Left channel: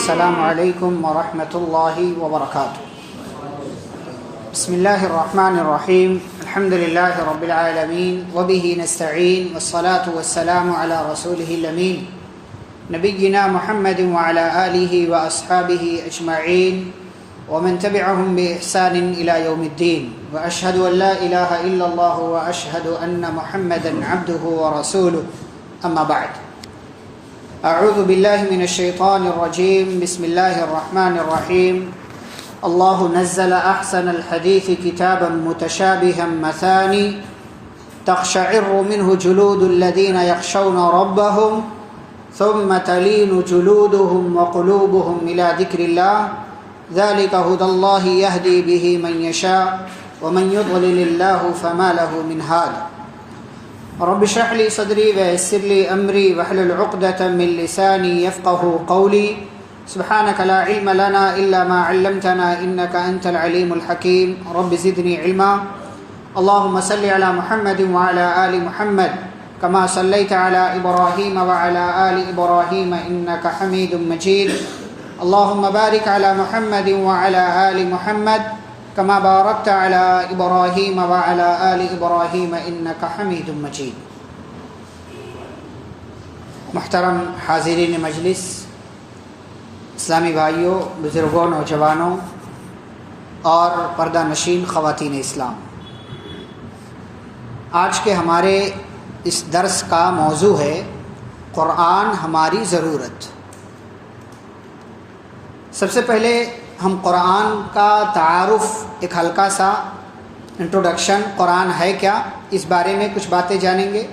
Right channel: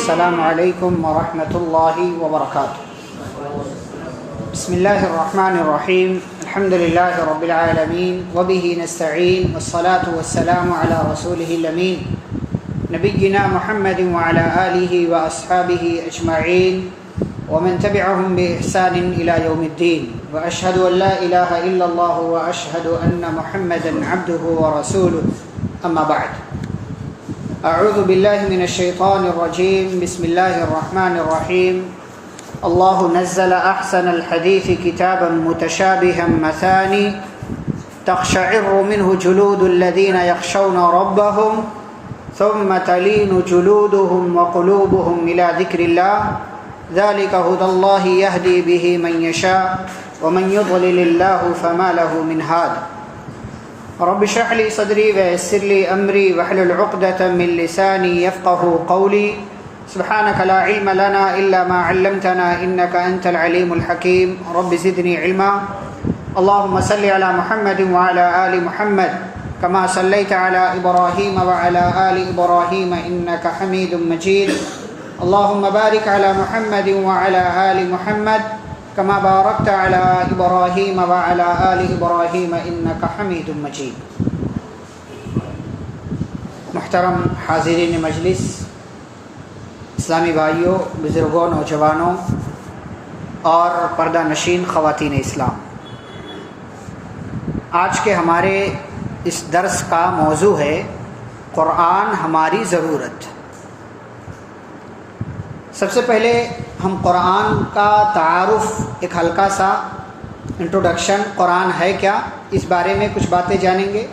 السلام علیکم ورحمۃ اللہ وبرکاتہ۔ بسم اللہ الرحمن الرحیم، الحمد للہ رب العالمین وبہ نستعین والصلاة والسلام علی رسولہ الامین نبینا محمد وعلی آلہ واصحابہ اجمعین ومن تبعهم بإحسان إلى يوم الدين وأشهد أن لا إله إلا الله وأشهد أن محمدا عبده ورسوله أما بعد، أعوذ بالله من الشيطان الرجيم، بسم الله الرحمن الرحيم۔ الله نزل أحسن الحديث كتابا متشابها مثاني تقشعر منه جلود الذين يخشون ربهم ثم تلين جلودهم وقلوبهم إلى ذكر الله ذلك هدى الله يهدي به من يشاء ومن يضلل الله فما له من هاد۔ رب اشرح لي صدري ويسر لي أمري واحلل عقدة من لساني يفقهوا قولي، سبحانك لا علم لنا إلا ما علمتنا إنك أنت العليم الحكيم، رب زدني علما۔ اللهم صل على محمد وعلى آل محمد كما صليت على إبراهيم وعلى آل إبراهيم إنك حميد مجيد، اللهم بارك على محمد وعلى آل محمد كما باركت على إبراهيم وعلى آل إبراهيم إنك حميد مجيد۔ محترم حاضرین مجلس، اسلامی بھائیوں، بزرگوں، نوجوانوں اور پردہ نشین خواتین اسلام، آج کے ہمارے اس درس کا موضوع ہے قرآن ہماری ضرورت۔ سب سے پہلے ہم قرآن کا تعارف، ایک ہلکا سا انٹروڈکشن، قرآن ہے کیا، اس بارے میں کچھ باتیں جانیں گے۔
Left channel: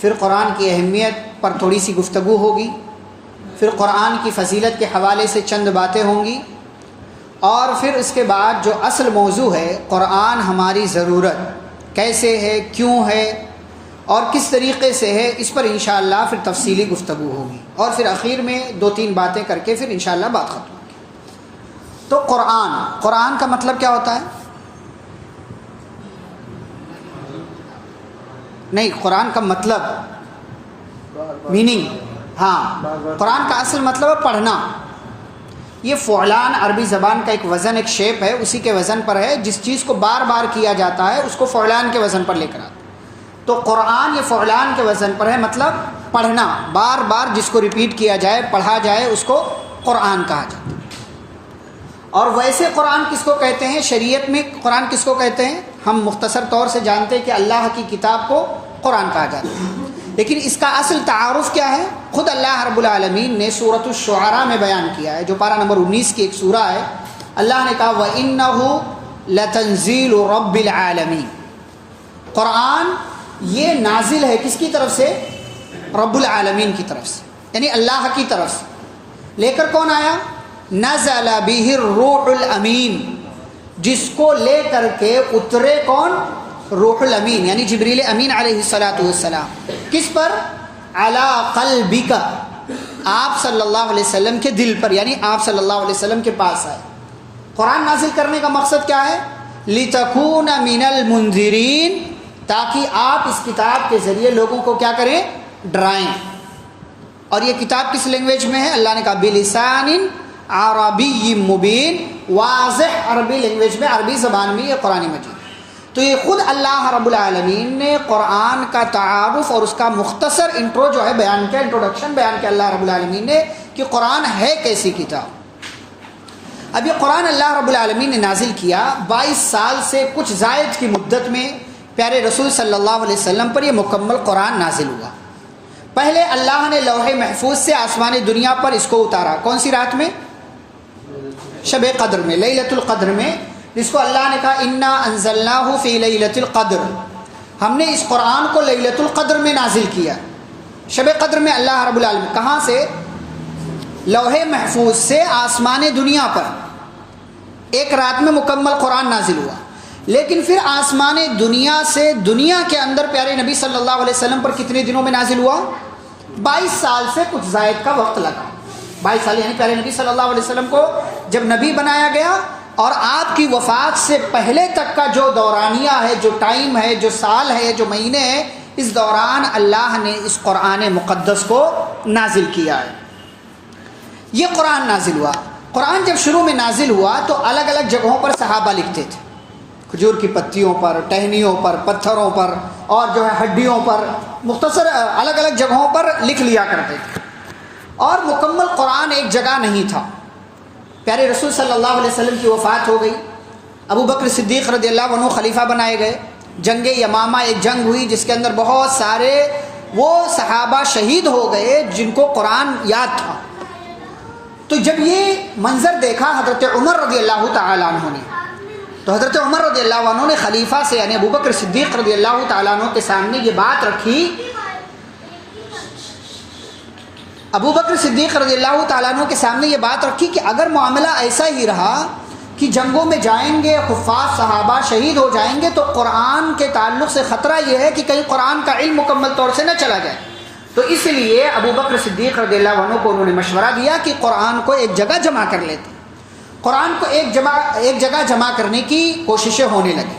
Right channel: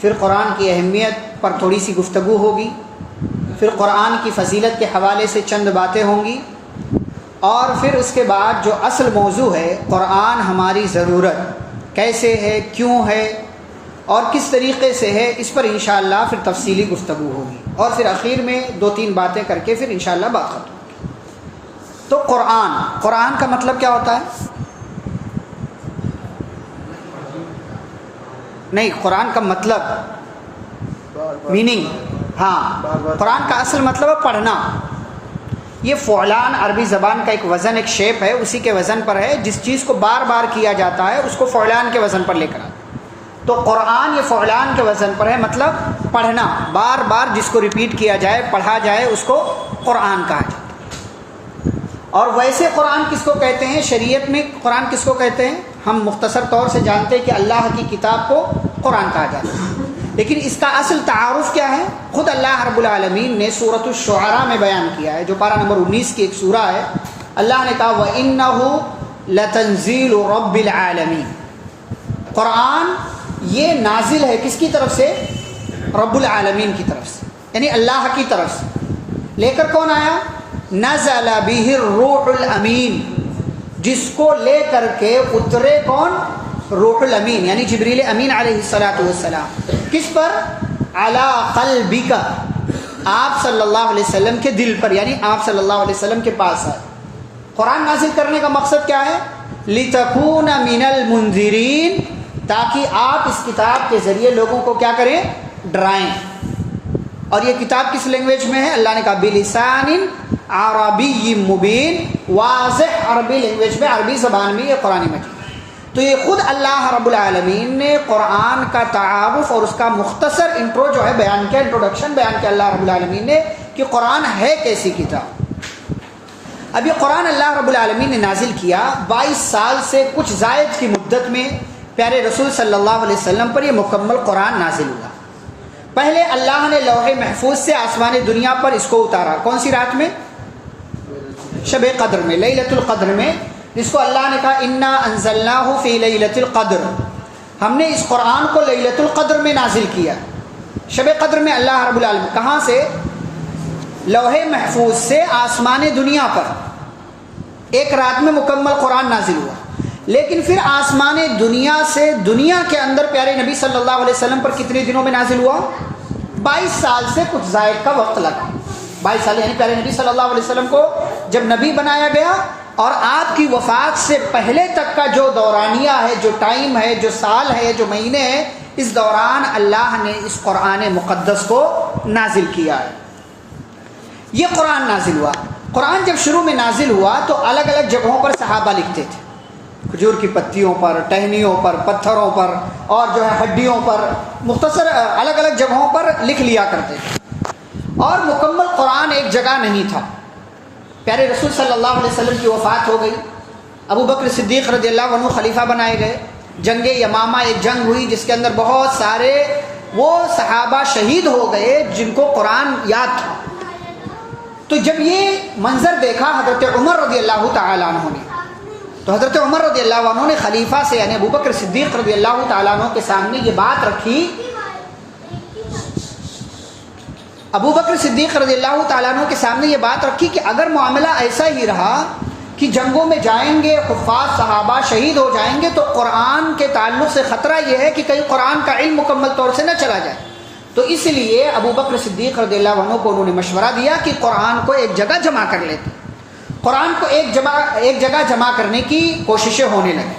پھر قرآن کی اہمیت پر تھوڑی سی گفتگو ہوگی، پھر قرآن کی فضیلت کے حوالے سے چند باتیں ہوں گی، اور پھر اس کے بعد جو اصل موضوع ہے قرآن ہماری ضرورت کیسے ہے، کیوں ہے اور کس طریقے سے ہے، اس پر انشاءاللہ پھر تفصیلی گفتگو ہوگی، اور پھر اخیر میں 2-3 باتیں کر کے پھر انشاءاللہ بات ختم ہوگی۔ تو قرآن کا مطلب کیا ہوتا ہے؟ نہیں، قرآن کا مطلب، میننگ، ہاں، قرآن کا اصل مطلب ہے پڑھنا۔ یہ فعلان عربی زبان کا ایک وزن، ایک شیپ ہے، اسی کے وزن پر ہے، جس چیز کو بار بار کیا جاتا ہے اس کو فعلان کے وزن پر لے کر آتا ہے۔ تو قرآن یہ فعلان کے وزن پر ہے، مطلب پڑھنا، بار بار جس کو ریپیٹ کیا جائے، پڑھا جائے، اس کو قرآن کہا جاتا ہے۔ اور ویسے قرآن کس کو کہتے ہیں؟ شریعت میں قرآن کس کو کہتے ہیں؟ ہم مختصر طور سے جانتے ہیں کہ اللہ کی کتاب کو قرآن کہا جاتا ہے، لیکن اس کا اصل تعارف کیا ہے؟ خود اللہ رب العالمین نے سورۃ الشعراء میں بیان کیا ہے، جو پارہ نمبر 19 کی ایک سورہ ہے۔ اللہ نے کہا وَإِنَّهُ لَتَنزِيلُ رَبِّ الْعَالَمِينَ، قرآن یہ نازل ہے کس کی طرف سے؟ رب العالمین کی طرف سے، یعنی اللہ کی طرف سے۔ لے کر کون آیا؟ نزل بہ الروح الامین، جس کو لے کر کے اترے کون؟ روح الامین، یعنی جبریل امین علیہ الصلاۃ والسلام۔ کس پر؟ علی قلبک، آپ صلی اللہ علیہ وسلم کے دل پر، یعنی آپ صلی اللہ علیہ وسلم کے پاس آئے۔ قرآن نازل کرنے کا مقصد کیا ہے؟ لتکون من المنذرین، تاکہ آپ اس کتاب کے ذریعے لوگوں کو کیا کریں؟ ڈرائیں۔ اور یہ کتاب کس لینگویج میں ہے؟ اللہ نے کہا بلسان عربی مبین، واضح عربی لینگویج میں، عربی زبان میں یہ قرآن مجید۔ تو یہ خود اللہ رب العالمین نے قرآن کا تعارف اور اس کا مختصر انٹرو جو ہے بیان کیا، انٹروڈکشن بیان کیا اللہ رب العالمین نے کہ قرآن ہے کیسی کتاب۔ اب یہ قرآن اللہ رب العالمین نے نازل کیا 22 سال سے کچھ زائد کی مدت میں پیارے رسول صلی اللہ علیہ وسلم پر یہ مکمل قرآن نازل ہوا۔ پہلے اللہ نے لوح محفوظ سے آسمان دنیا پر اس کو اتارا، کون سی رات میں؟ شب قدر میں، لیلۃ القدر میں، جس کو اللہ نے کہا انا انزلناہ فی لیلۃ القدر، ہم نے اس قرآن کو لیلۃ القدر میں نازل کیا۔ شب قدر میں اللہ رب العالمین کہاں سے؟ لوح محفوظ سے آسمان دنیا پر ایک رات میں مکمل قرآن نازل ہوا۔ لیکن پھر آسمان دنیا سے دنیا کے اندر پیارے نبی صلی اللہ علیہ وسلم پر کتنے دنوں میں نازل ہوا؟ 22 سال سے کچھ زائد کا وقت لگا۔ 22 سال، یعنی پیارے نبی صلی اللہ علیہ وسلم کو جب نبی بنایا گیا اور آپ کی وفات سے پہلے تک کا جو دورانیہ ہے، جو ٹائم ہے، جو سال ہے، جو مہینے ہیں، اس دوران اللہ نے اس قرآن مقدس کو نازل کیا ہے۔ یہ قرآن نازل ہوا. قرآن جب شروع میں نازل ہوا تو الگ الگ جگہوں پر صحابہ لکھتے تھے, کھجور کی پتیوں پر, ٹہنیوں پر, پتھروں پر, اور جو ہے ہڈیوں پر, مختصر الگ الگ جگہوں پر لکھ لیا کرتے تھے. اور مکمل قرآن ایک جگہ نہیں تھا. پیارے رسول صلی اللہ علیہ وسلم کی وفات ہو گئی, ابو بکر صدیق رضی اللہ عنہ خلیفہ بنائے گئے, جنگ یمامہ ایک جنگ ہوئی جس کے اندر بہت سارے وہ صحابہ شہید ہو گئے جن کو قرآن یاد تھا. تو جب یہ منظر دیکھا حضرت عمر رضی اللہ تعالیٰ عنہ نے, تو حضرت عمر رضی اللہ عنہ نے خلیفہ سے یعنی ابو بکر صدیق رضی اللہ تعالیٰ عنہ کے سامنے یہ بات رکھی. ابو بکر صدیق رضی اللہ تعالیٰ عنہ کے سامنے یہ بات رکھی کہ اگر معاملہ ایسا ہی رہا کہ جنگوں میں جائیں گے, حفاظ صحابہ شہید ہو جائیں گے, تو قرآن کے تعلق سے خطرہ یہ ہے کہ کہیں قرآن کا علم مکمل طور سے نہ چلا جائے. تو اس لیے ابو بکر صدیق رضی اللہ عنہ کو انہوں نے مشورہ دیا کہ قرآن کو ایک جگہ جمع کر لیتے. قرآن کو ایک جگہ جمع کرنے کی کوششیں ہونے لگی.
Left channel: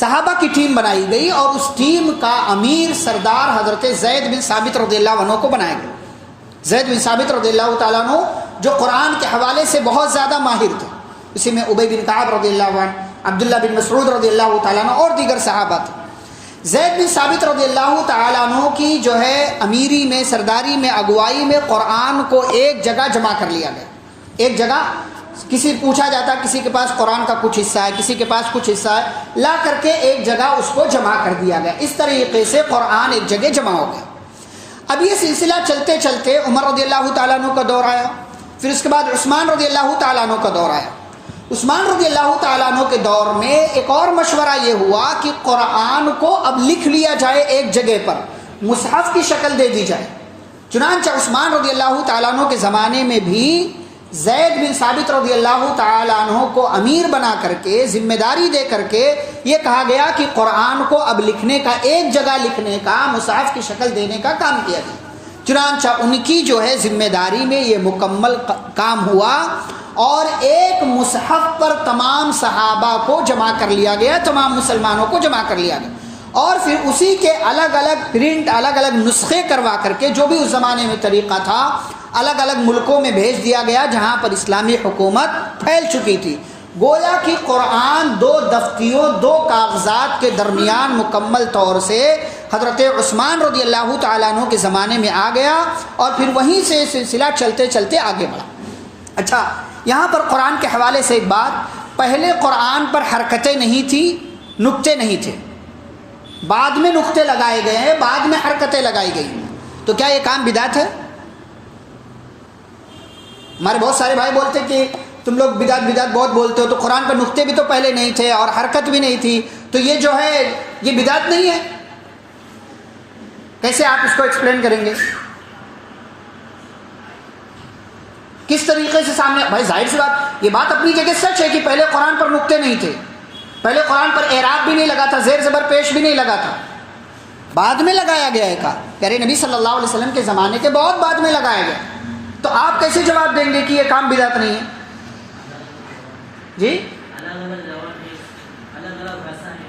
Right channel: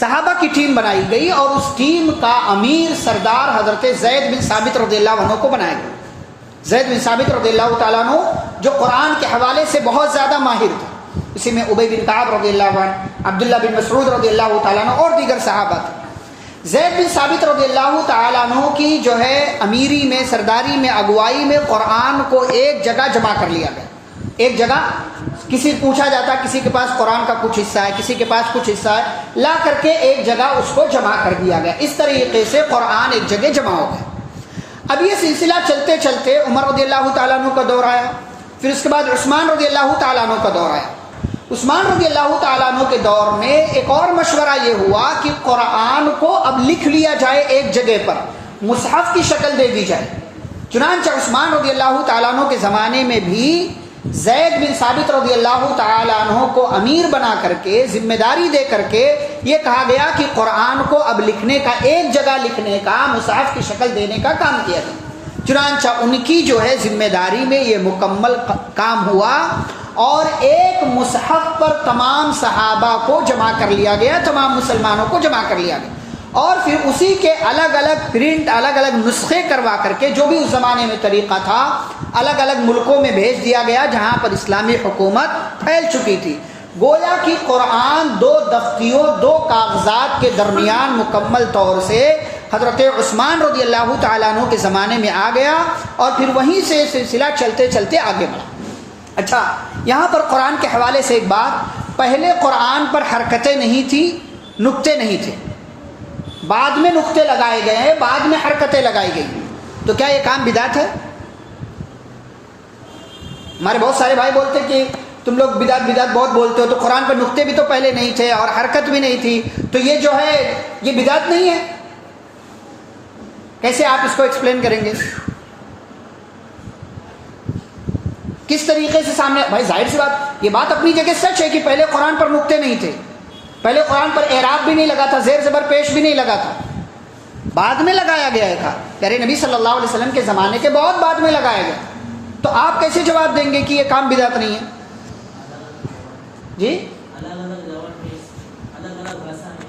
صحابہ کی ٹیم بنائی گئی اور اس ٹیم کا امیر سردار حضرت زید بن ثابت رضی اللہ عنہ کو بنایا گیا. زید بن ثابت رضی اللہ تعالیٰ عنہ جو قرآن کے حوالے سے بہت زیادہ ماہر تھے, اسی میں ابی بن کعب رضی اللہ عنہ, عبداللہ بن مسعود رضی اللہ تعالیٰ عنہ اور دیگر صحابہ تھے. زید بن ثابت رضی اللہ تعالیٰ عنہ کی جو ہے امیری میں, سرداری میں, اگوائی میں قرآن کو ایک جگہ جمع کر لیا گیا. ایک جگہ کسی پوچھا جاتا کسی کے پاس قرآن کا کچھ حصہ ہے, کسی کے پاس کچھ حصہ ہے, لا کر کے ایک جگہ اس کو جمع کر دیا گیا. اس طریقے سے قرآن ایک جگہ جمع ہو گیا. اب یہ سلسلہ چلتے چلتے عمر رضی اللہ تعالیٰ عنہ کا دور آیا, پھر اس کے بعد عثمان رضی اللہ تعالیٰ عنہ کا دور آیا. عثمان رضی اللہ تعالیٰ عنہ کے دور میں ایک اور مشورہ یہ ہوا کہ قرآن کو اب لکھ لیا جائے ایک جگہ پر, مصحف کی شکل دے دی جائے. چنانچہ عثمان رضی اللہ تعالیٰ عنہ کے زمانے میں بھی زید بن ثابت رضی اللہ تعالیٰ عنہ کو امیر بنا کر کے, ذمہ داری دے کر کے یہ کہا گیا کہ قرآن کو اب لکھنے کا, ایک جگہ لکھنے کا, مصحف کی شکل دینے کا کام کیا گیا. چنانچہ ان کی جو ہے ذمہ داری میں یہ مکمل کام ہوا اور ایک مصحف پر تمام صحابہ کو جمع کر لیا گیا, تمام مسلمانوں کو جمع کر لیا گیا, اور پھر اسی کے الگ الگ پرنٹ, الگ الگ نسخے کروا کر کے, جو بھی اس زمانے میں طریقہ تھا, الگ الگ ملکوں میں بھیج دیا گیا جہاں پر اسلامی حکومت پھیل چکی تھی. گویا کہ قرآن دو دفتیوں, دو کاغذات کے درمیان مکمل طور سے حضرت عثمان رضی اللہ تعالیٰ عنہ کے زمانے میں آ گیا اور پھر وہیں سے سلسلہ چلتے چلتے آگے بڑھا. اچھا, یہاں پر قرآن کے حوالے سے ایک بات, پہلے قرآن پر حرکتیں نہیں تھی, نقطے نہیں تھے, بعد میں نقطے لگائے گئے ہیں, بعد میں حرکتیں لگائی گئی. تو کیا یہ کام بدعت ہے؟ ہمارے بہت سارے بھائی بولتے کہ تم لوگ بدعت بہت بولتے ہو, تو قرآن پر نقطے بھی تو پہلے نہیں تھے اور حرکت بھی نہیں تھی, تو یہ جو ہے یہ بدعت نہیں ہے. کیسے آپ اس کو ایکسپلین کریں گے؟ کس طریقے سے سامنے؟ بھائی ظاہر سی بات, یہ بات اپنی جگہ سچ ہے کہ پہلے قرآن پر نقطے نہیں تھے, پہلے قرآن پر اعراب بھی نہیں لگا تھا, زیر زبر پیش بھی نہیں لگا تھا, بعد میں لگایا گیا ہے. تھا پیارے نبی صلی اللہ علیہ وسلم کے زمانے کے بہت بعد میں لگایا گیا. تو آپ کیسے جواب دیں گے کہ یہ کام بدعت نہیں ہے؟ جی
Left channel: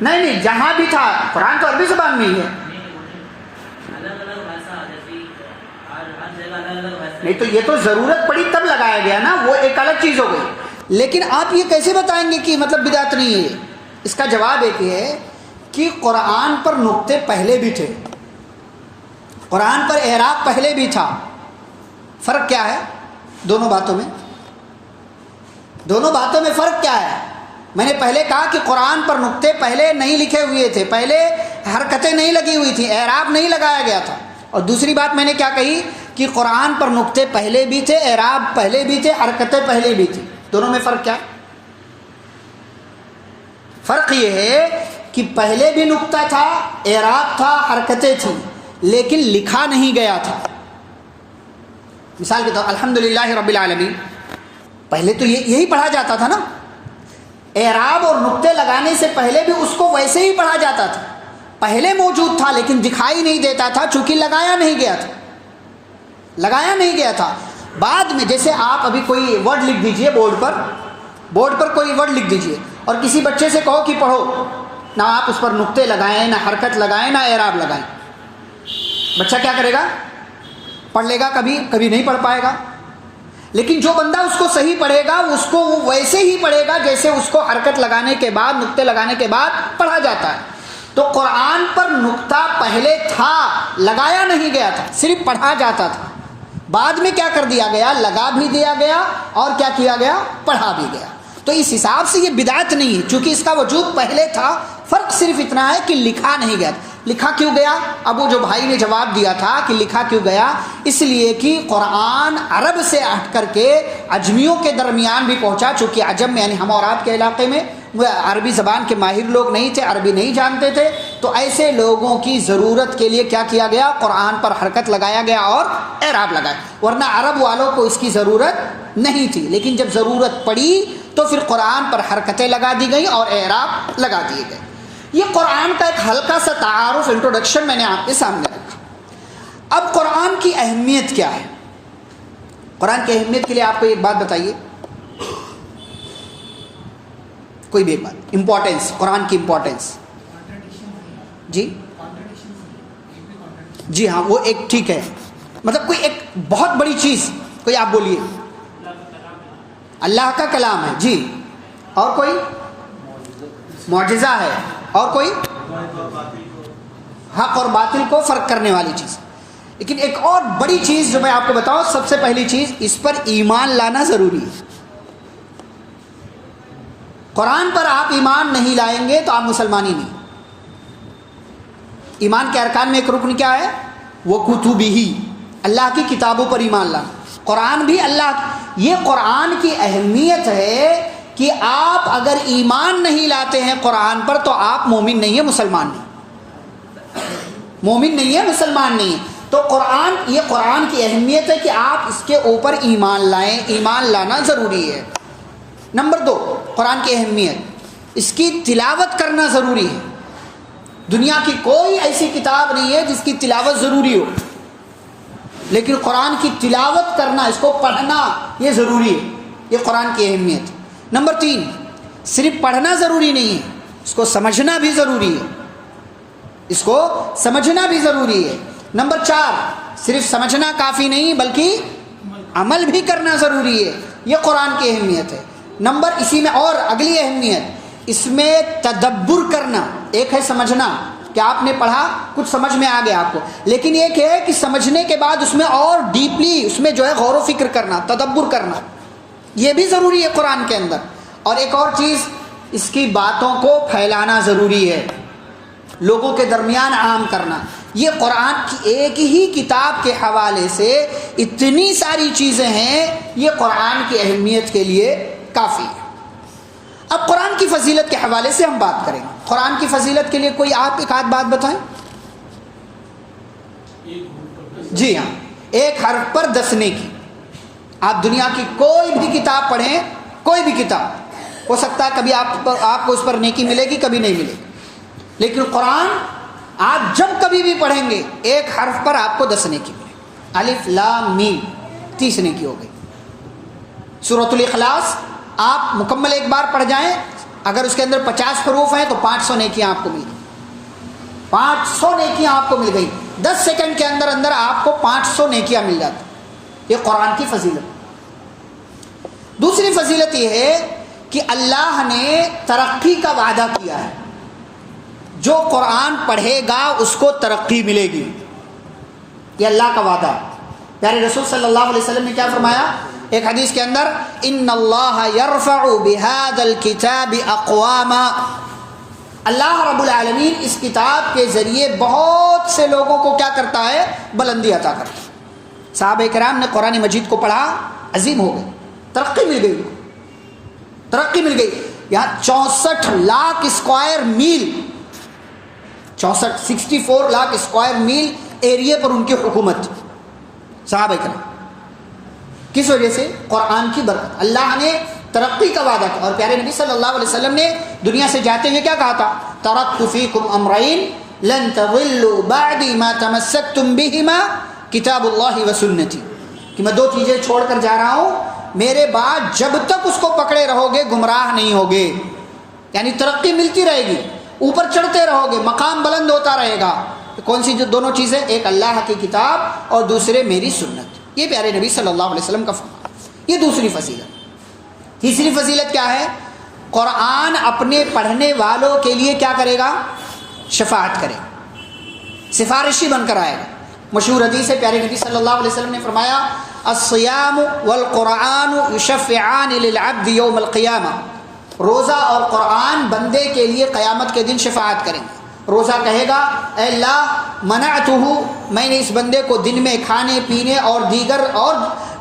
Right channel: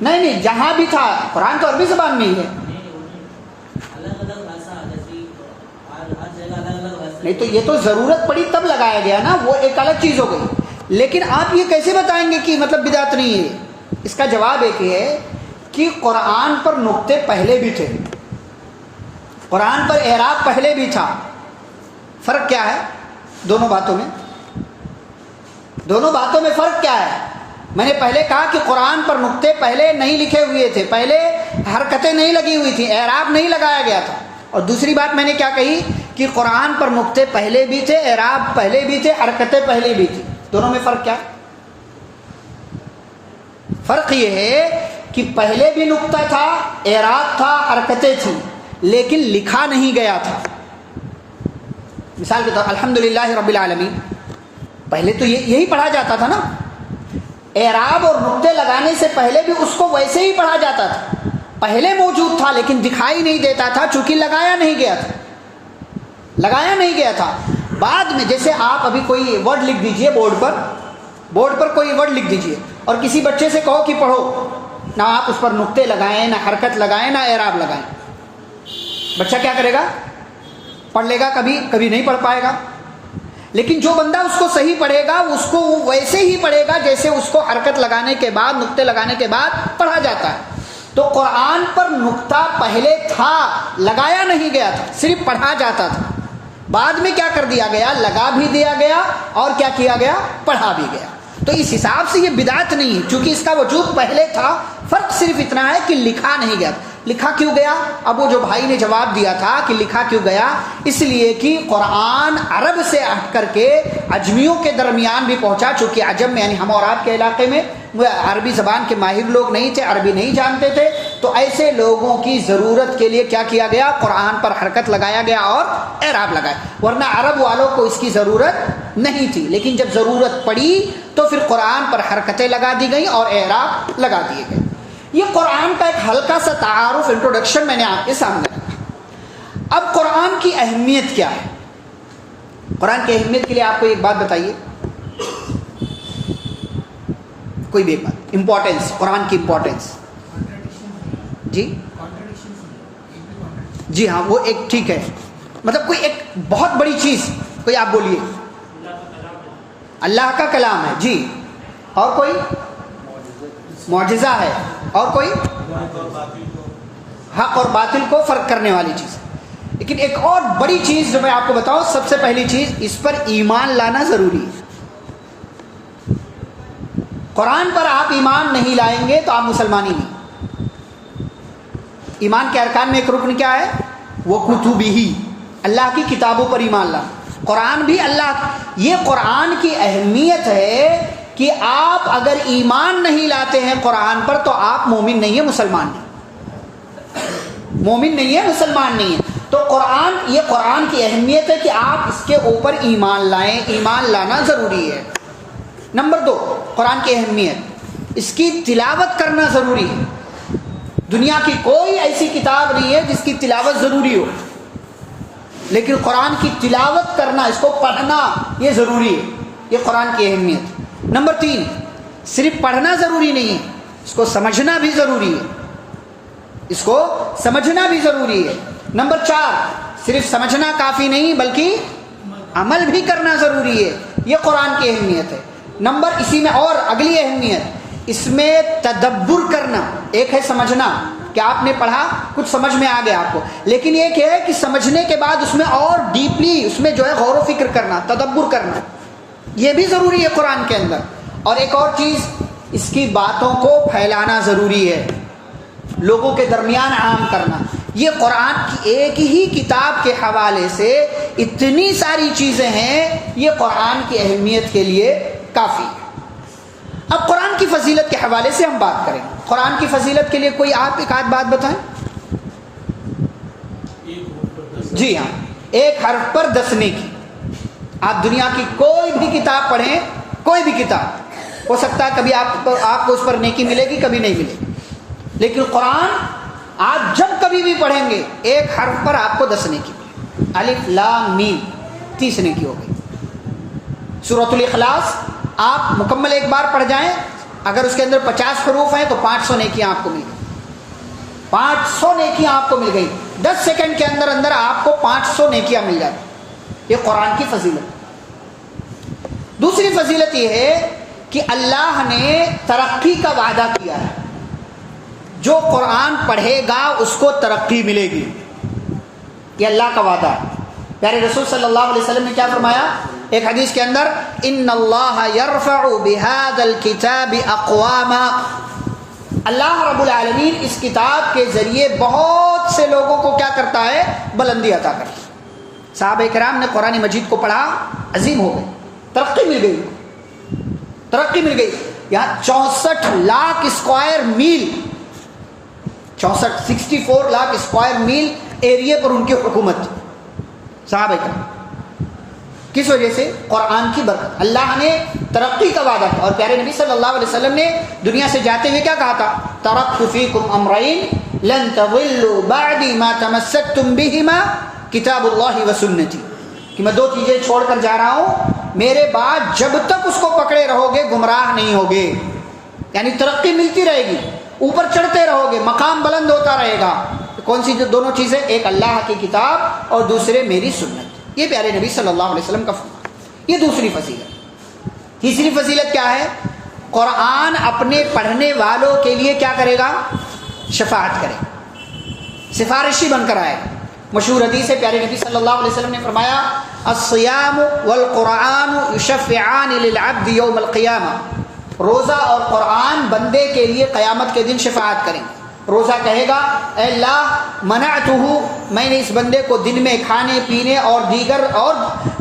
نہیں, جہاں بھی تھا قرآن تو عربی زبان میں ہی ہے. نہیں تو یہ تو ضرورت پڑی تب لگایا گیا نا, وہ ایک الگ چیز ہو گئی. لیکن آپ یہ کیسے بتائیں گے کہ مطلب بدعت نہیں ہے؟ اس کا جواب ایک یہ ہے کہ قرآن پر نقطے پہلے بھی تھے, قرآن پر اعراب پہلے بھی تھا. فرق کیا ہے دونوں باتوں میں؟ دونوں باتوں میں فرق کیا ہے؟ میں نے پہلے کہا کہ قرآن پر نقطے پہلے نہیں لکھے ہوئے تھے, پہلے حرکتیں نہیں لگی ہوئی تھیں, اعراب نہیں لگایا گیا تھا. اور دوسری بات میں نے کیا کہی کہ قرآن پر نقطے پہلے بھی تھے, اعراب پہلے بھی تھے, حرکتیں پہلے بھی تھیں. دونوں میں فرق کیا؟ فرق یہ ہے کہ پہلے بھی نقطہ تھا, اعراب تھا, حرکتیں تھیں, لیکن لکھا نہیں گیا تھا. مثال کے طور الحمدللہ رب العالمین, پہلے تو یہی پڑھا جاتا تھا نا, اعراب اور نقطے لگانے سے پہلے بھی اس کو ویسے ہی پڑھا جاتا تھا. پہلے موجود تھا لیکن دکھائی نہیں دیتا تھا چونکہ لگایا نہیں گیا تھا, لگایا نہیں گیا تھا. بعد میں جیسے آپ ابھی کوئی ورڈ لکھ دیجئے بورڈ پر کوئی ورڈ لکھ دیجئے اور کسی بچے سے کہو کہ پڑھو, نہ آپ اس پر نقطے لگائیں, نہ حرکت لگائیں, نہ اعراب لگائیں, بچہ کیا کرے گا؟ پڑھ لے گا, کبھی نہیں پڑھ پائے گا. لیکن جو بندہ اس کو صحیح پڑھے گا اس کو وہ ویسے ہی پڑھے گا جیسے اس کو حرکت لگانے کے بعد، نقطے لگانے کے بعد پڑھا جاتا ہے. تو قرآن پر نقطہ پہلے تھا، لگایا نہیں گیا تھا، صرف پڑھا جاتا تھا. بعد میں کیا کر دیا گیا؟ لگا بھی دیا گیا اور کیا کیا گیا؟ پڑھا بھی گیا. تو اس حساب سے یہ بدعت نہیں ہے، چونکہ اس کا وجود پہلے تھا. فرق صرف اتنا ہے کہ لکھا نہیں گیا. لکھا کیوں گیا؟ اب وہ جو بھائی نے جواب دیا تھا کہ لکھا کیوں گیا، اس لیے کہ قرآن عرب سے ہٹ کر کے عجمیوں کے درمیان بھی پہنچا. چونکہ عجم میں یعنی ہم اور آپ کے علاقے میں وہ عربی زبان کے ماہر لوگ نہیں تھے، عربی نہیں جانتے تھے. تو ایسے لوگوں کی ضرورت کے لیے کیا کیا گیا؟ قرآن پر حرکت لگایا گیا اور اعراب لگایا. ورنہ عرب والوں کو اس کی ضرورت نہیں تھی، لیکن جب ضرورت پڑی تو پھر قرآن پر حرکتیں لگا دی گئیں اور اعراب لگا دیے گئے. یہ قرآن کا ایک ہلکا سا تعارف، انٹروڈکشن میں نے آپ کے سامنے رکھا. اب قرآن کی اہمیت کیا ہے؟ قرآن کی اہمیت کے لیے آپ کو ایک بات بتائیے، کوئی بھی ایک بات. امپورٹینس، قرآن کی امپورٹینس. جی ہاں، وہ ایک ٹھیک ہے، مطلب کوئی ایک بہت بڑی چیز کوئی آپ بولیے. اللہ کا کلام ہے. جی. اور کوئی؟ معجزہ ہے. اور کوئی؟ حق اور باطل کو فرق کرنے والی چیز. لیکن ایک اور بڑی چیز جو میں آپ کو بتاؤں، سب سے پہلی چیز، اس پر ایمان لانا ضروری ہے. قرآن پر آپ ایمان نہیں لائیں گے تو آپ مسلمان ہی نہیں. ایمان کے ارکان میں ایک رکن کیا ہے؟ وہ کتبہ، اللہ کی کتابوں پر ایمان لانا. قرآن بھی اللہ، یہ قرآن کی اہمیت ہے کہ آپ اگر ایمان نہیں لاتے ہیں قرآن پر تو آپ مومن نہیں ہیں، مسلمان نہیں. مومن نہیں ہے، مسلمان نہیں ہے. تو قرآن، یہ قرآن کی اہمیت ہے کہ آپ اس کے اوپر ایمان لائیں. ایمان لانا ضروری ہے. نمبر 2، قرآن کی اہمیت، اس کی تلاوت کرنا ضروری ہے. دنیا کی کوئی ایسی کتاب نہیں ہے جس کی تلاوت ضروری ہو، لیکن قرآن کی تلاوت کرنا، اس کو پڑھنا، یہ ضروری ہے. یہ قرآن کی اہمیت. نمبر 3، صرف پڑھنا ضروری نہیں ہے، اس کو سمجھنا بھی ضروری ہے. اس کو سمجھنا بھی ضروری ہے. نمبر 4، صرف سمجھنا کافی نہیں بلکہ عمل بھی کرنا ضروری ہے. یہ قرآن کی اہمیت ہے. نمبر، اسی میں اور اگلی اہمیت، اس میں تدبر کرنا. ایک ہے سمجھنا کہ آپ نے پڑھا، کچھ سمجھ میں آ گیا آپ کو، لیکن ایک ہے کہ سمجھنے کے بعد اس میں اور ڈیپلی، اس میں جو ہے غور و فکر کرنا، تدبر کرنا، یہ بھی ضروری ہے قرآن کے اندر. اور ایک اور چیز، اس کی باتوں کو پھیلانا ضروری ہے، لوگوں کے درمیان عام کرنا. یہ قرآن کی ایک ہی کتاب کے حوالے سے اتنی ساری چیزیں ہیں، یہ قرآن کی اہمیت کے لیے کافی ہے. اب قرآن کی فضیلت کے حوالے سے ہم بات کریں. قرآن کی فضیلت کے لیے کوئی آپ ایک آدھ بات بتائیں. جی ہاں، ایک حرف پر 10 نیکی. آپ دنیا کی کوئی بھی کتاب پڑھیں، کوئی بھی کتاب، ہو سکتا ہے کبھی آپ کو اس پر نیکی ملے گی، کبھی نہیں ملے گی، لیکن قرآن آپ جب کبھی بھی پڑھیں گے ایک حرف پر آپ کو 10 نیکی ملے. الف لام میم 30 نیکی ہو گئی. سورۃ الاخلاص آپ مکمل ایک بار پڑھ جائیں، اگر اس کے اندر 50 حروف ہیں تو 500 نیکیاں آپ کو مل گئی. 500 نیکیاں آپ کو مل گئی. 10 سیکنڈ کے اندر اندر آپ کو 500 نیکیاں مل جاتی. یہ قرآن کی فضیلت. دوسری فضیلت یہ ہے کہ اللہ نے ترقی کا وعدہ کیا ہے. جو قرآن پڑھے گا اس کو ترقی ملے گی، یہ اللہ کا وعدہ ہے. پیارے رسول صلی اللہ علیہ وسلم نے کیا فرمایا ایک حدیث کے اندر؟ ان اللہ یرفع بهذا الكتاب اقواما. اللہ رب العالمین اس کتاب کے ذریعے بہت سے لوگوں کو کیا کرتا ہے؟ بلندی عطا کرتا ہے. صحابہ کرام نے قرآن مجید کو پڑھا، عظیم ہو گئے، ترقی مل گئی، ترقی مل گئی. یہاں 64 لاکھ اسکوائر میل، 64 لاکھ اسکوائر میل ایریے پر ان کی حکومت. صحابہ کرام کس وجہ سے؟ قرآن کی برکت. اللہ نے ترقی کا وعدہ کیا. اور پیارے نبی صلی اللہ علیہ وسلم نے دنیا سے جاتے ہوئے کیا کہا تھا؟ ترکت فیکم امرین لن تضلوا بعدی ما تمسکتم بہما کتاب اللہ و سنتی. کہ میں 2 چیزیں چھوڑ کر جا رہا ہوں، میرے بعد جب تک اس کو پکڑے رہو گے گمراہ نہیں ہوگے. یعنی ترقی ملتی رہے گی، اوپر چڑھتے رہو گے، مقام بلند ہوتا رہے گا. کون سی دونوں چیزیں؟ ایک اللہ کی کتاب اور دوسرے میری سنت. یہ پیارے نبی صلی اللہ علیہ وسلم کا فرمان. یہ دوسری فضیلت. تیسری فضیلت کیا ہے؟ قرآن اپنے پڑھنے والوں کے لیے کیا کرے گا؟ شفاعت کرے گا، سفارشی بن کر آئے گا. مشہور حدیث ہے، پیارے نبی صلی اللہ علیہ وسلم نے فرمایا الصیام والقرآن یشفعان للعبد یوم القیامہ. روزہ اور قرآن بندے کے لیے قیامت کے دن شفاعت کریں گے. روزہ کہے گا اے اللہ منعتہ، میں نے اس بندے کو دن میں کھانے پینے اور دیگر اور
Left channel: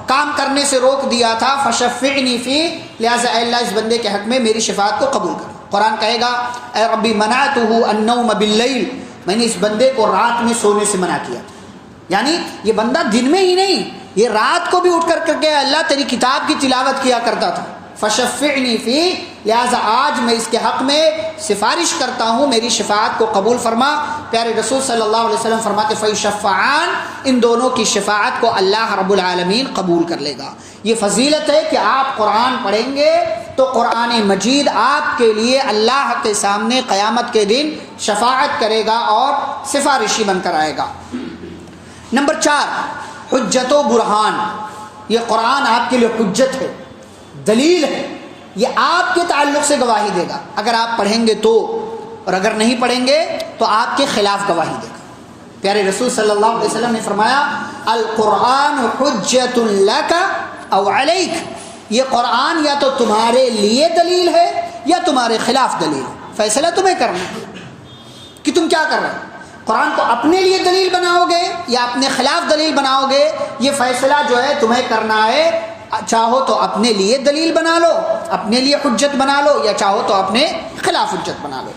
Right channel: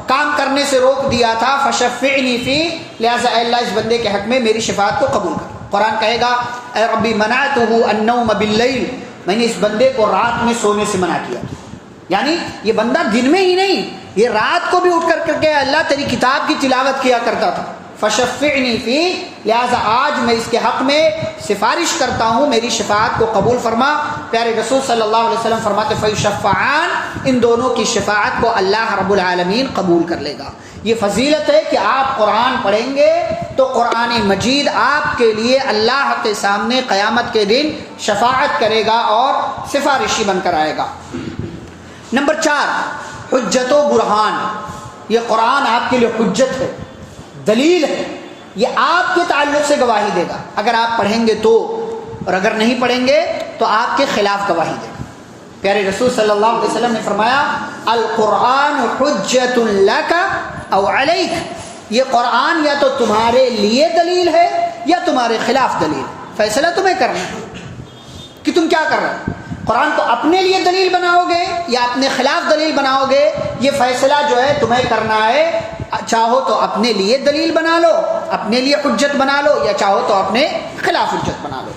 کام کرنے سے روک دیا تھا، فشفعنی فی، لہذا اے اللہ اس بندے کے حق میں میری شفاعت کو قبول کر. قرآن کہے گا اے ربی منعتہ النوم باللیل، میں نے اس بندے کو رات میں سونے سے منع کیا تھا. یعنی یہ بندہ دن میں ہی نہیں، یہ رات کو بھی اٹھ کر کے اللہ تیری کتاب کی تلاوت کیا کرتا تھا. فشفعنی فی، لہذا آج میں اس کے حق میں سفارش کرتا ہوں، میری شفاعت کو قبول فرما. پیارے رسول صلی اللہ علیہ وسلم فرماتے فیشفعان، ان دونوں کی شفاعت کو اللہ رب العالمین قبول کر لے گا. یہ فضیلت ہے کہ آپ قرآن پڑھیں گے تو قرآن مجید آپ کے لیے اللہ کے سامنے قیامت کے دن شفاعت کرے گا اور سفارشی بن کر آئے گا. نمبر 4، حجت و برہان. یہ قرآن آپ کے لیے حجت ہے، دلیل ہے. یہ آپ کے تعلق سے گواہی دے گا اگر آپ پڑھیں گے تو، اور اگر نہیں پڑھیں گے تو آپ کے خلاف گواہی دے گا. پیارے رسول صلی اللہ علیہ وسلم نے فرمایا القرآن حجت لک او علیک. یہ قرآن یا تو تمہارے لیے دلیل ہے یا تمہارے خلاف دلیل ہے. فیصلہ تمہیں کرنا ہے کہ تم کیا کر رہے ہو. قرآن کو اپنے لیے دلیل بناؤ گے یا اپنے خلاف دلیل بناؤ گے، یہ فیصلہ جو ہے تمہیں کرنا ہے. چاہو تو اپنے لیے دلیل بنا لو، اپنے لیے حجت بنا لو، یا چاہو تو اپنے خلاف حجت بنا لو.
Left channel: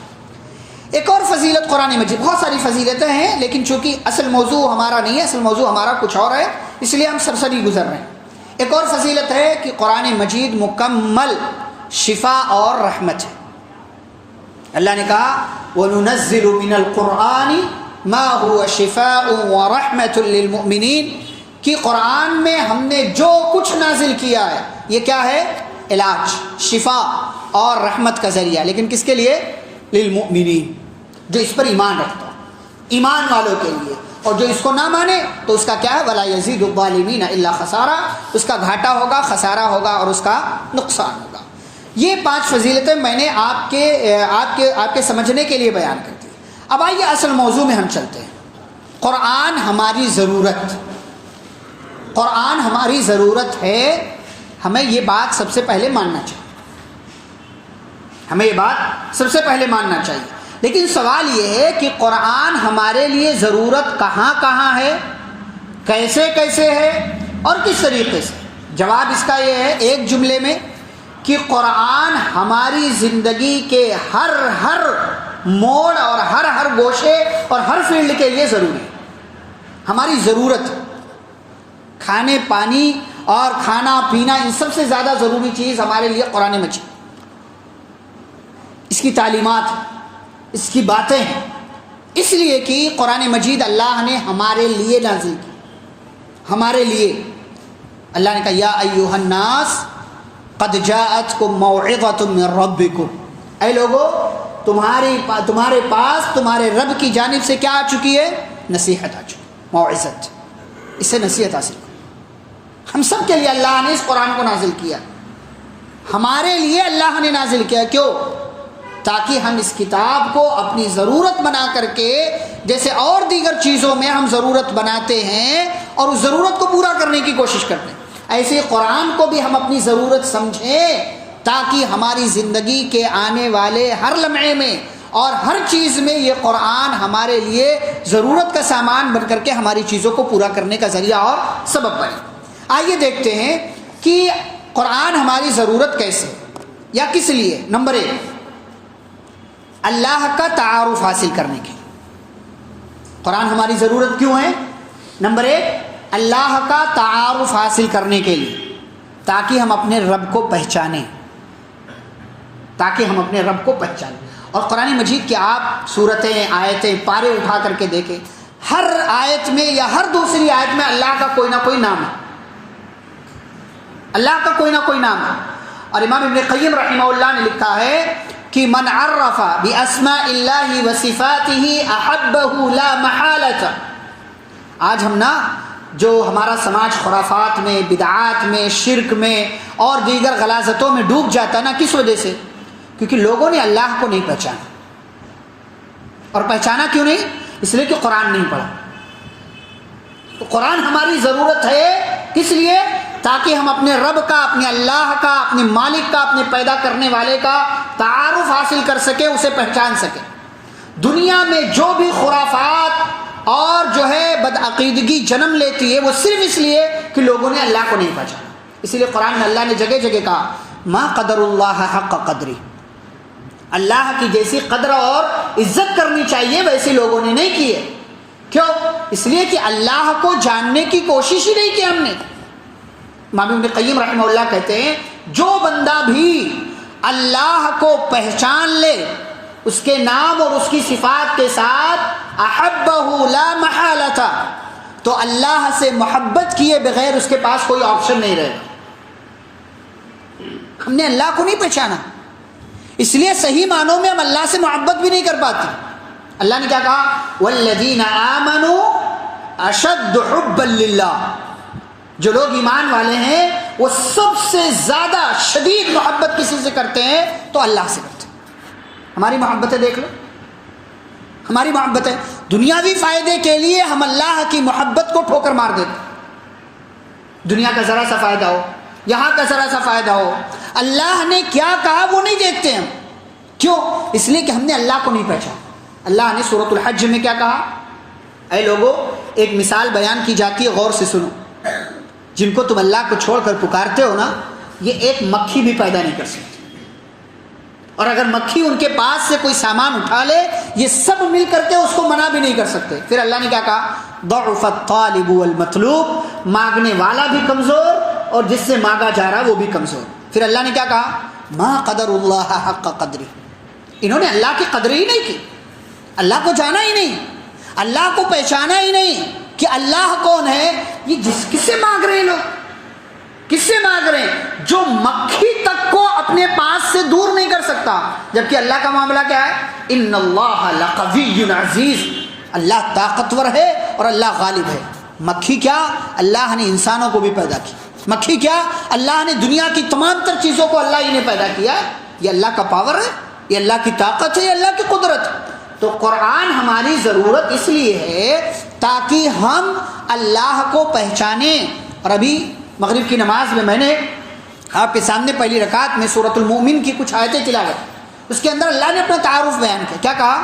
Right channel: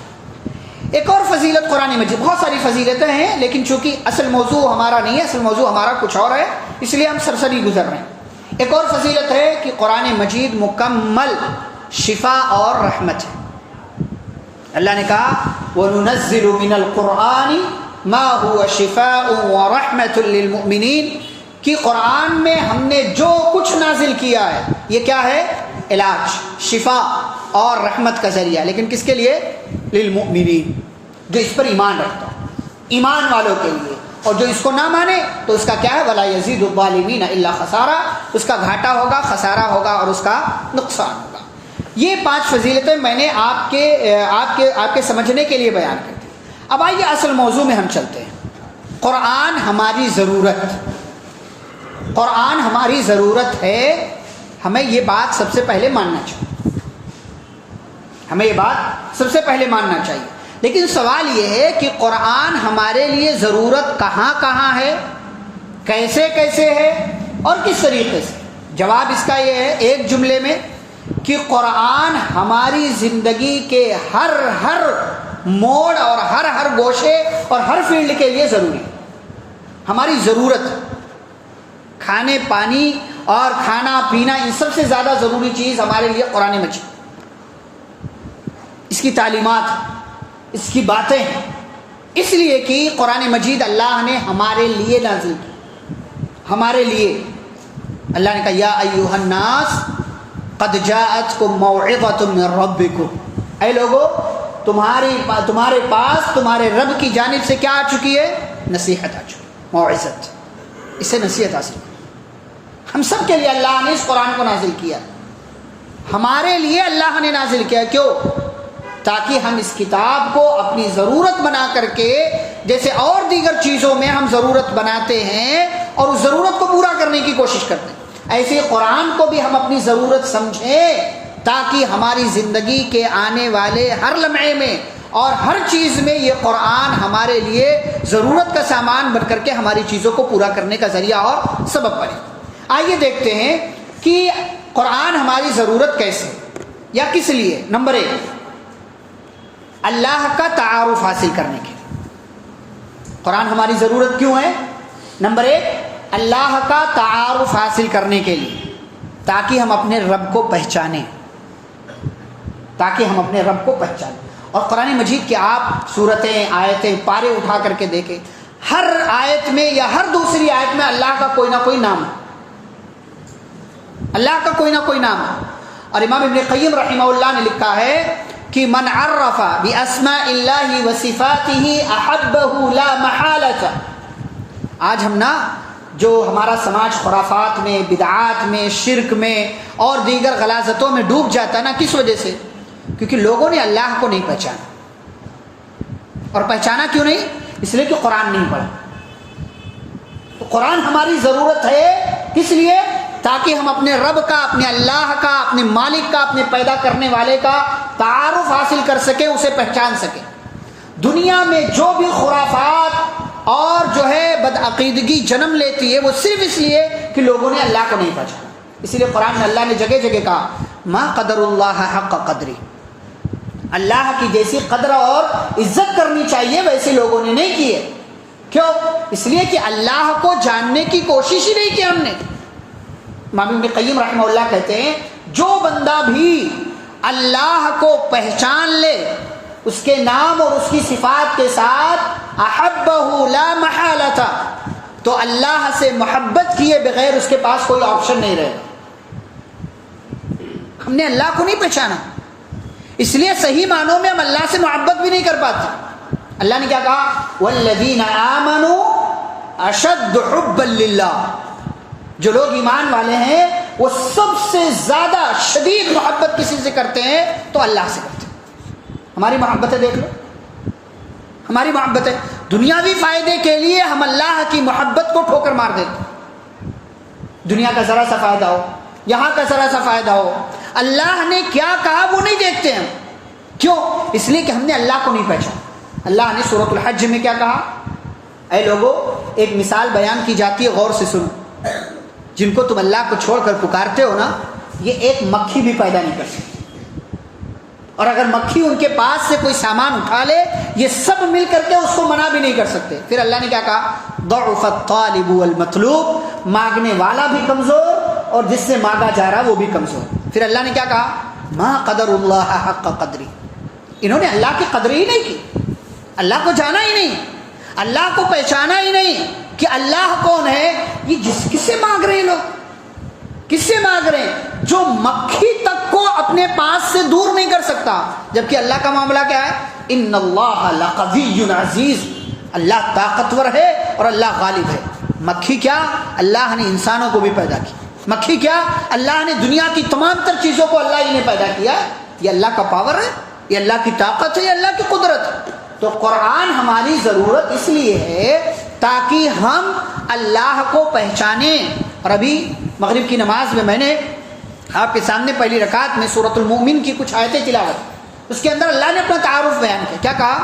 ایک اور فضیلت قرآن مجید، بہت ساری فضیلتیں ہیں لیکن چونکہ اصل موضوع ہمارا نہیں ہے، اصل موضوع ہمارا کچھ اور ہے، اس لیے ہم سرسری گزر رہے ہیں. ایک اور فضیلت ہے کہ قرآن مجید مکمل شفا اور رحمت ہے. اللہ نے کہا وَنُنَزِّلُ مِنَ الْقُرْآنِ مَا هُوَ شِفَاءٌ وَرَحْمَةٌ لِّلْمُؤْمِنِينَ، کہ قرآن میں ہم نے جو کچھ نازل کیا ہے یہ کیا ہے؟ علاج، شفا اور رحمت کا ذریعہ. لیکن کس کے لیے؟ للمؤمنین، جو اس پر ایمان رکھتا ہے، ایمان والوں کے لیے. اور جو اس کو نہ مانے تو اس کا کیا ہے؟ وَلَا يَزِيدُ الظَّالِمِينَ إِلَّا خَسَارًا، اس کا گھاٹا ہوگا، خسارہ ہوگا اور اس کا نقصان ہوگا. یہ 5 فضیلتیں میں نے آپ کے سمجھنے کے لیے بیان کی تھی. اب آئیے اصل موضوع میں ہم چلتے ہیں. قرآن ہماری ضرورت، قرآن ہماری ضرورت ہے. ہمیں یہ بات سب سے پہلے ماننا چاہیے، ہمیں یہ بات سب سے پہلے ماننا چاہیے. لیکن سوال یہ ہے کہ قرآن ہمارے لیے ضرورت کہاں کہاں ہے، کیسے کیسے ہے اور کس طریقے سے؟ جواب اس کا یہ ہے ایک جملے میں کہ قرآن ہماری زندگی کے ہر موڑ اور ہر گوشے اور ہر فیلڈ کے لیے ضروری ہے. ہماری ضرورت، کھانے پانی اور کھانا پینا، ان سب سے زیادہ ضروری چیز ہمارے لیے قرآن مجید، اس کی تعلیمات، اس کی باتیں ہیں. اس لیے کہ قرآن مجید اللہ نے ہمارے لیے نازل کی. ہمارے لیے اللہ نے کہا یا ایھا الناس قد جاءتکم موعظۃ من ربکم، اے لوگو تمہارے پاس تمہارے رب کی جانب سے کیا آ چکی ہے؟ نصیحت آ چکی، موعظت. اس سے نصیحت حاصل. ہم سب کے لیے اللہ نے اس قرآن کو نازل کیا، ہمارے لیے اللہ نے نازل کیا. کیوں؟ تاکہ ہم اس کتاب کو اپنی ضرورت بنا کر کے، جیسے اور دیگر چیزوں میں ہم ضرورت بناتے ہیں اور اس ضرورت کو پورا کرنے کی کوشش کرتے ہیں، ایسے قرآن کو بھی ہم اپنی ضرورت سمجھیں تاکہ ہماری زندگی کے آنے والے ہر لمحے میں اور ہر چیز میں یہ قرآن ہمارے لیے ضرورت کا سامان بن کر کے ہماری چیزوں کو پورا کرنے کا ذریعہ اور سبب بنے. آئیے دیکھتے ہیں کہ قرآن ہماری ضرورت کیسے یا کس لیے. نمبر 1، اللہ کا تعارف حاصل کرنے کے لیے قرآن ہماری ضرورت کیوں ہے؟ نمبر 1، اللہ کا تعارف حاصل کرنے کے لیے، تاکہ ہم اپنے رب کو پہچانیں، تاکہ ہم اپنے رب کو پہچانیں. اور قرآن مجید کے آپ صورتیں، آیتیں، پارے اٹھا کر کے دیکھیں، ہر آیت میں یا ہر دوسری آیت میں اللہ کا کوئی نہ کوئی نام ہے، اللہ کا کوئی نہ کوئی نام ہے. اور امام ابن قیم رحمہ اللہ نے لکھا ہے کہ من عرف باسماء اللہ وصفاتہ احبہ لا محالۃ. آج ہم نا جو ہمارا سماج خرافات میں، بدعات میں، شرک میں اور دیگر غلاظتوں میں ڈوب جاتا ہے نا، کس وجہ سے؟ کیونکہ لوگوں نے اللہ کو نہیں پہچانا. اور پہچانا کیوں نہیں؟ اس لیے کہ قرآن نہیں پڑھا. تو قرآن ہماری ضرورت ہے کس لیے؟ تاکہ ہم اپنے رب کا، اپنے اللہ کا، اپنے مالک کا، اپنے پیدا کرنے والے کا تعارف حاصل کر سکیں، اسے پہچان سکیں. دنیا میں جو بھی خرافات اور جو ہے بدعقیدگی جنم لیتی ہے وہ صرف اس لیے کہ لوگوں نے اللہ کو نہیں پہچانا. اسی لیے قرآن میں اللہ نے جگہ جگہ کہا ما قدر اللہ حق قدری، اللہ کی جیسی قدر اور عزت کرنی چاہیے ویسے لوگوں نے نہیں کی ہے. کیوں؟ اس لیے کہ اللہ کو جاننے کی کوشش ہی نہیں کی ہم نے. امام ابن قیم رحمہ اللہ کہتے ہیں جو بندہ بھی اللہ کو پہچان لے اس کے نام اور اس کی صفات کے ساتھ احبہ لا محالہ، تو اللہ سے محبت کیے بغیر اس کے پاس کوئی آپشن نہیں رہے. ہم نے اللہ کو نہیں پہچانا، اس لیے صحیح معنوں میں ہم اللہ سے محبت بھی نہیں کر پاتے. اللہ نے کیا کہا؟ والذین آمنوا اشد حبا للہ، جو لوگ ایمان والے ہیں وہ سب سے زیادہ شدید محبت کسی سے کرتے ہیں تو اللہ سے کرتے ہیں. ہماری محبتیں دیکھ لو، ہماری محبتیں دنیاوی فائدے کے لیے ہم اللہ کی محبت کو ٹھوکر مار دیتے ہیں. دنیا کا ذرا سا فائدہ ہو، یہاں کا ذرا سا فائدہ ہو، اللہ نے کیا کہا وہ نہیں دیکھتے ہیں. کیوں؟ اس لیے کہ ہم نے اللہ کو نہیں پہچانا. اللہ نے سورۃ الحج میں کیا کہا؟ اے لوگو، ایک مثال بیان کی جاتی ہے، غور سے سنو. جن کو تم اللہ کو چھوڑ کر پکارتے ہو نا، یہ ایک مکھی بھی پیدا نہیں کر سکتی. اور اگر مکھی ان کے پاس سے کوئی سامان اٹھا لے، یہ سب مل کر کے اس کو منع بھی نہیں کر سکتے. پھر اللہ نے کیا کہا؟ ضعف الطالب والمطلوب، مانگنے والا بھی کمزور اور جس سے مانگا جا رہا وہ بھی کمزور. پھر اللہ نے کیا کہا؟ ما قدر اللہ حق قدری، انہوں نے اللہ کی قدر ہی نہیں کی، اللہ کو جانا ہی نہیں، اللہ کو پہچانا ہی نہیں کہ اللہ کون ہے. یہ کس سے مانگ رہے ہیں لوگ؟ کس سے مانگ رہے ہیں؟ جو مکھی تک کو اپنے پاس سے دور نہیں کر سکتا. جبکہ اللہ کا معاملہ کیا ہے؟ ان اللہ لقوی عزیز، اللہ طاقتور ہے اور اللہ غالب ہے. مکھی کیا؟ اللہ نے انسانوں کو بھی پیدا کیا. مکھی کیا؟ اللہ نے دنیا کی تمام تر چیزوں کو اللہ ہی نے پیدا کیا. یہ اللہ کا پاور ہے، یہ اللہ کی طاقت ہے، یہ اللہ کی قدرت ہے. تو قرآن ہماری ضرورت اس لیے ہے تاکہ ہم اللہ کو پہچانیں. اور ابھی مغرب کی نماز میں نے آپ کے سامنے پہلی رکعت میں سورۃ المؤمن کی کچھ آیتیں تلاوت، اس کے اندر اللہ نے اپنا تعارف بیان کیا. کیا کہا؟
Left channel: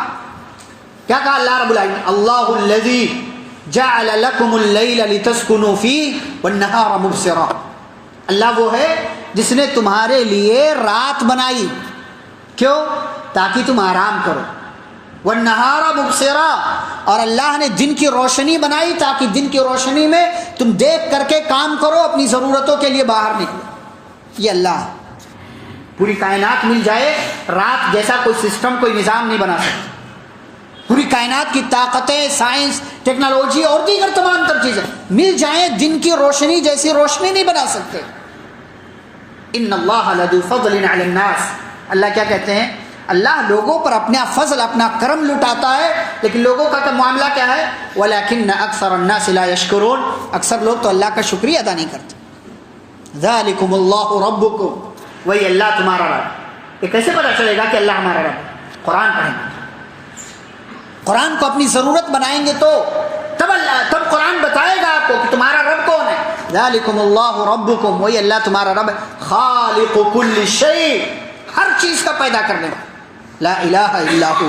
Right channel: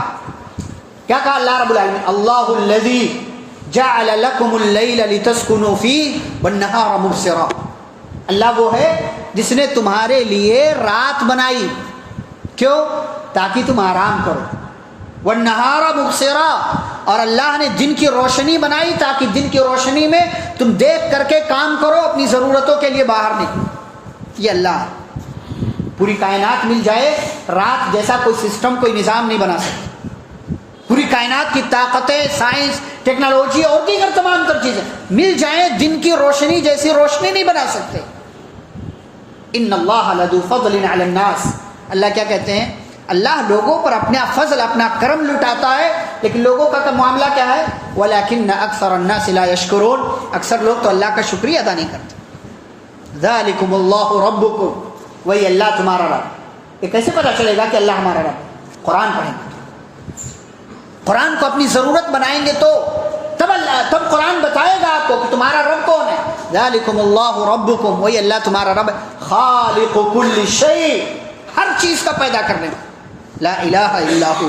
کیا کہا اللہ رب العالمین؟ اللہ الذی جعل لکم اللیل لتسکنوا فیہ والنہار مبصرا. اللہ وہ ہے جس نے تمہارے لیے رات بنائی. کیوں؟ تاکہ تم آرام کرو. والنہار مبصرا، اور اللہ نے دن کی روشنی بنائی تاکہ دن کی روشنی میں تم دیکھ کر کے کام کرو، اپنی ضرورتوں کے لیے باہر نکلو. یہ اللہ ہے. پوری کائنات مل جائے، رات جیسا کوئی سسٹم، کوئی نظام نہیں بنا سکتا. پوری کائنات کی طاقتیں، سائنس، ٹیکنالوجی اور دیگر تمام تر چیزیں مل جائیں، دن کی روشنی جیسی روشنی نہیں بنا سکتے. ان اللہ لذو فضل علی الناس، اللہ کیا کہتے ہیں؟ اللہ لوگوں پر اپنا فضل، اپنا کرم لٹاتا ہے، لیکن لوگوں کا معاملہ کیا ہے؟ وَلَكِنَّ أَكْثَرَ النَّاسِ لَا يَشْكُرُونَ، اکثر لوگ تو اللہ کا شکریہ ادا نہیں کرتے. ذَلِكُمُ اللَّهُ رَبُّكُمْ، وہی اللہ تمہارا رب. یہ کیسے پتا چلے گا کہ اللہ ہمارا رب؟ قرآن پڑھیں گے، قرآن کو اپنی ضرورت بنائیں گے تو تب قرآن بتائے گا آپ کو کہ تمہارا رب کون ہے. ذَلِكُمُ اللَّهُ رَبُّكُمْ، وہی اللہ تمہارا رب ہے. خالق كل شيء، ہر چیز کا پیدا کرنے والا. لا الہ الا ہو،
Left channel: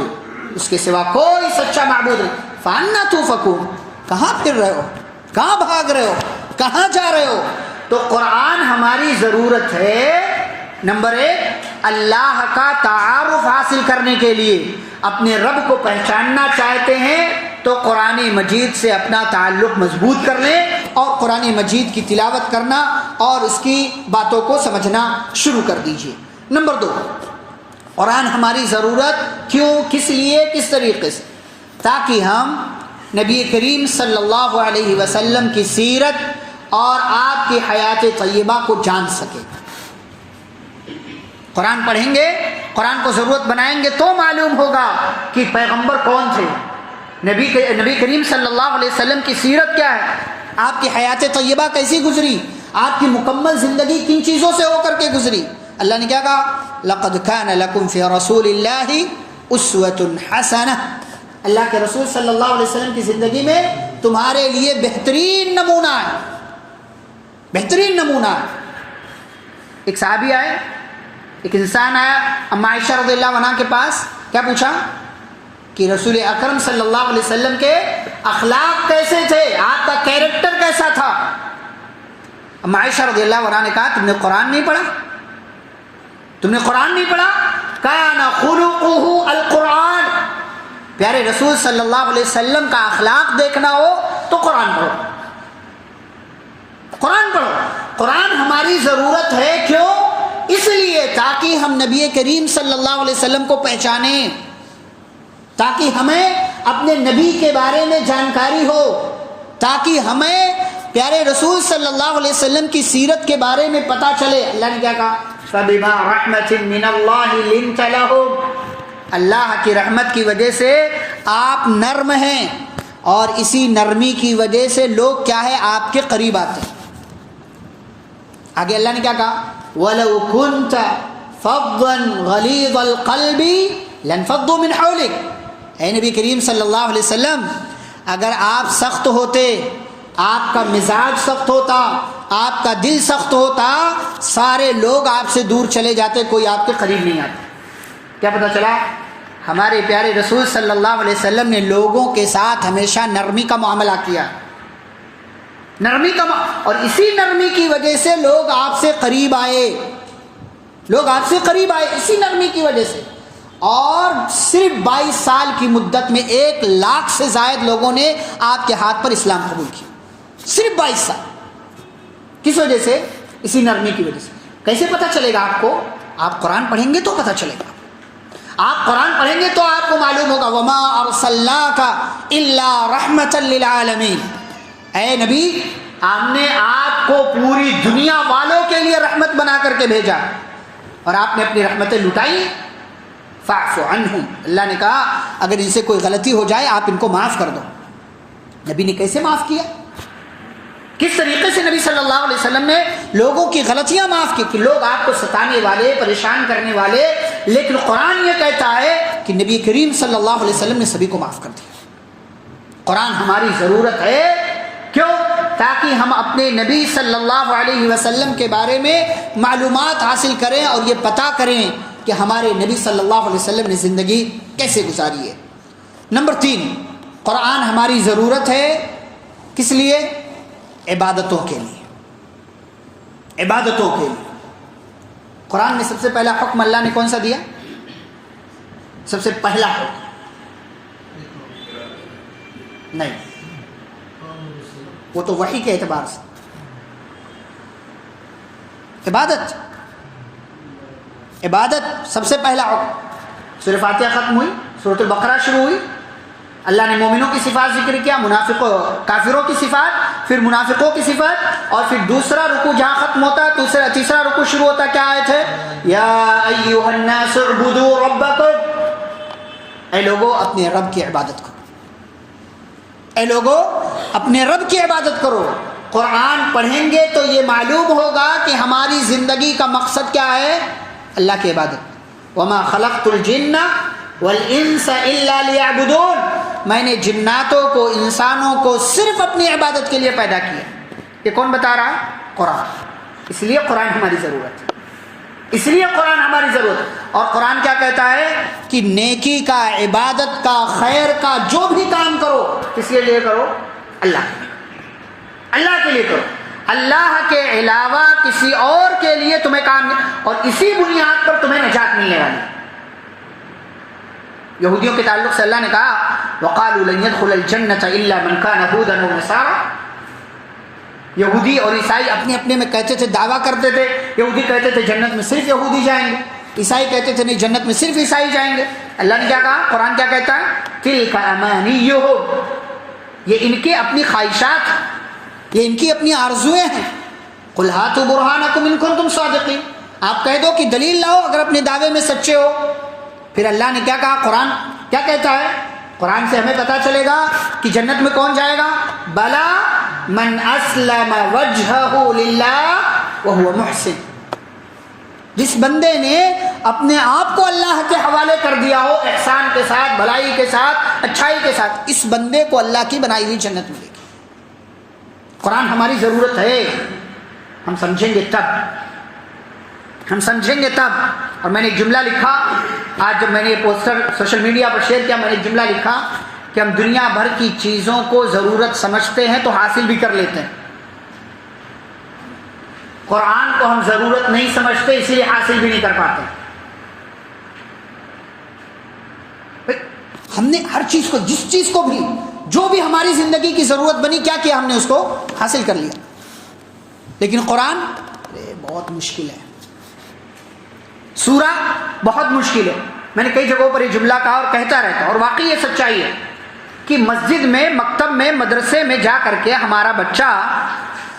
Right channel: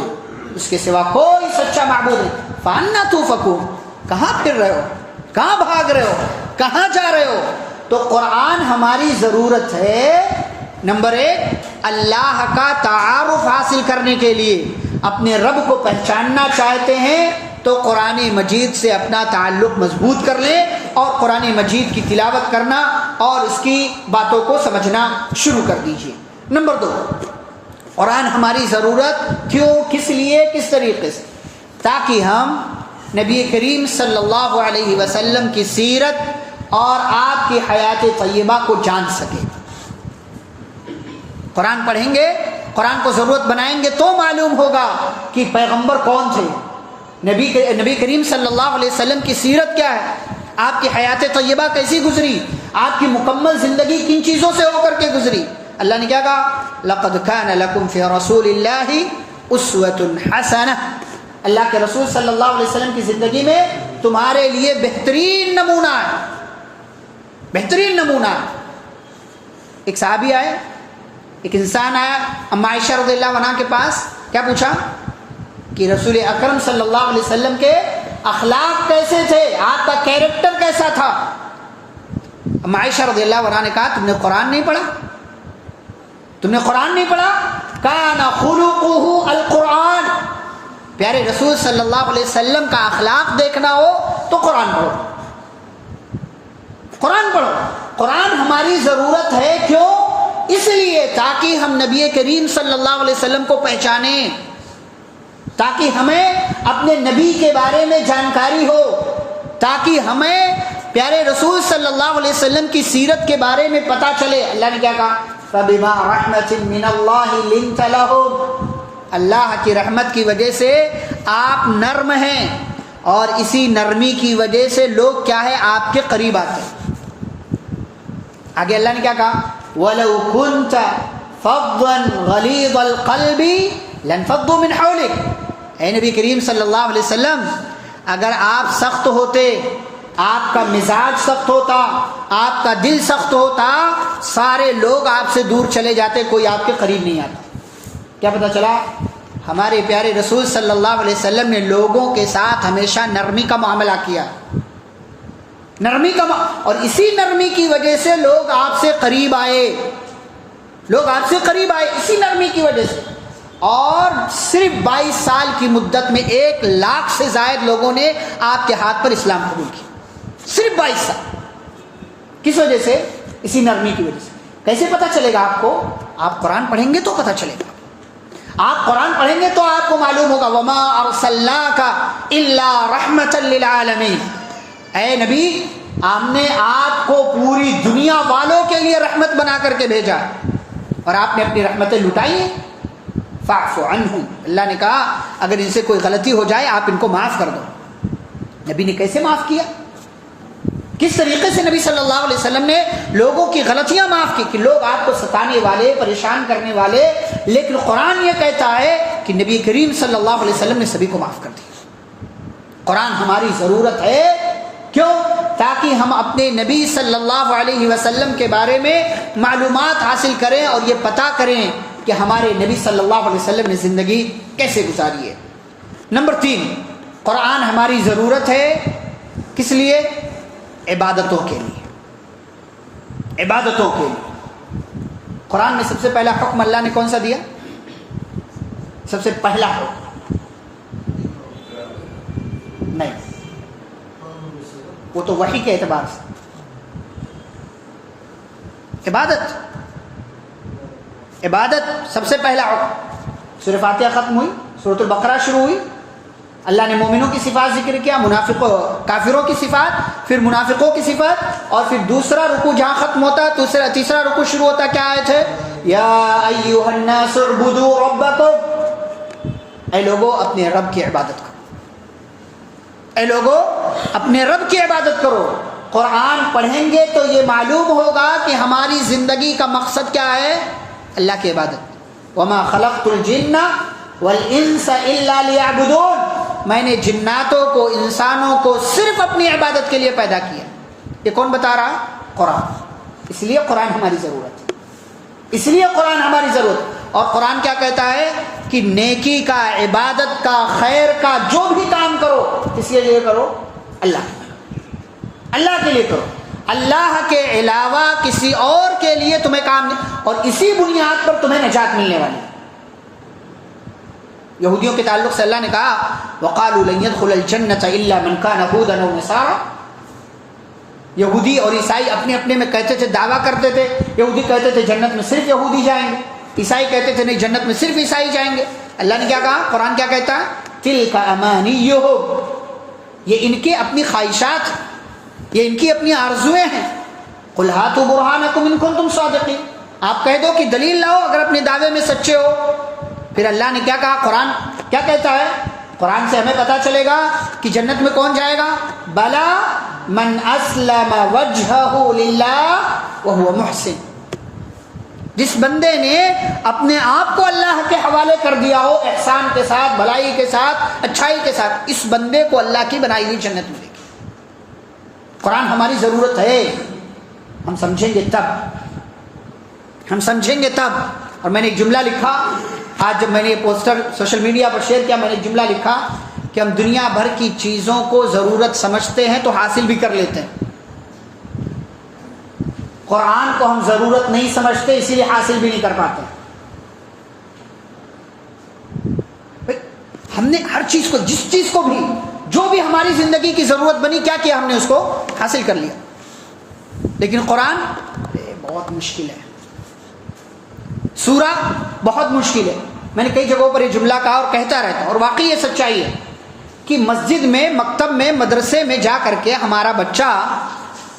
اس کے سوا کوئی سچا معبود نہیں. فَأَنَّا تُؤْفَكُونَ، کہاں پھر رہے ہو؟ کہاں بھاگ رہے ہو؟ کہاں جا رہے ہو؟ تو قرآن ہماری ضرورت ہے نمبر 1 اللہ کا تعارف حاصل کرنے کے لیے. اپنے رب کو پہچاننا چاہتے ہیں تو قرآن مجید سے اپنا تعلق مضبوط کر لیں اور قرآن مجید کی تلاوت کرنا اور اس کی باتوں کو سمجھنا شروع کر دیجیے. نمبر 2 قرآن ہماری ضرورت کیوں، کس لیے، کس طریقے سے؟ تاکہ ہم نبی کریم صلی اللہ علیہ وسلم کی سیرت اور آپ کی حیات طیبہ کو جان سکیں. قرآن پڑھیں گے، قرآن کو ضرورت بنائیں گے تو معلوم ہوگا کہ پیغمبر کون تھے، نبی کریم صلی اللہ علیہ وسلم کی سیرت کیا ہے. آپ کی حیات طیبہ کیسی گزری, آپ کی مکمل زندگی کن چیزوں سے ہو کر کے گزری. اللہ نے کیا کہا, لقد کان لکم فی رسول اللہ اسوۃ حسنہ, اللہ کے رسول صلی اللہ علیہ وسلم کی زندگی میں تمہارے لیے بہترین نمونہ ہے, بہترین نمونہ. ایک صحابی آئے, ایک انسان آیا اما عائشہ رضی اللہ عنہا کے پاس, کیا پوچھا کہ رسول اکرم صلی اللہ علیہ وسلم کے اخلاق کیسے تھے, آپ کا کیریکٹر کیسا تھا. اما عائشہ رضی اللہ عنہا نے کہا, تم نے قرآن نہیں پڑھا, تم نے قرآن نہیں پڑھا. کان خلقہ القرآن, پیارے رسول صلی اللہ علیہ وسلم کا اخلاق دیکھنا ہو تو قرآن پڑھو, قرآن پڑھو. قرآن ہماری ضرورت ہے, کیوں؟ اس لیے تاکہ ہم نبی کریم صلی اللہ علیہ وسلم کو پہچانیں, تاکہ ہمیں اپنے نبی کے بارے میں جانکاری ہو, تاکہ ہمیں پیارے رسول صلی اللہ علیہ وسلم کی سیرت کے بارے میں پتہ چلے. اللہ نے کیا کہا, فَبِمَا رَحْمَةٍ مِّنَ اللَّهِ لِنْتَ لَهُمْ, اللہ کی رحمت کی وجہ سے آپ نرم ہیں, اور اسی نرمی کی وجہ سے لوگ کیا ہے, آپ کے قریب آتے ہیں. آگے اللہ نے کیا کہا, وَلَوْ كُنْتَ فَضًّا غَلِيظَ الْقَلْبِ لَانفَضُّوا مِنْ حَوْلِكَ, اے نبی کریم صلی اللہ علیہ وسلم, اگر آپ سخت ہوتے, آپ کا مزاج سخت ہوتا, آپ کا دل سخت ہوتا, سارے لوگ آپ سے دور چلے جاتے, کوئی آپ کے قریب نہیں آتا. کیا پتہ چلا, ہمارے پیارے رسول صلی اللہ علیہ وسلم نے لوگوں کے ساتھ ہمیشہ نرمی کا معاملہ کیا, نرمی کا اور اسی نرمی کی وجہ سے لوگ آپ سے قریب آئے, لوگ آپ سے قریب آئے اسی نرمی کی وجہ سے. اور صرف 22 سال کی مدت میں 1 لاکھ سے زائد لوگوں نے آپ کے ہاتھ پر اسلام قبول کیا, صرف 22 سال. کس وجہ سے؟ اسی نرمی کی وجہ سے. کیسے پتہ چلے گا آپ کو؟ آپ قرآن پڑھیں گے تو پتہ چلے گا, آپ قرآن پڑھیں گے تو آپ کو معلوم ہوگا. وما ارسلناک الا رحمۃ للعالمین, اے نبی ہم نے آپ کو پوری دنیا والوں کے لیے رحمت بنا کر کے بھیجا, اور آپ نے اپنی رحمتیں لٹائی. فاعف عنہم, اللہ نے کہا اگر ان سے کوئی غلطی ہو جائے آپ ان کو معاف کر دو. نبی نے کیسے معاف کیا, کس طریقے سے نبی صلی اللہ علیہ وسلم نے لوگوں کی غلطیاں معاف کی, کہ لوگ آپ کو ستانے والے, پریشان کرنے والے, لیکن قرآن یہ کہتا ہے کہ نبی کریم صلی اللہ علیہ وسلم نے سبھی کو معاف کر دیا. قرآن ہماری ضرورت ہے, کیوں؟ تاکہ ہم اپنے نبی صلی اللہ علیہ وسلم کے بارے میں معلومات حاصل کریں اور یہ پتہ کریں کہ ہمارے نبی صلی اللہ علیہ وسلم نے زندگی کیسے گزاری ہے. نمبر 3, قرآن ہماری ضرورت ہے کس لیے؟ عبادتوں کے لیے, عبادتوں کے لیے. قرآن میں سب سے پہلا حکم اللہ نے کون سا دیا؟ سب سے پہلا حکم نہیں, وہ تو وحی کے اعتبار سے عبادت, عبادت سب سے پہلا حکم. سورہ فاتحہ ختم ہوئی, سورۃ البقرہ شروع ہوئی, اللہ نے مومنوں کی صفات ذکر کیا, منافقوں کافروں کی صفات, پھر منافقوں کی صفات, اور پھر دوسرا رکوع جہاں ختم ہوتا ہے تیسرا رکوع شروع ہوتا ہے. کیا آیت ہے؟ یا ایھا الناس اعبدوا ربکم, اے لوگوں اپنے رب کی عبادت کرو, اے لوگوں اپنے رب کی عبادت کرو. قرآن پڑھیں گے تو یہ معلوم ہوگا کہ ہماری زندگی کا مقصد کیا ہے, اللہ کی عبادت. وما خلقت الجن والانس الا لیعبدون, میں نے جناتوں کو, انسانوں کو صرف اپنی عبادت کے لیے پیدا کیا. یہ کون بتا رہا ہے؟ قرآن. اس لیے قرآن ہماری ضرورت ہے, اس لیے قرآن ہماری ضرورت ہے. اور قرآن کیا کہتا ہے کہ نیکی کا, عبادت کا, خیر کا جو بھی کام کرو کس کے لیے کرو؟ اللہ, اللہ کے لیے کرو. اللہ کے علاوہ کسی اور کے لیے تمہیں کام نہیں, اور اسی بنیاد پر تمہیں نجات ملنے والی. یہودیوں کے تعلق سے اللہ نے کہا وَقَالُوا لَن يَدْخُلَ الْجَنَّةَ إِلَّا مَنْ كَانَ هُودًا أَوْ نَصَارَىٰ. یہودی اور عیسائی اپنے اپنے میں کہتے تھے, دعویٰ کرتے تھے. یہودی کہتے تھے جنت میں صرف یہودی جائیں گے, عیسائی کہتے تھے نہیں جنت میں صرف عیسائی جائیں گے. اللہ نے کیا کہا؟ قرآن کیا کہتا ہے؟ تِلْكَ أَمَانِيُّهُمْ, یہ ان کے اپنی خواہشات, یہ ان کی اپنی آرزویں ہیں. قُلْ هَاتُوا بُرْهَانَكُمْ إِن كُنتُمْ صَادِقِينَ, آپ کہہ دو کہ دلیل لاؤ اگر اپنے دعوے میں سچے ہو. پھر اللہ نے کیا کہا؟ قرآن کیا کہتا ہے؟ قرآن سے ہمیں پتہ چلے گا کہ جنت میں کون جائے گا. بلا من اسلم وجهه للہ وهو محسن. جس بندے نے اپنے آپ کو اللہ کے حوالے کر دیا ہو احسان کے ساتھ، بھلائی کے ساتھ، اچھائی کے ساتھ، اس بندے کو اللہ کی بنائی ہوئی جنت ملے گی. قرآن ہماری ضرورت ہے، ہم سمجھیں گے تب، ہم سمجھیں گے تب. اور میں نے ایک جملہ لکھا آج جب میں نے یہ پوسٹر سوشل میڈیا پر شیئر کیا، میں نے ایک جملہ لکھا کہ ہم دنیا بھر کی چیزوں کو ضرورت سمجھتے ہیں تو حاصل بھی کر لیتے ہیں، قرآن کو ہم ضرورت نہیں سمجھتے اسی لیے حاصل بھی نہیں کر پاتے. ہم نے ہر چیز کو، جس چیز کو بھی، جو بھی ہماری زندگی کی ضرورت بنی، کیا کیا ہم نے اس کو حاصل کر لیا. لیکن قرآن بہت مشکل ہے، سورہ بہت مشکل ہے. میں نے کئی جگہوں پر یہ جملہ کہا اور کہتا رہتا، اور واقعی یہ سچائی ہے کہ مسجد میں، مکتب میں، مدرسے میں جا کر کے ہمارا بچہ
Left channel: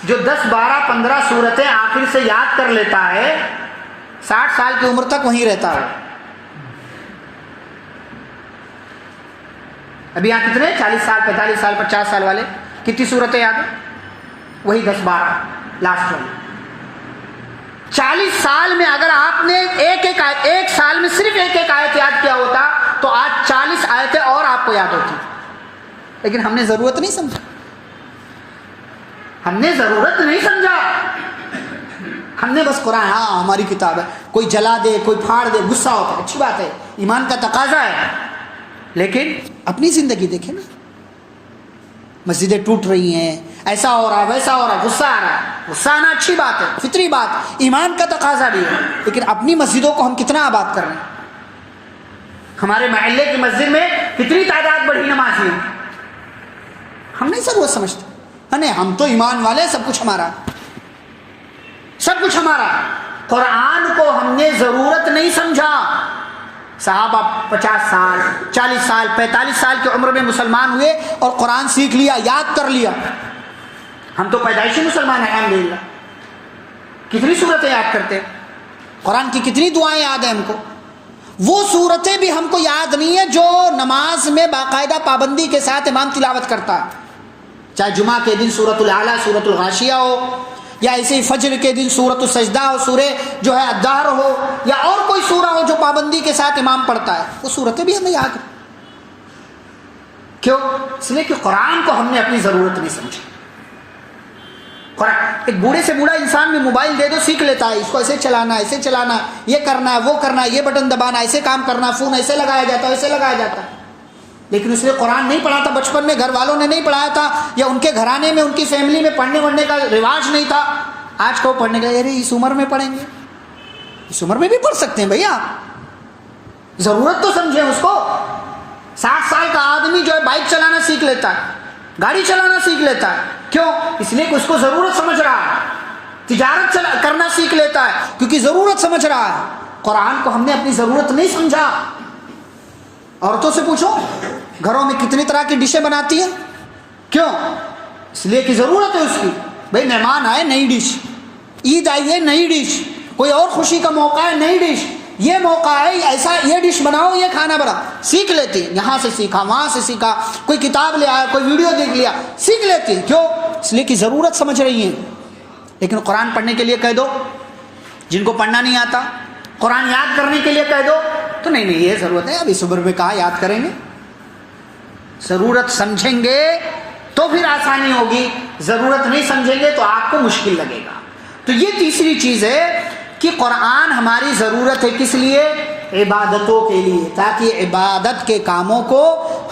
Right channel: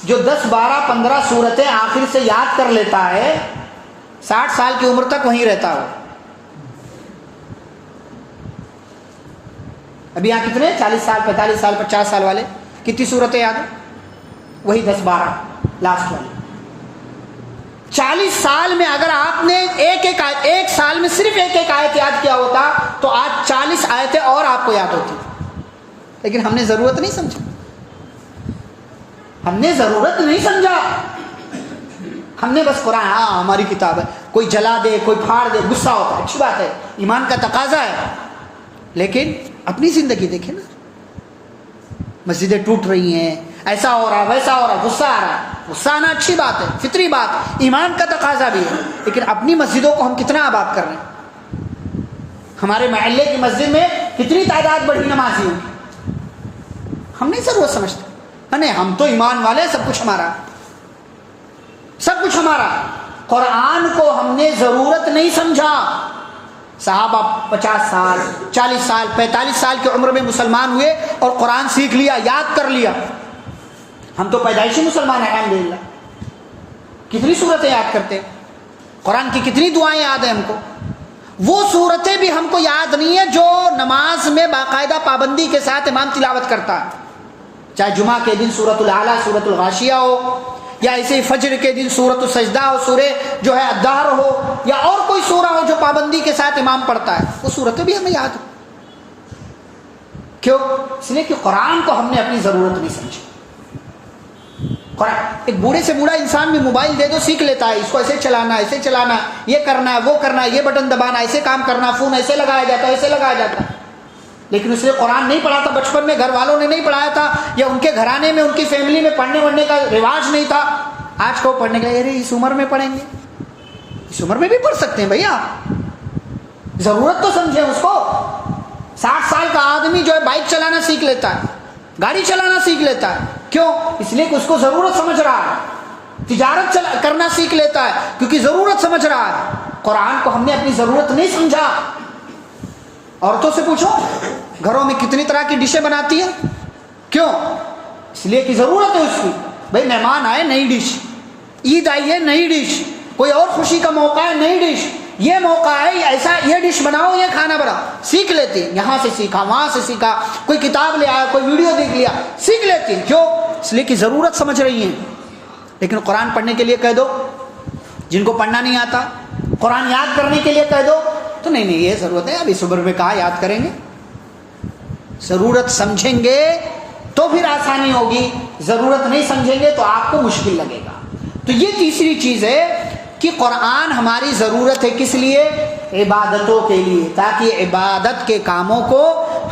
جو 10 12 15 سورتیں آخر سے یاد کر لیتا ہے، 60 سال کی عمر تک وہیں رہتا ہے. ابھی یہاں کتنے 40 سال 45 سال 50 سال والے کتنی صورتیں یاد ہیں؟ وہی 10 12 لاسٹ والی. 40 سال میں اگر آپ نے ایک سال میں صرف ایک آیت یاد کیا ہوتا تو آج 40 آیتیں اور آپ کو یاد ہوتی. لیکن ہم نے ضرورت نہیں سمجھا، ہم نے ضرورت نہیں سمجھا. ہم نے بس قرآن، ہاں ہماری کتاب ہے، کوئی جلا دے کوئی پھاڑ دے غصہ ہوتا، اچھی بات ہے، ایمان کا تقاضا ہے. لیکن اپنی زندگی دیکھیں نا، مسجدیں ٹوٹ رہی ہیں، ایسا ہو رہا ویسا ہو رہا، غصہ آ رہا ہے. غصہ آنا اچھی بات ہے، فطری بات، ایمان کا تقاضا بھی ہے. لیکن اپنی مسجدوں کو ہم کتنا آباد کر رہے ہیں؟ ہمارے محلے کی مسجد میں کتنی تعداد بڑھی نمازی ہیں، ہم نہیں ضرورت سمجھتے. ہم تو ایمان والے، سب کچھ ہمارا، سب کچھ ہمارا. قرآن کو ہم نے ضرورت نہیں سمجھا. صحابہ 50 سال 40 سال 45 سال کی عمر میں مسلمان ہوئے اور قرآن سیکھ لیا، یاد کر لیا. ہم تو پیدائشی مسلمان ہیں الحمدللہ. کتنی صورتیں یاد کرتے ہیں، قرآن کی کتنی دعائیں یاد ہیں ہم کو. وہ صورتیں بھی ہم کو یاد نہیں ہے جو نماز میں باقاعدہ پابندی کے ساتھ امام تلاوت کرتا ہے، چاہے جمعہ کے دن سورۃ الاعلیٰ، سورۃ الغاشیہ ہو، یا ایسے ہی فجر کے دن سورۃ السجدہ ہو، سورہ جو ہے الدہر ہو، یا اور کوئی سورہ ہو جو پابندی کے ساتھ امام پڑھتا ہے. وہ صورتیں بھی ہمیں یاد ہیں. کیوں؟ اس لیے کہ قرآن کو ہم نے اپنی ضرورت نہیں سمجھی. قرآن ایک بوڑھے سے بوڑھا انسان بھی موبائل دے دو سیکھ لیتا ہے، اس کو ایسے چلانا، ایسے چلانا، یہ کرنا، وہ کرنا، یہ بٹن دبانا، ایسے کام کرنا، فون ایسے لگایا جاتا ہے، ایسے لگایا جاتا ہے. لیکن اس نے قرآن نہیں پڑھا تھا بچپن میں، گھر والوں نے نہیں پڑھایا تھا، یا ان کے گھرانے میں، ان کی فیملی میں پڑھنے وڑھنے کا رواج نہیں تھا. آج کو پڑھنے کا، ارے اس عمر میں پڑھیں گے، اس عمر میں بھی پڑھ سکتے ہیں بھیا، ضرورت تو سمجھیں اس کو. 60 سال کا آدمی جو ہے بائک چلانا سیکھ لیتا ہے، گاڑی چلانا سیکھ لیتا ہے. کیوں؟ اس لیے کہ اس کو ضرورت سمجھ رہا ہے. تجارت کرنا سیکھ لیتا ہے کیونکہ ضرورت سمجھ رہا ہے. قرآن کو ہم نے اپنی ضرورت نہیں سمجھا. عورتوں سے پوچھو گھروں میں کتنی طرح کی ڈشیں بناتی ہیں. کیوں؟ اس لیے کہ ضرورت ہے اس کی. بھائی مہمان آئے، نئی ڈش، عید آئی ہے، نئی ڈش، کوئی اور خوشی کا موقع ہے، نئی ڈش، یہ موقع ہے، ایسا یہ ڈش بناؤ، یہ کھانا بنا. سیکھ لیتی، یہاں سے سیکھا، وہاں سے سیکھا، کوئی کتاب لے آیا، کوئی ویڈیو دیکھ لیا، سیکھ لیتی. کیوں؟ اس لیے کہ ضرورت سمجھ رہی ہیں. لیکن قرآن پڑھنے کے لیے کہہ دو، جن کو پڑھنا نہیں آتا، قرآن یاد کرنے کے لیے کہہ دو تو نہیں یہ ضرورت ہے، اب اس عمر میں کہاں یاد کریں گے. ضرورت سمجھیں گے تو پھر آسانی ہوگی، ضرورت نہیں سمجھیں گے تو آپ کو مشکل لگے گا. تو یہ تیسری چیز ہے کہ قرآن ہماری ضرورت ہے کس لیے؟ عبادتوں کے لیے، تاکہ عبادت کے کاموں کو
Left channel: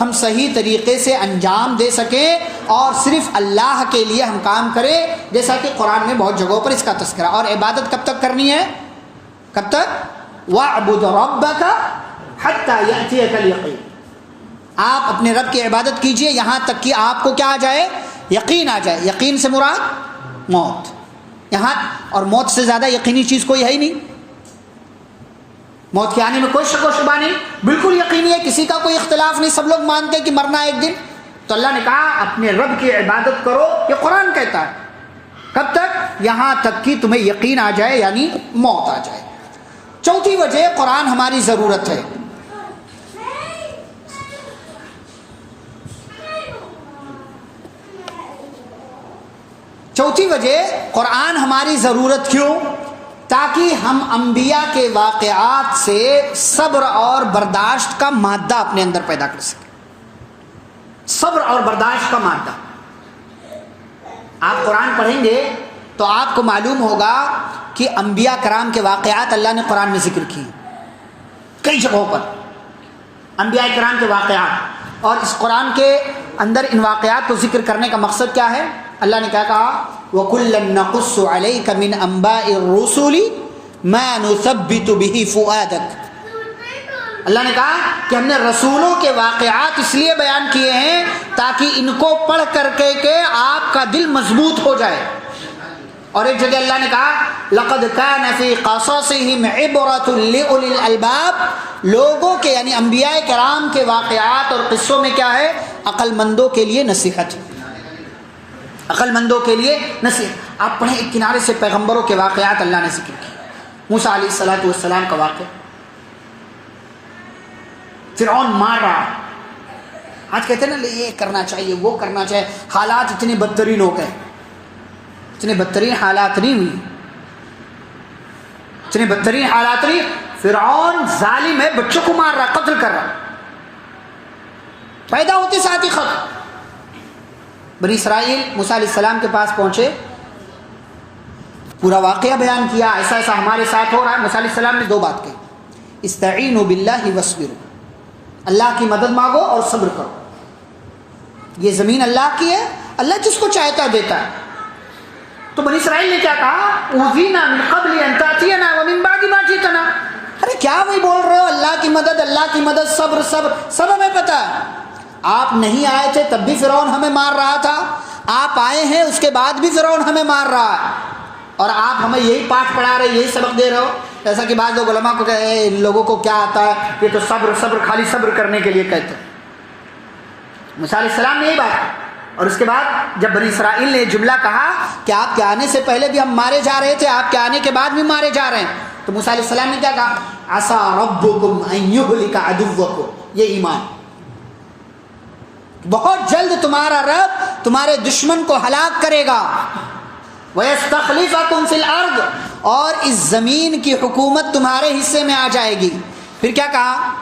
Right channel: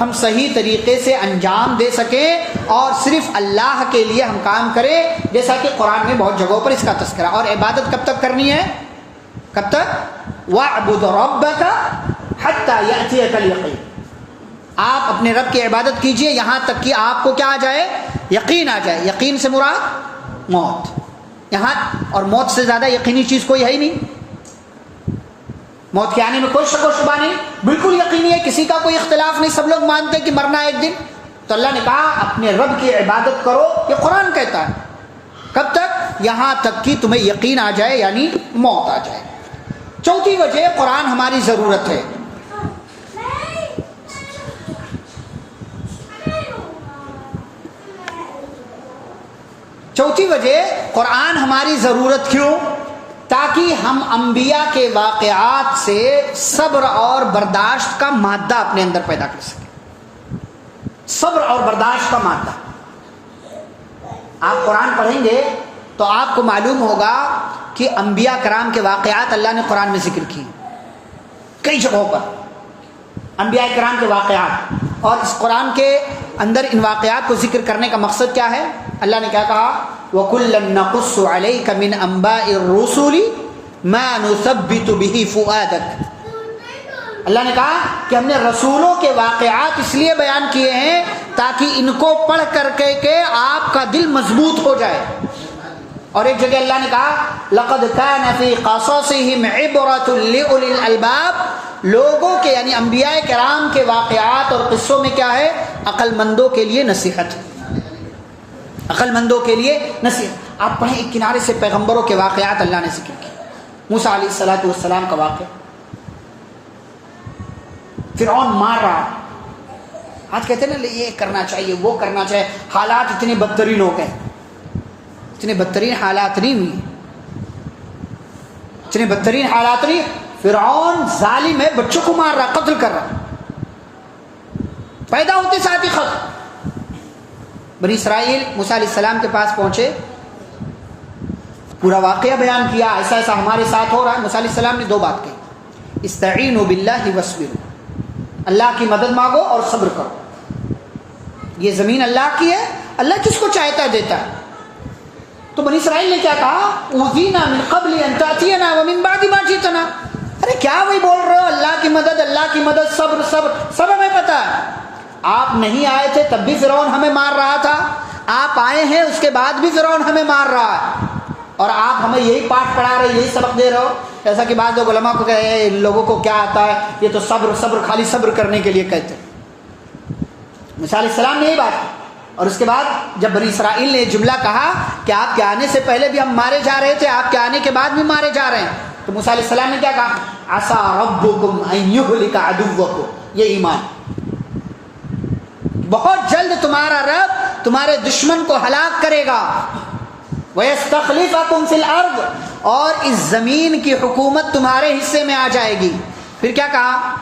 ہم صحیح طریقے سے انجام دے سکیں اور صرف اللہ کے لیے ہم کام کریں. جیسا کہ قرآن میں بہت جگہوں پر اس کا تذکرہ. اور عبادت کب تک کرنی ہے؟ کب تک؟ وَاعْبُدْ رَبَّكَ حَتَّى يَأْتِيَكَ الْيَقِينُ. آپ اپنے رب کی عبادت کیجئے یہاں تک کہ آپ کو کیا آ جائے؟ یقین آ جائے. یقین سے مراد موت. یہاں اور موت سے زیادہ یقینی چیز کوئی ہے ہی نہیں. موت کے آنے میں کوئی شک و شبہ نہیں، بالکل یقینی ہے، کسی کا کوئی اختلاف نہیں، سب لوگ مانتے ہیں کہ مرنا ہے ایک دن. تو اللہ نے کہا اپنے رب کی عبادت کرو، یہ قرآن کہتا ہے. کب تک؟ یہاں تک کہ تمہیں یقین آ جائے، یعنی موت آ جائے. چوتھی وجہ قرآن ہماری ضرورت ہے. چوتھی وجہ قرآن ہماری ضرورت کیوں؟ تاکہ ہم انبیاء کے واقعات سے صبر اور برداشت کا مادہ اپنے اندر پیدا کر سکیں. صبر اور برداشت کا مادہ. آپ قرآن پڑھیں گے تو آپ کو معلوم ہوگا کہ انبیاء کرام کے واقعات اللہ نے قرآن میں ذکر کیے کئی جگہوں پر. انبیاء کرام کے واقعات, اور اس قرآن کے اندر ان واقعات کو ذکر کرنے کا مقصد کیا ہے؟ اللہ نے کیا کہا؟ وَكُلًّا نَقُصُّ عَلَيْكَ مِنْ أَنْبَاءِ الرُّسُلِ مَا نُثَبِّتُ بِهِ فُؤَادَكَ. اللہ نے کہا کہ ہم نے رسولوں کے واقعات اس لیے بیان کیے ہیں تاکہ ان کو پڑھ کر کے آپ کا دل مضبوط ہو جائے. اور ایک جگہ اللہ نے کہا لَقَدْ كَانَ فِي قَصَصِهِمْ عِبْرَةٌ لِأُولِي الْأَلْبَابِ. لوگوں کے یعنی انبیاء کرام کے واقعات اور قصوں میں کیا ہے؟ عقل مندوں کے لیے نصیحت. عقل مندوں کے لیے نصیحت. آپ پڑھیں ایک کنارے سے پیغمبروں کے واقعات اللہ نے ذکر کیے. موسیٰ علیہ السلام کا واقعہ, فرعون مار رہا. آج کہتے ہیں نا یہ کرنا چاہیے وہ کرنا چاہیے, حالات اتنے بدترین ہو گئے. اتنے بدترین حالات نہیں ہوئی, اتنے بدترین حالات نہیں. فرعون ظالم ہے, بچوں کو مار رہا, قتل کر رہا, پیدا ہوتے ساتھ ہی ختم. بنی اسرائیل موسیٰ علیہ السلام کے پاس پہنچے, پورا واقعہ بیان کیا, ایسا ایسا ہمارے ساتھ ہو رہا ہے. موسیٰ علیہ السلام نے دو بات کہی, استعینوا باللہ واصبروا, اللہ کی مدد مانگو اور صبر کرو. یہ زمین اللہ کی ہے, اللہ جس کو چاہتا ہے دیتا ہے. تو بنی اسرائیل نے کیا کہا؟ اوذینا من قبل ان تاتینا ومن بعد ما جئتنا. ارے کیا وہی بول رہے ہو؟ اللہ کی مدد, صبر صبر سب ہمیں پتا ہے. آپ نہیں آئے تھے تب بھی فرعون ہمیں مار رہا تھا, آپ آئے ہیں اس کے بعد بھی فرعون ہمیں مار رہا ہے, اور آپ ہمیں یہی پاٹ پڑھا رہے, یہی سبق دے رہے ہو. جیسا کہ بعض لوگ علماء کو کہے ان لوگوں کو کیا آتا ہے, یہ تو صبر خالی صبر کرنے کے لیے کہتے. موسیٰ علیہ السلام نے یہی بات. اور اس کے بعد جب بنی اسرائیل نے جملہ کہا کہ آپ کے آنے سے پہلے بھی ہم مارے جا رہے تھے, آپ کے آنے کے بعد بھی مارے جا رہے ہیں, تو موسیٰ علیہ السلام نے کیا کہا؟ عسیٰ ربکم ان یہلک عدوکم. یہ ایمان, بہت جلد تمہارا رب تمہارے دشمن کو ہلاک کرے گا. وَيَسْتَخْلِفَكُمْ فِي الْأَرْضِ, اور اس زمین کی حکومت تمہارے حصے میں آ جائے گی. پھر کیا کہا؟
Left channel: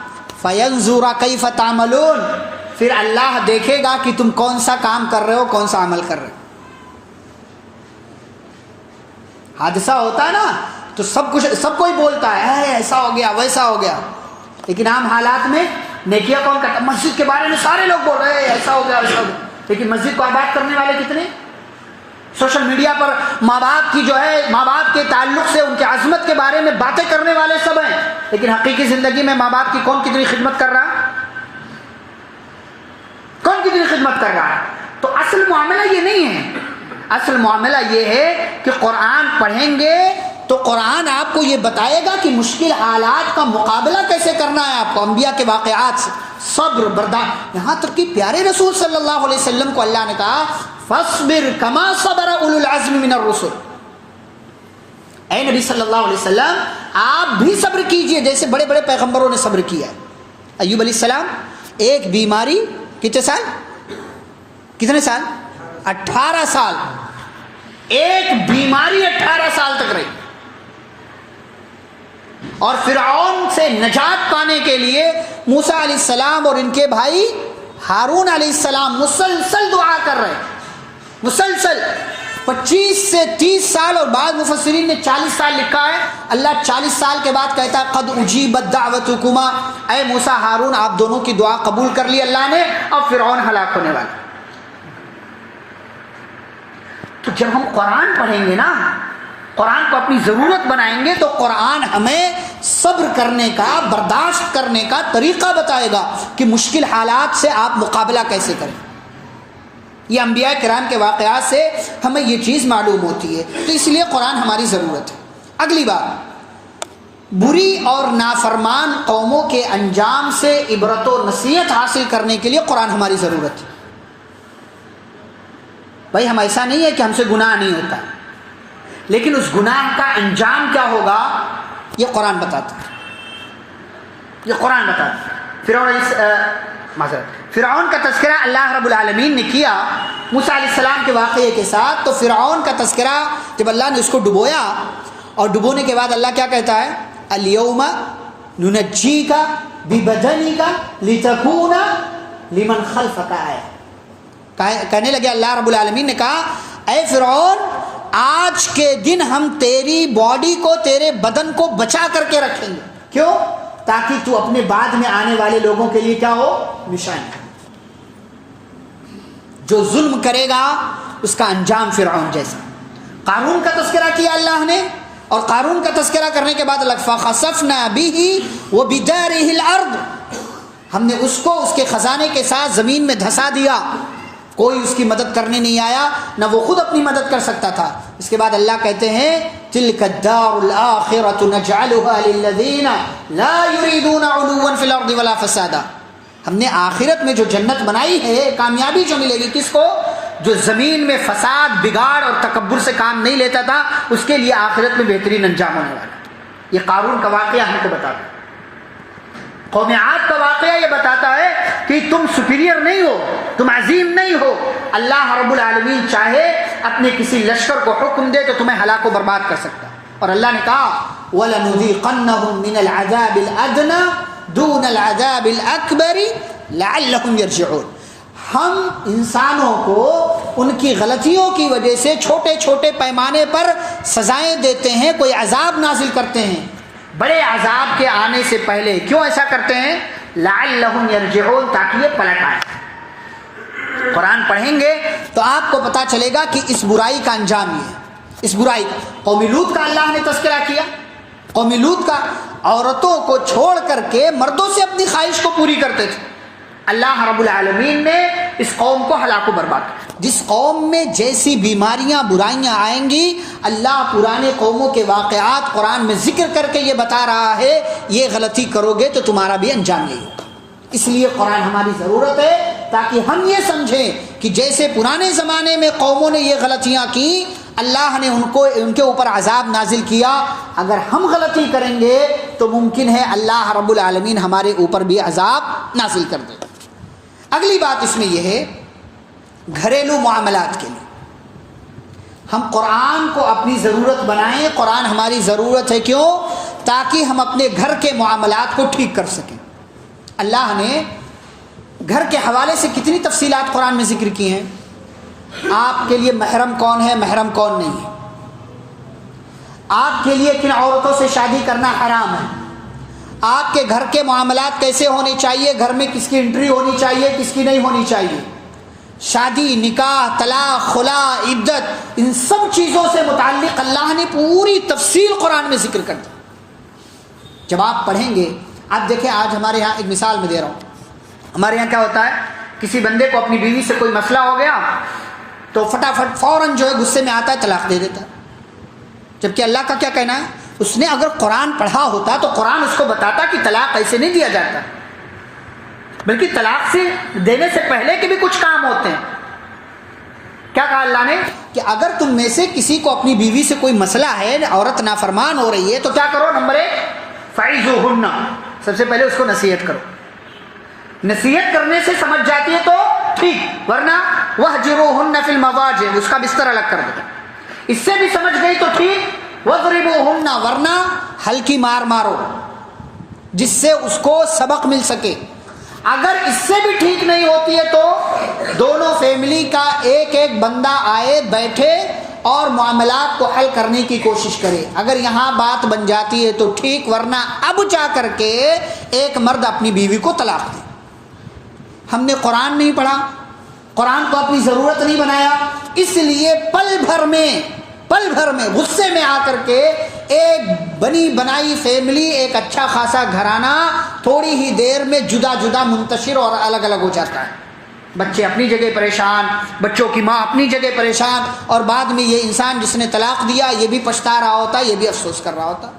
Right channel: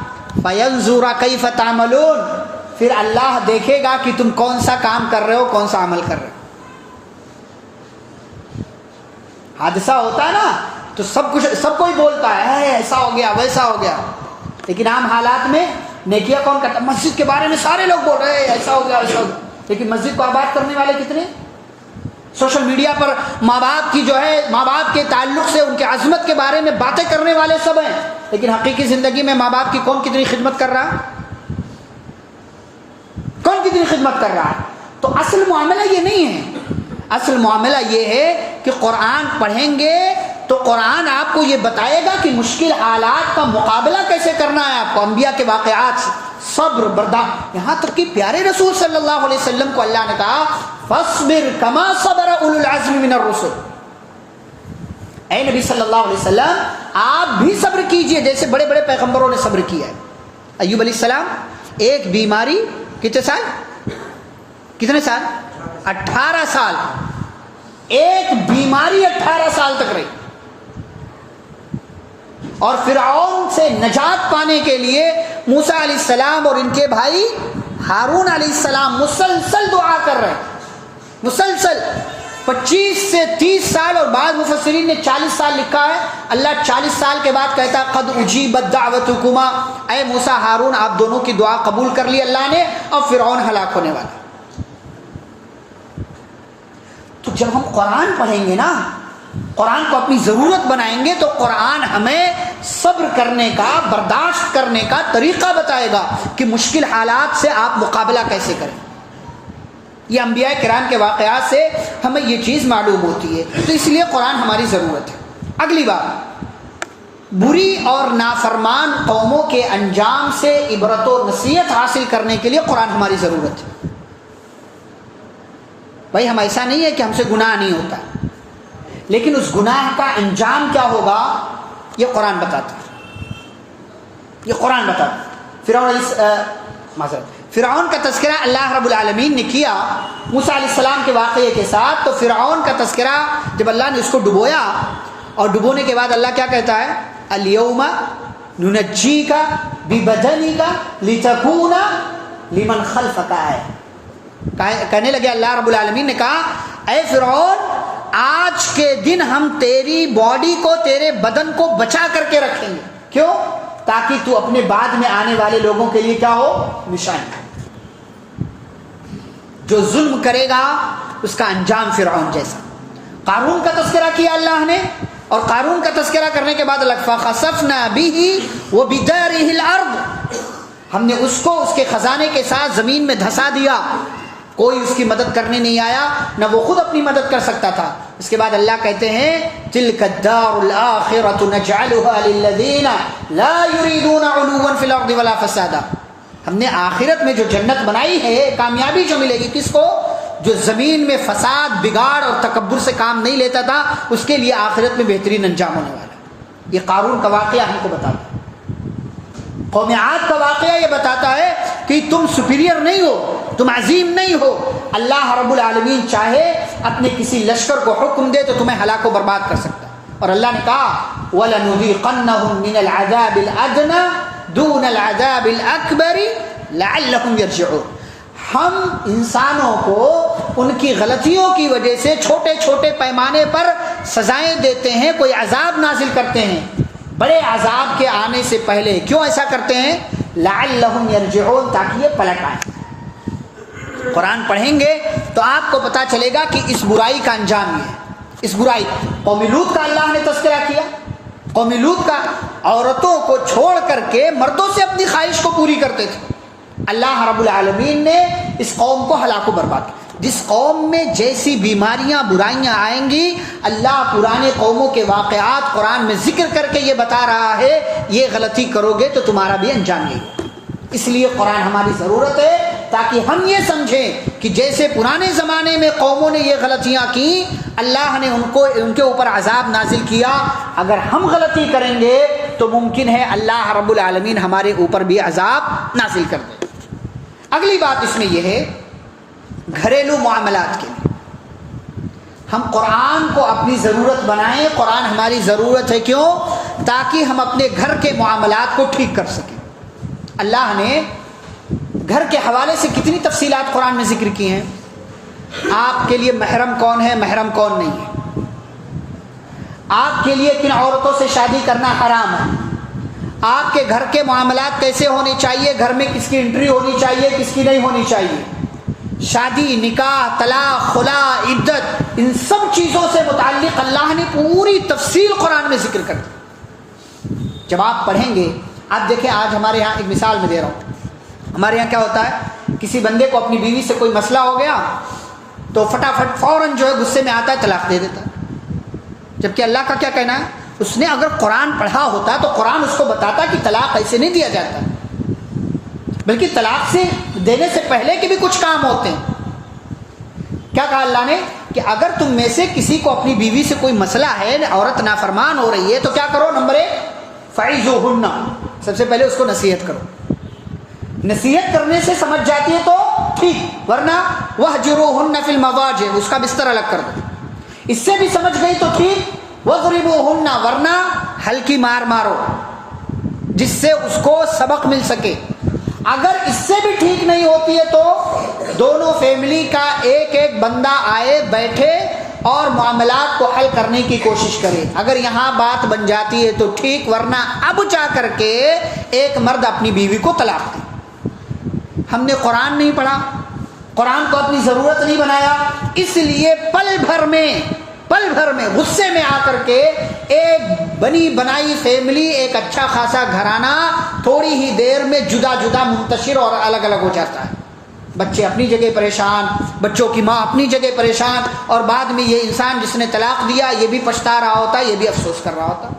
فَيَنْظُرَ كَيْفَ تَعْمَلُونَ, پھر اللہ دیکھے گا کہ تم کون سا کام کر رہے ہو, کون سا عمل کر رہے ہو. حادثہ ہوتا ہے نا تو سب کوئی بولتا ہے ایسا ہو گیا ویسا ہو گیا, لیکن عام حالات میں نیکیاں کون کرتا؟ مسجد کے بارے میں سارے لوگ بول رہے ہیں ایسا ہو گیا ایسا ہو گیا, لیکن مسجد کو آباد کرنے والے کتنے؟ سوشل میڈیا پر ماں باپ کی جو ہے, ماں باپ کے تعلق سے ان کے عظمت کے بارے میں باتیں کرنے والے سب ہیں, لیکن حقیقی زندگی میں ماں باپ کی کون کتنی خدمت کر رہا ہے؟ کون کتنی خدمت کر رہا ہے؟ تو اصل معاملہ یہ نہیں ہے. اصل معاملہ یہ ہے کہ قرآن پڑھیں گے تو قرآن آپ کو یہ بتائے گا کہ مشکل حالات کا مقابلہ کیسے کرنا ہے آپ کو. انبیاء کے واقعات سے صبر برداشت, یہاں تک کہ پیارے رسول صلی اللہ علیہ وسلم کو اللہ نے کہا فاصبر کما صبر اولو العزم من الرسل. اے نبی صلی اللہ علیہ وسلم آپ بھی صبر کیجئے جیسے بڑے بڑے پیغمبروں نے صبر کیا ہے. ایوب علیہ السلام ایک بیماری کتنے سال 18 سال, ایک بیماری 18 سال تک رہی. اور فرعون سے نجات پانے کے لیے موسیٰ علیہ السلام اور ان کے بھائی ہارون علیہ السلام مسلسل دعا کر رہے, مسلسل 25 سے 30 سال, اور بعض مفسرین نے 40 سال لکھا ہے. اللہ 40 سال کے بعد کہتا ہے قد اجیبت دعوتکما, اے موسیٰ ہارون آپ دونوں کی دعا قبول کر لی اللہ نے, اب فرعون ہلاک ہونے والا. تو جب ہم قرآن پڑھیں گے نا, قرآن کو اپنی ضرورت بنائیں گے, تو قرآن ہمیں صبر کرنے کا, برداشت کرنے کا طریقہ بتائے گا کہ مشکل حالات سے آپ مقابلہ کیسے کریں. یہ انبیاء کرام کے واقعات سے ہمیں یہ چیز معلوم ہوتی ہے, تو اس لیے قرآن ہماری ضرورت ہے. اگلی بات, بری اور نافرمان قوموں کے انجام سے عبرت و نصیحت حاصل کرنے کے لیے قرآن ہماری ضرورت ہے. بھائی ہم ایسا نہیں ہے کہ ہم سے گناہ نہیں ہوتا, لیکن اس گناہ کا انجام کیا ہوگا یہ قرآن بتاتا ہے, یہ قرآن بتاتا ہے. فرعون فرعون کا تذکرہ اللہ رب العالمین نے کیا موسیٰ علیہ السلام کے واقعے کے ساتھ. تو فرعون کا تذکرہ جب اللہ نے اس کو ڈبویا اور ڈبونے کے بعد اللہ کیا کہتا ہے؟ الیوم ننجیک ببدنک لتکون لمن خلفک آیہ. کہنے لگے اللہ رب العالمین نے کہا اے فرعون آج کے دن ہم تیری باڈی کو تیرے بدن کو بچا کر کے رکھیں گے. کیوں؟ تاکہ تو اپنے بعد میں آنے والے لوگوں کے لیے کیا ہو؟ نشانی. جو ظلم کرے گا اس کا انجام فرعون جیسا. قارون کا تذکرہ کیا اللہ نے اور قارون کا تذکرہ کرنے کے بعد فخسفنا به وبداره الارض. ہم نے اس کو اس کے خزانے کے ساتھ زمین میں دھسا دیا. کوئی اس کی مدد کرنے نہیں آیا نہ وہ خود اپنی مدد کر سکتا تھا. اس کے بعد اللہ کہتے ہیں تلک الدار الاخرۃ نجعلها للذین لا يريدون علوا فی الارض ولا فسادا. ہم نے آخرت میں جو جنت بنائی ہے کامیابی جو ملے گی کس کو؟ جو زمین میں فساد بگاڑ اور تکبر سے کام نہیں لیتا تھا اس کے لیے آخرت میں بہترین انجام ہونے والا. یہ قارون کا واقعہ ہم کو بتاتا ہے. قوم عاد کا واقعہ یہ بتاتا ہے کہ تم سپیریئر نہیں ہو, تم عظیم نہیں ہو. اللہ رب العالمین چاہے اپنے کسی لشکر کو حکم دے تو تمہیں ہلاک و برباد کر سکتا. اور اللہ نے کہا وَلَنُذِيقَنَّهُم مِّنَ الْعَذَابِ الْأَدْنَىٰ دُونَ الْعَذَابِ الْأَكْبَرِ لَعَلَّهُمْ يَرْجِعُونَ. ہم انسانوں کو ان کی غلطیوں کی وجہ سے چھوٹے چھوٹے پیمانے پر سزائیں دیتے ہیں, کوئی عذاب نازل کرتے ہیں بڑے عذاب کے آنے سے پہلے. کیوں ایسا کرتے ہیں؟ لعلہم یرجعون, تاکہ یہ پلٹ آئیں. قرآن پڑھیں گے تو آپ کو پتا چلے گا کہ اس برائی کا انجام یہ ہے. اس برائی قوم لوط کا اللہ نے تذکرہ کیا. قوم لوط کا عورتوں کو چھوڑ کر کے مردوں سے اپنی خواہش کو پوری کرتے تھے. اللہ رب العالمین نے اس قوم کو ہلاک و برباد کیا. جس قوم میں جیسی بیماریاں برائیاں آئیں گی اللہ پرانے قوموں کے واقعات قرآن میں ذکر کر کے یہ بتا رہا ہے یہ غلطی کرو گے تو تمہارا بھی انجام یہی ہوگا. اس لیے قرآن ہماری ضرورت ہے تاکہ ہم یہ سمجھیں کہ جیسے پرانے زمانے میں قوموں نے یہ غلطیاں کی اللہ نے ان کے اوپر عذاب نازل کیا. اگر ہم غلطی کریں گے تو ممکن ہے اللہ رب العالمین ہمارے اوپر بھی عذاب نازل کر دے. اگلی بات اس میں یہ ہے گھریلو معاملات کے لیے ہم قرآن کو اپنی ضرورت بنائیں. قرآن ہماری ضرورت ہے. کیوں؟ تاکہ ہم اپنے گھر کے معاملات کو ٹھیک کر سکیں. اللہ نے گھر کے حوالے سے کتنی تفصیلات قرآن میں ذکر کی ہیں. آپ کے لیے محرم کون ہے, محرم کون نہیں ہے, آپ کے لیے کن عورتوں سے شادی کرنا حرام ہے, آپ کے گھر کے معاملات کیسے ہونے چاہیے, گھر میں کس کی انٹری ہونی چاہیے کس کی نہیں ہونی چاہیے, شادی نکاح طلاق خلا عدت, ان سب چیزوں سے متعلق اللہ نے پوری تفصیل قرآن میں ذکر کر دی. جب آپ پڑھیں گے آپ دیکھیں آج ہمارے یہاں ایک مثال میں دے رہا ہوں. ہمارے یہاں کیا ہوتا ہے کسی بندے کو اپنی بیوی سے کوئی مسئلہ ہو گیا تو فٹافٹ فوراً جو ہے غصے میں آتا ہے طلاق دے دیتا ہے. جبکہ اللہ کا کیا کہنا ہے, اس نے اگر قرآن پڑھا ہوتا تو قرآن اس کو بتاتا کہ طلاق ایسے نہیں دیا جاتا بلکہ طلاق سے دینے سے پہلے کے بھی کچھ کام ہوتے ہیں. کیا کہا اللہ نے کہ اگر تم میں سے کسی کو اپنی بیوی سے کوئی مسئلہ ہے, عورت نافرمان ہو رہی ہے تو کیا کرو, نمبر 1 فعظوہن, سب سے پہلے اس کو نصیحت کرو. نصیحت کرنے سے سمجھ جاتی ہے تو ٹھیک, ورنہ وہجروہن فی المضاجع, اس کا بستر الگ کر دو. اس سے بھی سمجھ گئی تو ٹھیک, وضربوہن, ورنہ ہلکی مار مارو جس سے اس کو سبق مل سکے. اگر اس سے بھی ٹھیک نہیں ہوتی ہے تو دونوں فیملی کا ایک ایک بندہ آئے بیٹھے اور معاملات کو حل کرنے کی کوشش کرے. اگر یہاں بات بن جاتی ہے تو ٹھیک, ورنہ اب جا کر کے ایک مرد اپنی بیوی کو طلاق دی. ہم نے قرآن نہیں پڑھا, قرآن کو اپنی ضرورت نہیں بنایا, اس لیے پل بھر میں غصے میں آ کر کے ایک بنی بنائی فیملی, ایک اچھا خاصا گھرانہ تھوڑی ہی دیر میں جدا جدا منتشر اور الگ الگ ہو جاتا ہے. بچے اپنی جگہ پریشان, بچوں کی ماں اپنی جگہ پریشان, اور بعد میں یہ انسان جس نے طلاق دیا یہ بھی پچھتا رہا ہوتا, یہ بھی افسوس کر رہا ہوتا.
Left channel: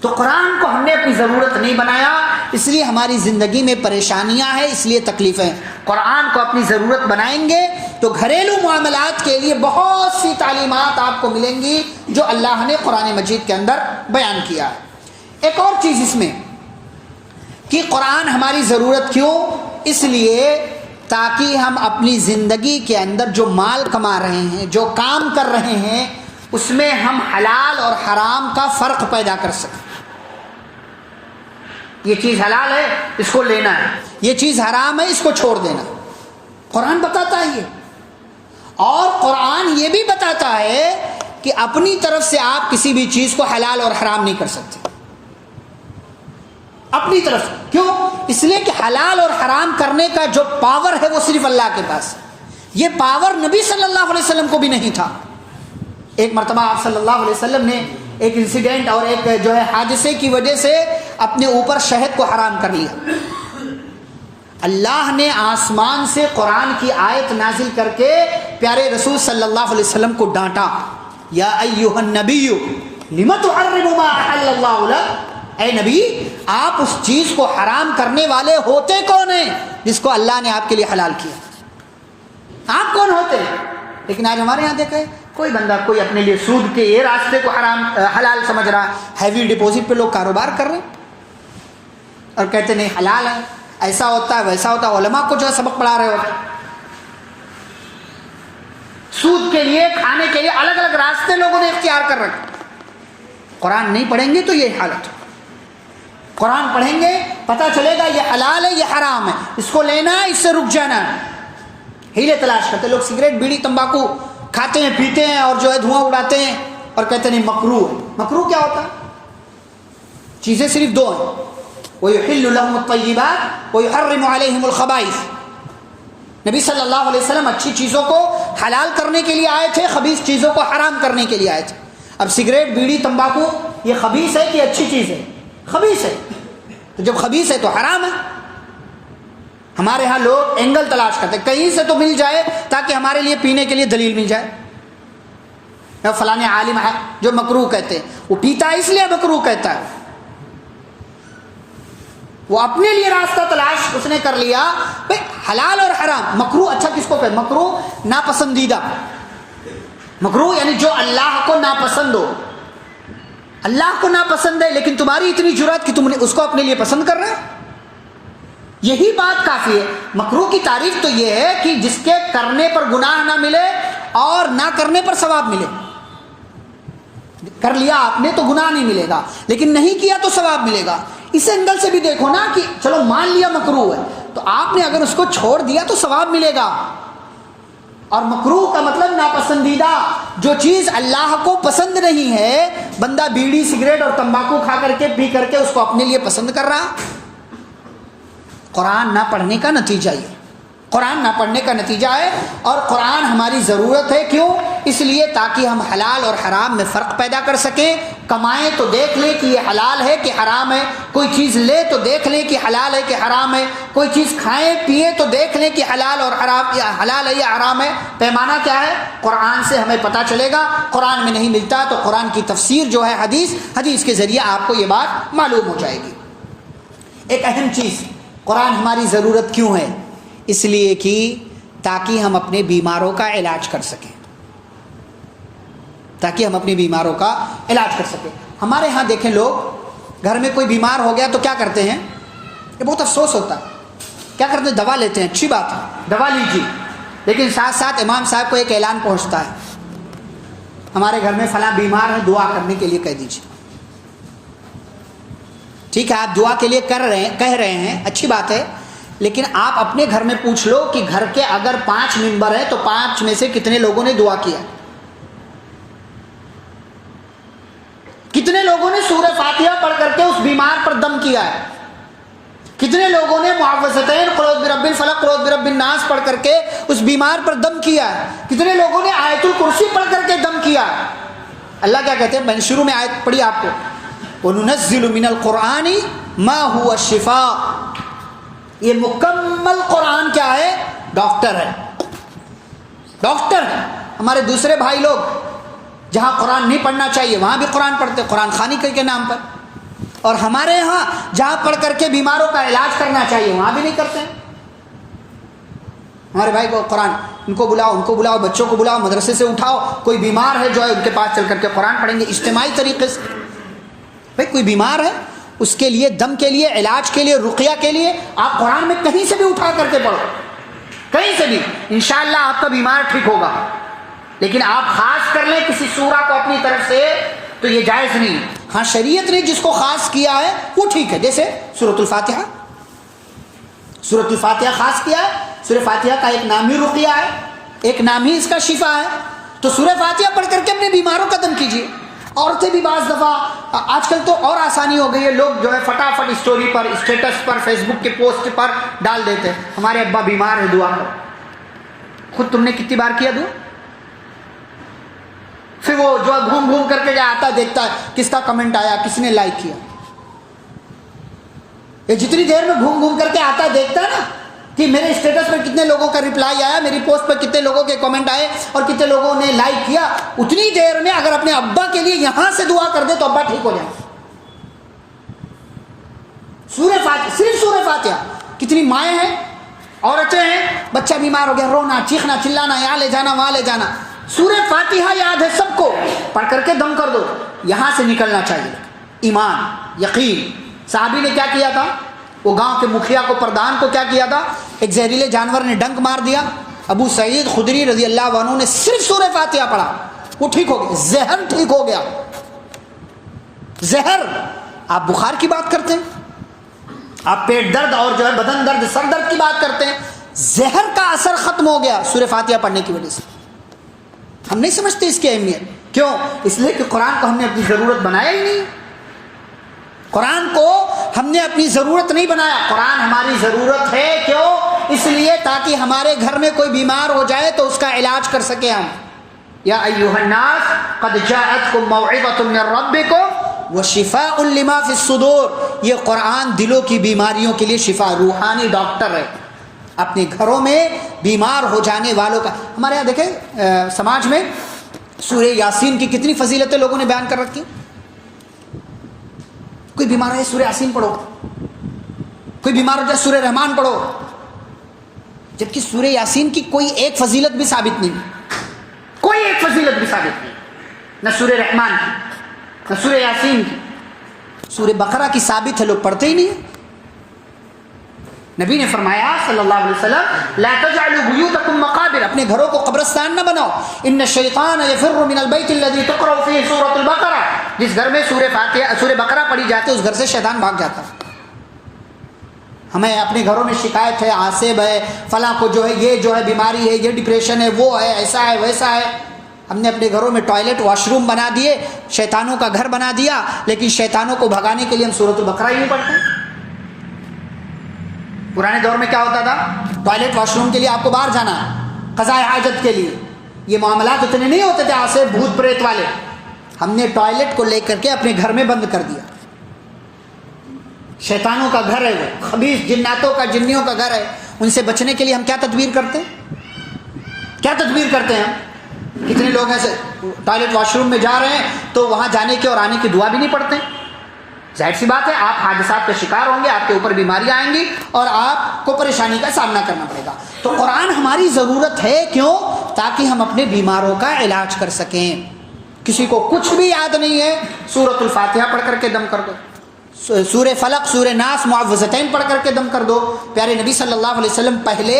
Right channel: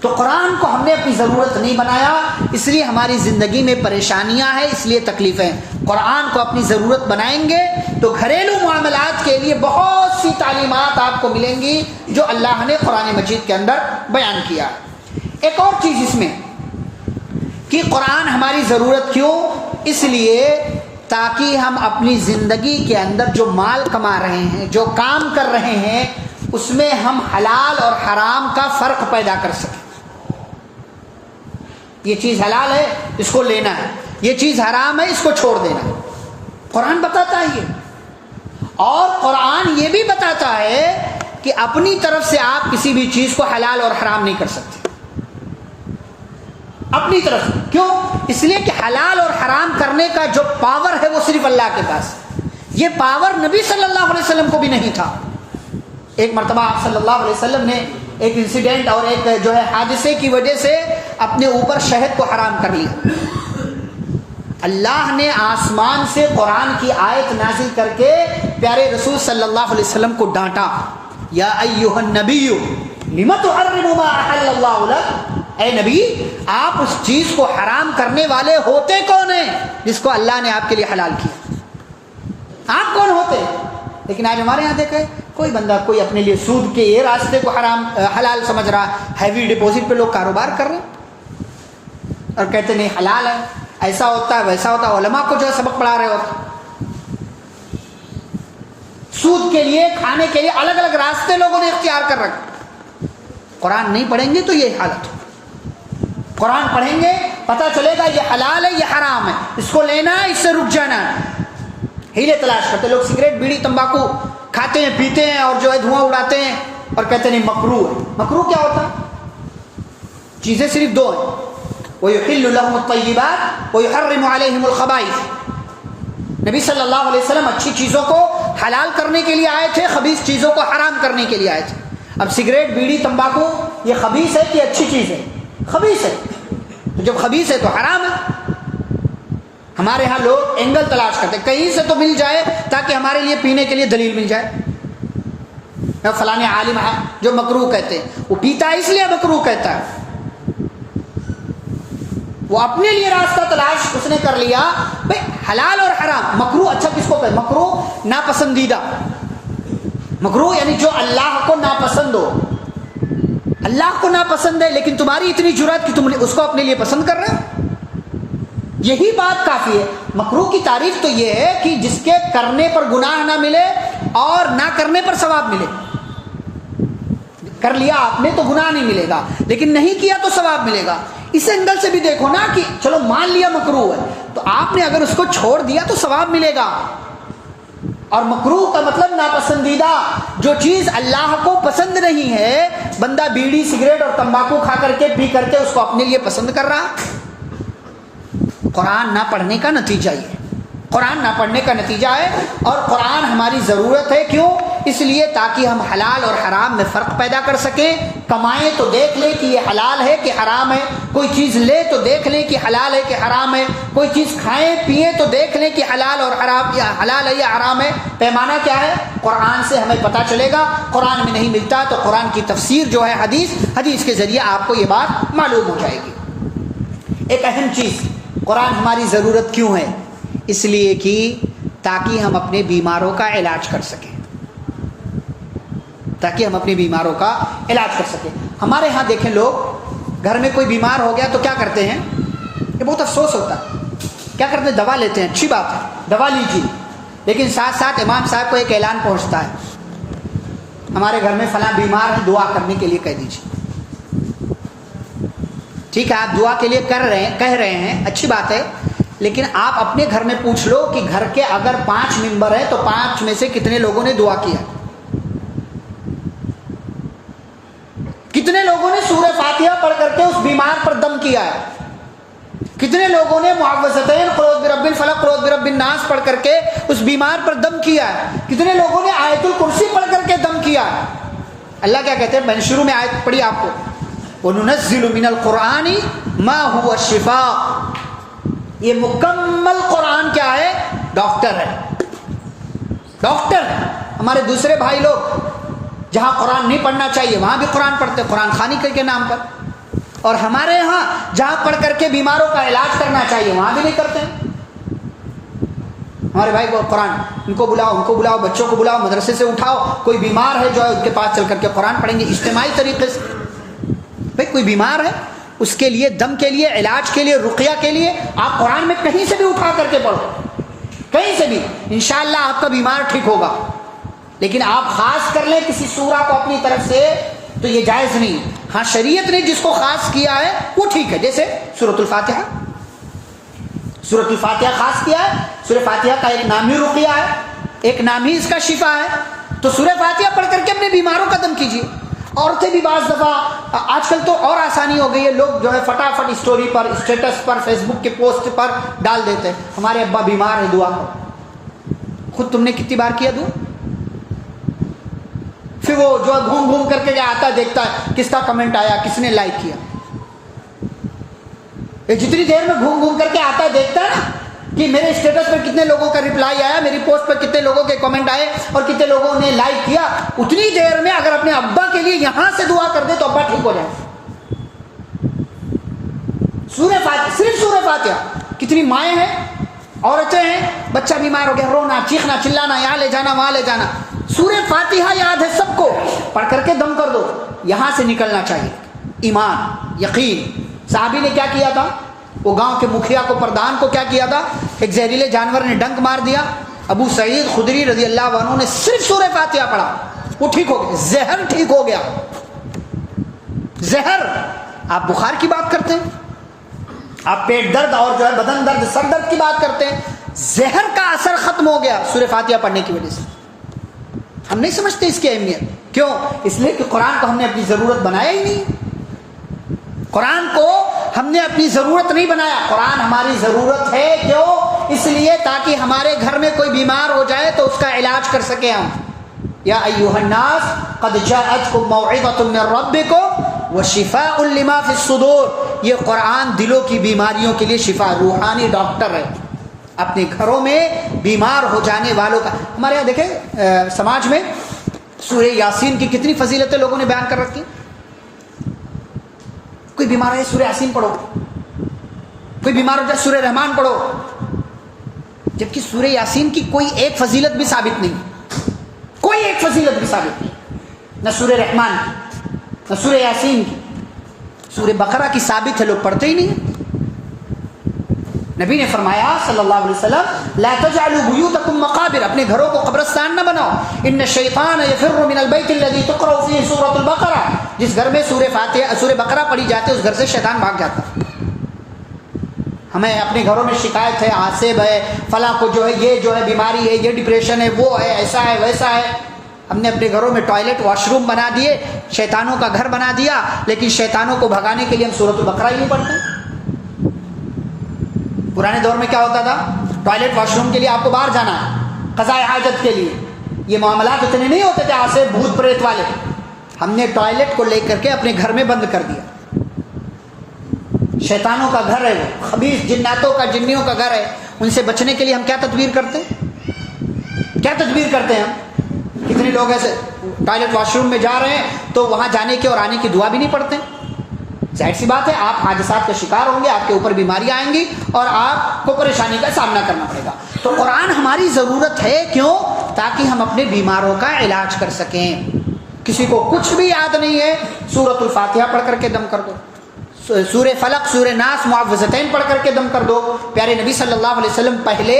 تو قرآن کو ہم نے اپنی ضرورت نہیں بنایا, اس لیے ہماری زندگی میں پریشانیاں ہیں, اس لیے تکلیفیں. قرآن کو اپنی ضرورت بنائیں گے تو گھریلو معاملات کے لیے بہت سی تعلیمات آپ کو ملیں گی جو اللہ نے قرآن مجید کے اندر بیان کیا ہے. ایک اور چیز اس میں کہ قرآن ہماری ضرورت کیوں؟ اس لیے تاکہ ہم اپنی زندگی کے اندر جو مال کما رہے ہیں، جو کام کر رہے ہیں، اس میں ہم حلال اور حرام کا فرق پیدا کر سکیں۔ یہ چیز حلال ہے، اس کو لینا ہے، یہ چیز حرام ہے، اس کو چھوڑ دینا ہے۔ قرآن بتاتا ہے یہ، اور قرآن یہ بھی بتاتا ہے کہ اپنی طرف سے آپ کسی بھی چیز کو حلال اور حرام نہیں کر سکتے اپنی طرف سے۔ کیوں؟ اس لیے کہ حلال اور حرام کرنے کا جو پاور ہے وہ صرف اللہ کے پاس۔ یہ پاور نبی صلی اللہ علیہ وسلم کو بھی نہیں تھا۔ ایک مرتبہ آپ صلی اللہ علیہ وسلم نے ایک انسیڈنٹ اور ایک جو ہے حادثے کی وجہ سے اپنے اوپر شہد کو حرام کر لیا۔ اللہ نے آسمان سے قرآن کی آیت نازل کر کے پیارے رسول صلی اللہ علیہ وسلم کو ڈانٹا، یا ایھا النبی لم تحرم ما احل اللہ لک، اے نبی آپ اس چیز کو حرام کرنے والے ہوتے کون ہیں جس کو اللہ نے آپ کے لیے حلال کیا؟ آپ کون ہوتے؟ لیکن آج ہمارے یہاں دیکھیں، کوئی بندہ کوئی اپنے لیے سود کے یہ راستے کو حلال سمجھ رہا ہے، ہیوی ڈپوزٹ پہ لوگ کاروبار کر رہے ہیں اور کہتے نہیں حلال ہے، ایسا ہوتا ہے ویسا ہوتا ہے، علماء کو جو ہے سبق پڑھا رہے ہوتے، سود کے لیے کھانے کے لیے الگ الگ راستے لوگوں نے اختیار کر رکھے۔ قرآن نہیں پڑھیں گے تو یہ حالت ہو، قرآن پڑھیں گے پتہ چلے گا یہ حلال ہے یہ حرام ہے، اس کو لینا ہے اس سے رک جانا ہے۔ ہیلے تلاش کرتے لوگ، سگریٹ بیڑی تمباکو کھاتے ہیں پیتے ہیں اور جو ہے دھواں اڑاتے ہیں اور کہتے نہیں مکروہ ہے۔ مکروہ کیا ہوتا ہے؟ چیزیں صرف دو ہیں، وَيُحِلُّ لَهُمُ الطَّيِّبَاتِ وَيُحَرِّمُ عَلَيْهِمُ الْخَبَائِثَ۔ نبی صلی اللہ علیہ وسلم اچھی چیزوں کو حلال کرنے کے لیے آئے تھے، خبیث چیزوں کو حرام کرنے کے لیے آئے تھے۔ اب سگریٹ بیڑی تمباکو یہ خبیث ہے کہ اچھی چیز ہے؟ خبیث ہے، تو جب خبیث ہے تو حرام ہے۔ ہمارے ہاں لوگ اینگل تلاش کرتے، کہیں سے تو مل جائے تاکہ ہمارے لیے پینے کے لیے دلیل مل جائے۔ فلانے عالم ہے جو مکروہ کہتے ہیں، وہ پیتا ہے اس لیے مکروہ کہتا ہے، وہ اپنے لیے راستہ تلاش اس نے کر لیا۔ بھائی حلال اور حرام، مکروہ اچھا کس کو کہتے؟ مکروہ ناپسندیدہ، مکروہ یعنی جو اللہ کو ناپسند ہو۔ اللہ کو ناپسند ہے لیکن تمہاری اتنی جرأت کہ تم اس کو اپنے لیے پسند کر رہے ہو، یہی بات کافی ہے۔ مکروہ کی تعریف تو یہ ہے کہ جس کے کرنے پر گناہ نہ ملے اور نہ کرنے پر ثواب ملے۔ کر لیا آپ نے تو گناہ نہیں ملے گا، لیکن نہیں کیا تو ثواب ملے گا۔ اس اینگل سے بھی دیکھو نا کہ چلو مان لیا مکروہ ہے، تو آپ نے اگر اس کو چھوڑ دیا تو ثواب ملے گا۔ اور مکروہ کا مطلب ناپسندیدہ، جو چیز اللہ کو پسند نہیں ہے، بندہ بیڑی سگریٹ اور تمباکو کھا کر کے پی کر کے اس کو اپنے لیے پسند کر رہا۔ قرآن نہ پڑھنے کا نتیجہ یہ، قرآن نہ پڑھنے کا نتیجہ ہے۔ اور قرآن ہماری ضرورت ہے، کیوں؟ اس لیے تاکہ ہم حلال اور حرام میں فرق پیدا کر سکیں۔ کمائیں تو دیکھ لیں کہ یہ حلال ہے کہ حرام ہے، کوئی چیز لے تو دیکھ لیں کہ حلال ہے کہ حرام ہے، کوئی چیز کھائیں پیئیں تو دیکھ لیں کہ حلال اور حرام، یا حلال ہے یا حرام ہے۔ پیمانہ کیا ہے؟ قرآن سے ہمیں پتہ چلے گا۔ قرآن میں نہیں ملتا تو قرآن کی تفسیر جو ہے حدیث کے ذریعے آپ کو یہ بات معلوم ہو جائے گی۔ ایک اہم چیز، قرآن ہماری ضرورت کیوں ہے؟ اس لیے کہ تاکہ ہم اپنے بیماروں کا علاج کر سکیں، تاکہ ہم اپنے بیماروں کا علاج کر سکیں۔ ہمارے ہاں دیکھیں، لوگ گھر میں کوئی بیمار ہو گیا تو کیا کرتے ہیں؟ یہ بہت افسوس ہوتا ہے، کیا کرتے ہیں؟ دوا لیتے ہیں، اچھی بات ہے، دوا لیجیے، لیکن ساتھ ساتھ امام صاحب کو ایک اعلان پہنچتا ہے، ہمارے گھر میں فلاں بیمار ہے، دعا کرنے کے لیے کہہ دیجیے۔ ٹھیک ہے، آپ دعا کے لیے کہہ رہے ہیں، اچھی بات ہے، لیکن آپ اپنے گھر میں پوچھ لو کہ گھر کے اگر 5 ممبر ہیں تو 5 میں سے کتنے لوگوں نے دعا کیا؟ کتنے لوگوں نے سورہ فاتحہ پڑھ کر کے اس بیمار پر دم کیا ہے؟ کتنے لوگوں نے معوذتین قل اعوذ برب الفلق قل اعوذ برب الناس پڑھ کر کے اس بیمار پر دم کیا ہے؟ کتنے لوگوں نے آیت الکرسی پڑھ کر کے دم کیا ہے؟ اللہ کیا کہتے ہیں؟ میں نے شروع میں آیت پڑھی آپ کو، وَنُنَزِّلُ مِنَ الْقُرْآنِ مَا هُوَ الشِّفَاء۔ یہ مکمل قرآن کیا ہے؟ ڈاکٹر ہے، ڈاکٹر ہے۔ ہمارے دوسرے بھائی لوگ جہاں قرآن نہیں پڑھنا چاہیے وہاں بھی قرآن پڑھتے، قرآن خوانی کے نام پر، اور ہمارے ہاں جہاں پڑھ کر کے بیماروں کا علاج کرنا چاہیے وہاں بھی نہیں کرتے۔ ہمارے بھائی کو قرآن، ان کو بلاؤ، بچوں کو بلاؤ، مدرسے سے اٹھاؤ، کوئی بیمار ہے جو ہے ان کے پاس چل کر کے قرآن پڑھیں گے اجتماعی طریقے سے۔ بھائی کوئی بیمار ہے، اس کے لیے دم کے لیے علاج کے لیے رقیہ کے لیے آپ قرآن میں کہیں سے بھی اٹھا کر کے پڑھو، کہیں سے بھی، انشاءاللہ آپ کا بیمار ٹھیک ہوگا. لیکن آپ خاص کر لیں کسی سورہ کو اپنی طرف سے تو یہ جائز نہیں. ہاں شریعت نے جس کو خاص کیا ہے وہ ٹھیک ہے، جیسے سورۃ الفاتحہ، سورۃ الفاتحہ خاص کیا ہے. سورہ فاتحہ کا ایک نام ہی رقیہ ہے، ایک نام ہی اس کا شفا ہے. تو سورہ فاتحہ پڑھ کر کے اپنے بیماروں کا دم کیجیے. عورتیں بھی بعض دفعہ، آج کل تو اور آسانی ہو گئی ہے، لوگ جو ہے فٹافٹ اسٹوری پر، اسٹیٹس پر، فیس بک کے پوسٹ پر ڈال دیتے ہیں ہمارے ابا بیمار ہے دعا کرو. خود تم نے کتنی بار کیا دعا؟ پھر وہ جو گھوم گھوم کر کے آتا دیکھتا ہے کس کا کمنٹ آیا، کس نے لائک کیا. یہ جتنی دیر میں گھوم گھوم کر کے آتا ہے دیکھتا ہے نا کہ میرے اسٹیٹس پر کتنے لوگوں کا ریپلائی آیا، میری پوسٹ پر کتنے لوگوں کے کمنٹ آئے اور کتنے لوگوں نے لائک کیا، اتنی دیر میں اگر اپنے ابا کے لیے یہاں سے دعا کر دے تو ابا ٹھیک ہو جائے. سورہ فاتحہ، صرف سورہ فاتحہ. کتنی مائیں ہیں، عورتیں ہیں، بچہ بیمار ہو گیا، رونا، چیخنا، چلانا، یہاں لے جانا، وہاں لے جانا. سورہ فاتحہ یاد ہے سب کو، پڑھ کر کے دم کر دو. یہاں سے نکلنا چاہیے ایمان، یقین. صحابی نے کیا کیا تھا؟ وہ گاؤں کے مکھیا کو، پردھان کو کیا کیا تھا؟ ایک زہریلے جانور نے ڈنک مار دیا. ابو سعید خدری رضی اللہ عنہ نے صرف سورہ فاتحہ پڑھا، وہ ٹھیک ہو گیا، زہر ٹھیک ہو گیا. زہر، آپ بخار کی بات کرتے ہیں، آپ پیٹ درد اور جو ہے بدن درد، سر درد کی بات کرتے ہیں، زہر کا اثر ختم ہو گیا سورہ فاتحہ پڑھنے کی وجہ سے. ہم نہیں سمجھتے اس کی اہمیت. کیوں؟ اس لیے کہ قرآن کو ہم نے اپنی ضرورت بنایا ہی نہیں. قرآن کو ہم نے اپنی ضرورت نہیں بنایا. قرآن ہماری ضرورت ہے. کیوں؟ اس لیے تاکہ ہمارے گھر میں کوئی بیمار ہو جائے تو اس کا علاج کر سکے ہم. یا ایھا الناس قد جاءتکم موعظۃ من ربکم وشفاء لما فی الصدور. یہ قرآن دلوں کی بیماریوں کے لیے شفا، روحانی ڈاکٹر ہے. اپنے گھروں میں بیمار ہو جانے والوں کا. ہمارے یہاں دیکھیں سماج میں سورہ یاسین کی کتنی فضیلتیں لوگوں نے بیان کر رکھی. کوئی بیمار ہے سورہ یاسین پڑھو، کوئی بیمار ہو جائے سورہ رحمان پڑھو، جبکہ سورہ یاسین کی کوئی ایک فضیلت بھی ثابت نہیں، کوئی ایک فضیلت بھی ثابت نہیں، نہ سورہ رحمان کی، نہ سورہ یاسین کی. سورہ بقرہ کی ثابت ہے، لوگ پڑھتے ہی نہیں. نبی نے فرمایا صلی اللہ علیہ وسلم لا تجعلوا بیوتکم مقابر، اپنے گھروں کو قبرستان نہ بناؤ. ان الشیطان یفر من البیت الذی تقرأ فیہ سورۃ البقرہ، جس گھر میں سورہ بقرہ پڑھی جاتی ہے اس گھر سے شیطان بھاگ جاتا ہے. ہمیں اپنے گھروں میں شکایت ہے، عاصب ہے، فلاں کو جو ہے یہ جو ہے بیماری ہے، یہ ڈپریشن ہے، وہ ہے، ایسا ہے ویسا ہے. ہم نے اپنے گھروں میں ٹوائلٹ واش روم بنا دیے، شیطانوں کا گھر بنا دیا، لیکن شیطانوں کو بھگانے کے لیے ہم سورۃ البقرہ ہی نہیں پڑھتے. پرانے دور میں کیا ہوتا تھا؟ ٹوائلٹ واش روم کے لیے آپ کو باہر جانا ہے، قضاء حاجت کے لیے. یہ معاملات اتنے نہیں ہوتے تھے آج سے بھوت پریت والے. ہم نے ٹوائلٹ کو لے کر کے اپنے گھر میں بند کر دیا. شیطانوں کا گھر ہے وہ، خبیث جناتوں کا، جنیوں کا گھر ہے. ان سے بچنے کے لیے ہم کیا تدبیر کرتے ہیں؟ کیا تدبیر کرتے ہیں ہم؟ کتنے لوگ ایسے ٹوائلٹ واش روم میں جا رہے ہیں تو وہاں جانے کی اور آنے کی دعا بھی نہیں پڑھتے. ظاہر سی بات ہے آپ حادثات کا شکار ہوں گے، آپ کے اوپر بیماریاں آئیں گی اور آپ کو پریشانی کا سامنا کرنا پڑے گا. تو قرآن ہماری ضرورت ہے. کیوں؟ تاکہ ہم اپنے بیماروں کا علاج کر سکیں. کسی کو کچھ بھی یاد نہیں ہے، سورۃ الفاتحہ پڑھ کر کے دم کر دو، سورہ فلق، سورہ ناس، معوذتین پڑھ کر کے دم کر دو. پیارے نبی صلی اللہ علیہ وسلم پہلے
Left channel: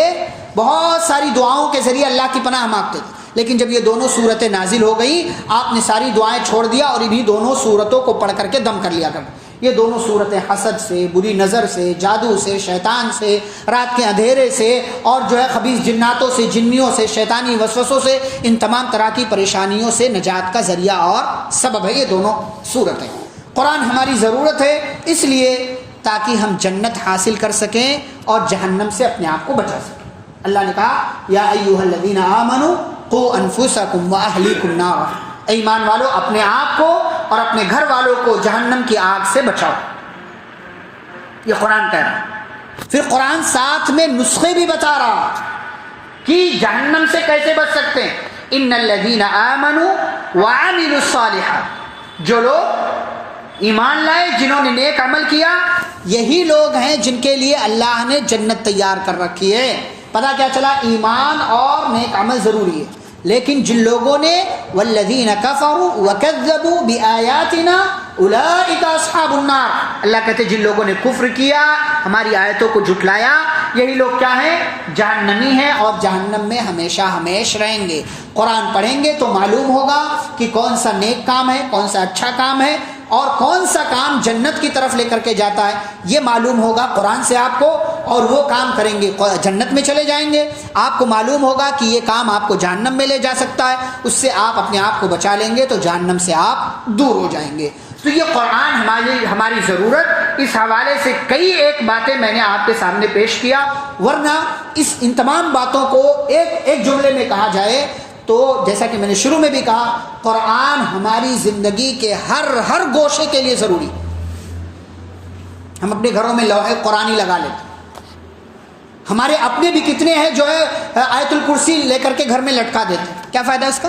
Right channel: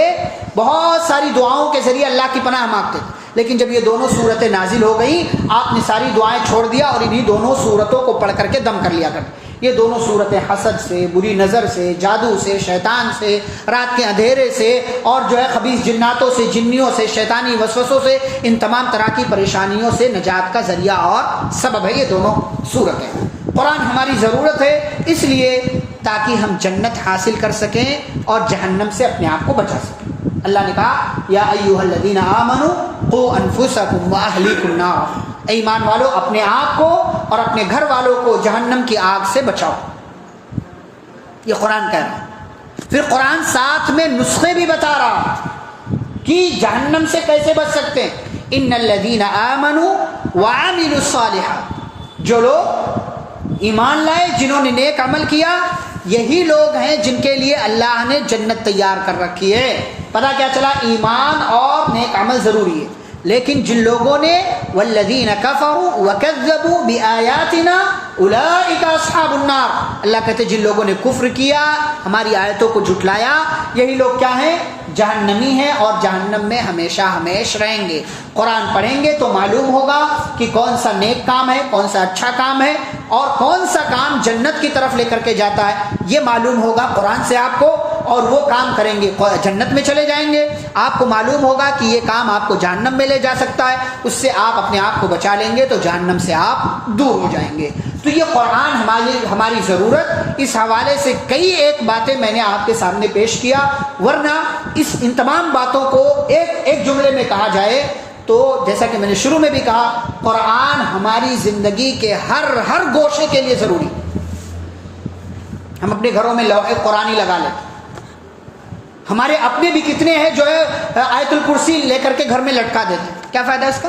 بہت ساری دعاؤں کے ذریعے اللہ کی پناہ مانگتے تھے، لیکن جب یہ دونوں صورتیں نازل ہو گئیں آپ نے ساری دعائیں چھوڑ دیا اور انہی دونوں صورتوں کو پڑھ کر کے دم کر لیا کرتے. یہ دونوں صورتیں حسد سے، بری نظر سے، جادو سے، شیطان سے، رات کے اندھیرے سے اور جو ہے خبیث جناتوں سے، جنیوں سے، شیطانی وسوسوں سے، ان تمام طرح کی پریشانیوں سے نجات کا ذریعہ اور سبب ہے یہ دونوں صورتیں. قرآن ہماری ضرورت ہے اس لیے تاکہ ہم جنت حاصل کر سکیں اور جہنم سے اپنے آپ کو بچا سکیں. اللہ نے کہا یا ایھا الذین آمنوا قوا انفسکم واہلیکم نارا، اے ایمان والو اپنے آپ کو اور اپنے گھر والوں کو جہنم کی آگ سے بچاؤ. یہ قرآن کہہ رہا ہے. پھر قرآن ساتھ میں نسخے بھی بتا رہا کہ جہنم سے کیسے بچ سکتے ہیں. ان الذین آمنوا وعملوا الصالحات، جو لوگ ایمان لائے، جنہوں نے نیک عمل کیا، یہی لوگ ہیں جن کے لیے اللہ نے جنت تیار کر رکھی ہے. پتہ کیا چلا؟ ایمان اور نیک عمل ضروری ہے. لیکن جن لوگوں نے والذین کفروا وکذبوا بآیاتنا اولئک اصحاب النار، اللہ کہتے جن لوگوں نے کفر کیا، ہماری آیتوں کو جھٹلایا، یہی لوگ کیا ہیں؟ جہنمی ہیں، اور جہنم میں ہمیشہ ہمیشہ رہیں گے۔ قرآن پڑھیں گے تو معلوم ہوگا کہ کون سا نیک کام ہے، کون سا اچھا کام ہے، اور کون سا کام جنت کی طرف لے کر کے جاتا ہے، یہ معلوم ہوگا قرآن سے آپ کو، اور وہ کام کریں گے جنت میں چلے جائیں گے۔ آپ کو معلوم ہوگا کہ یہ کام آپ کو جہنم میں لے جا سکتا ہے، اس سے آپ اپنے آپ کو بچا لیں گے تو جہنم سے آپ دور ہو جائیں گے۔ تو یہ قرآن ہماری ضرورت، اس حوالے سے کئی ایک باتیں میں نے آپ کے سامنے پیش کیا، ورنہ ان تمام باتوں کو ایک جملے میں کہا جائے تو جیسا کہ میں نے شروع میں بھی کہا، قرآن ہماری زندگی کے ہر گوشے کے لیے ضروری۔ ہم اپنے گھروں میں لوح قرآنی لگا لیتے، ہمارے اپنے بھی کتنے ہیں جو ہے آیت الکرسی لے کر کے گھر میں لٹکا دیتے، کیا فائدہ ہے اس کا؟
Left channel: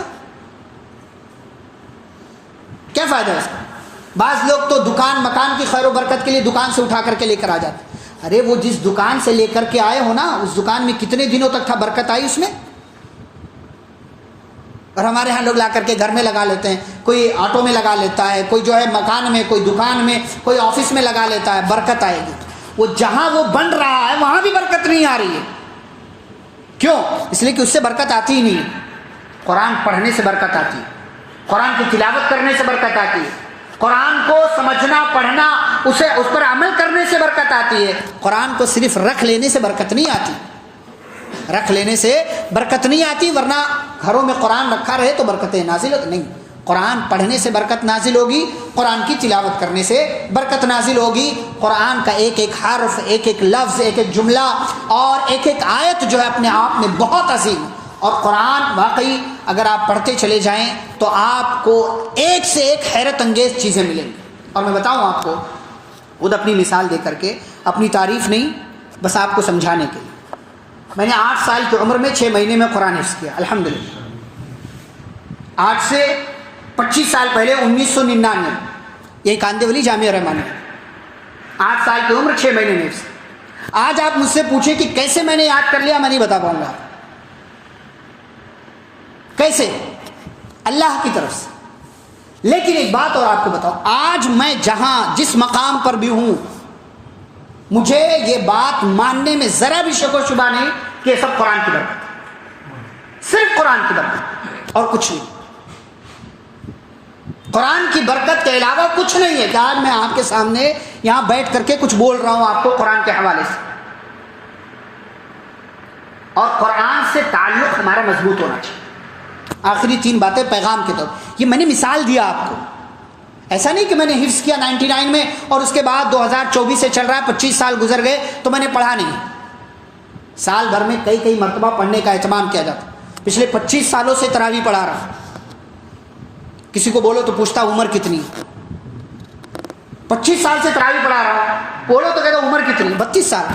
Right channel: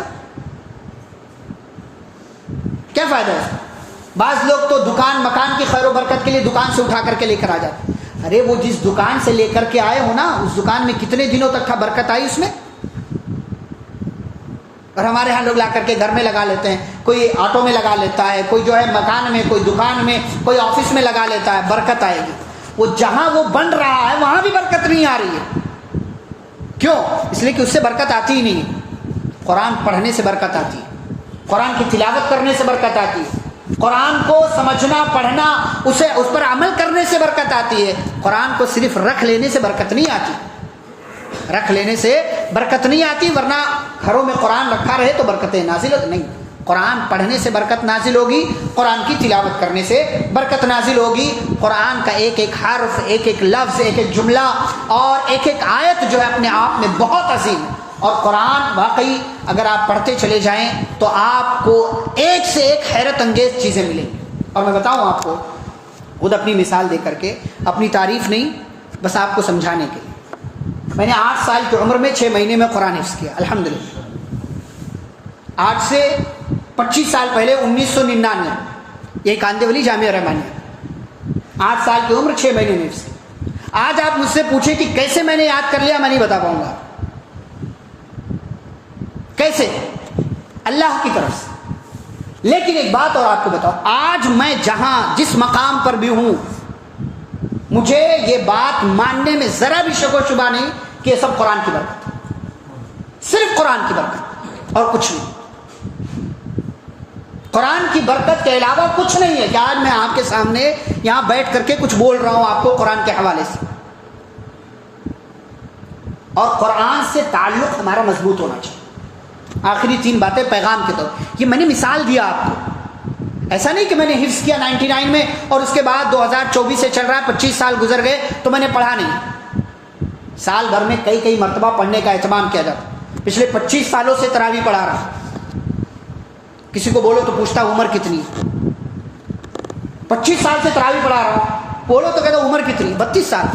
کیا فائدہ ہے اس کا؟ بعض لوگ تو دکان مکان کی خیر و برکت کے لیے دکان سے اٹھا کر کے لے کر آ جاتے، ارے وہ جس دکان سے لے کر کے آئے ہو نا، اس دکان میں کتنے دنوں تک برکت آئی اس میں؟ اور ہمارے ہاں لوگ لا کر کے گھر میں لگا لیتے ہیں، کوئی آٹو میں لگا لیتا ہے، کوئی جو ہے مکان میں، کوئی دکان میں، کوئی آفس میں لگا لیتا ہے، برکت آئے گی۔ وہ جہاں وہ بن رہا ہے وہاں بھی برکت نہیں آ رہی ہے، کیوں؟ اس لیے کہ اس سے برکت آتی ہی نہیں۔ قرآن پڑھنے سے برکت آتی ہے، قرآن کی تلاوت کرنے سے برکت آتی ہے، قرآن کو سمجھنا پڑھنا اس پر عمل کرنے سے برکت آتی ہے۔ قرآن کو صرف رکھ لینے سے برکت نہیں آتی، رکھ لینے سے برکت نہیں آتی، ورنہ گھروں میں قرآن رکھا رہے تو برکتیں نازل نہیں۔ قرآن پڑھنے سے برکت نازل ہوگی، قرآن کی تلاوت کرنے سے برکت نازل ہوگی۔ قرآن کا ایک ایک حرف، ایک ایک لفظ، ایک ایک جملہ اور ایک ایک آیت جو ہے اپنے آپ میں بہت عظیم ہے، اور قرآن واقعی اگر آپ پڑھتے چلے جائیں تو آپ کو ایک سے ایک حیرت انگیز چیزیں ملیں گی۔ اور میں بتاؤں آپ کو خود اپنی مثال دے کر کے، اپنی تعریف نہیں، بس آپ کو سمجھانے کے لیے، میں نے 8 سال کی عمر میں 6 مہینے میں قرآن حفظ کیا الحمدللہ۔ آج سے 25 سال پہلے 1999 یہی کاندیولی جامعہ رحمانیہ، 8 سال کی عمر 6 مہینے میں حفظ۔ آج آپ مجھ سے پوچھیں کہ کیسے میں نے یاد کر لیا، میں نہیں بتا پاؤں گا کیسے، اللہ کی طرف سے۔ لیکن ایک بات اور آپ کو بتاؤ، آج میں جس مقام پر بھی ہوں، مجھے یہ بات ماننے میں ذرا بھی شک و شبہ نہیں کہ یہ سب قرآن کی برکت ہے، صرف قرآن کی برکت اور کچھ نہیں۔ قرآن کی برکت کے علاوہ کچھ نہیں ہے کہ آج میں آپ کے سامنے یہاں بیٹھ کر کے کچھ بول رہا ہوں آپ کو قرآن کے حوالے سے، اور قرآن سے تعلق ہمارا مضبوط ہونا چاہیے۔ آخری 3 باتیں پیغام کے طور، یہ میں نے مثال دیا آپ کو، ایسا نہیں کہ میں نے حفظ کیا 99 میں اور اس کے بعد 2024 سے چل رہا، 25 سال گزر گئے تو میں نے پڑھا نہیں۔ سال بھر میں کئی مرتبہ پڑھنے کا اہتمام کیا جاتا، پچھلے 25 سالوں سے تراویح پڑھا رہا۔ کسی کو بولو تو پوچھتا عمر کتنی، 25 سال سے تراویح پڑھا رہا، بولو تو کہتا عمر کتنی، 32 سال،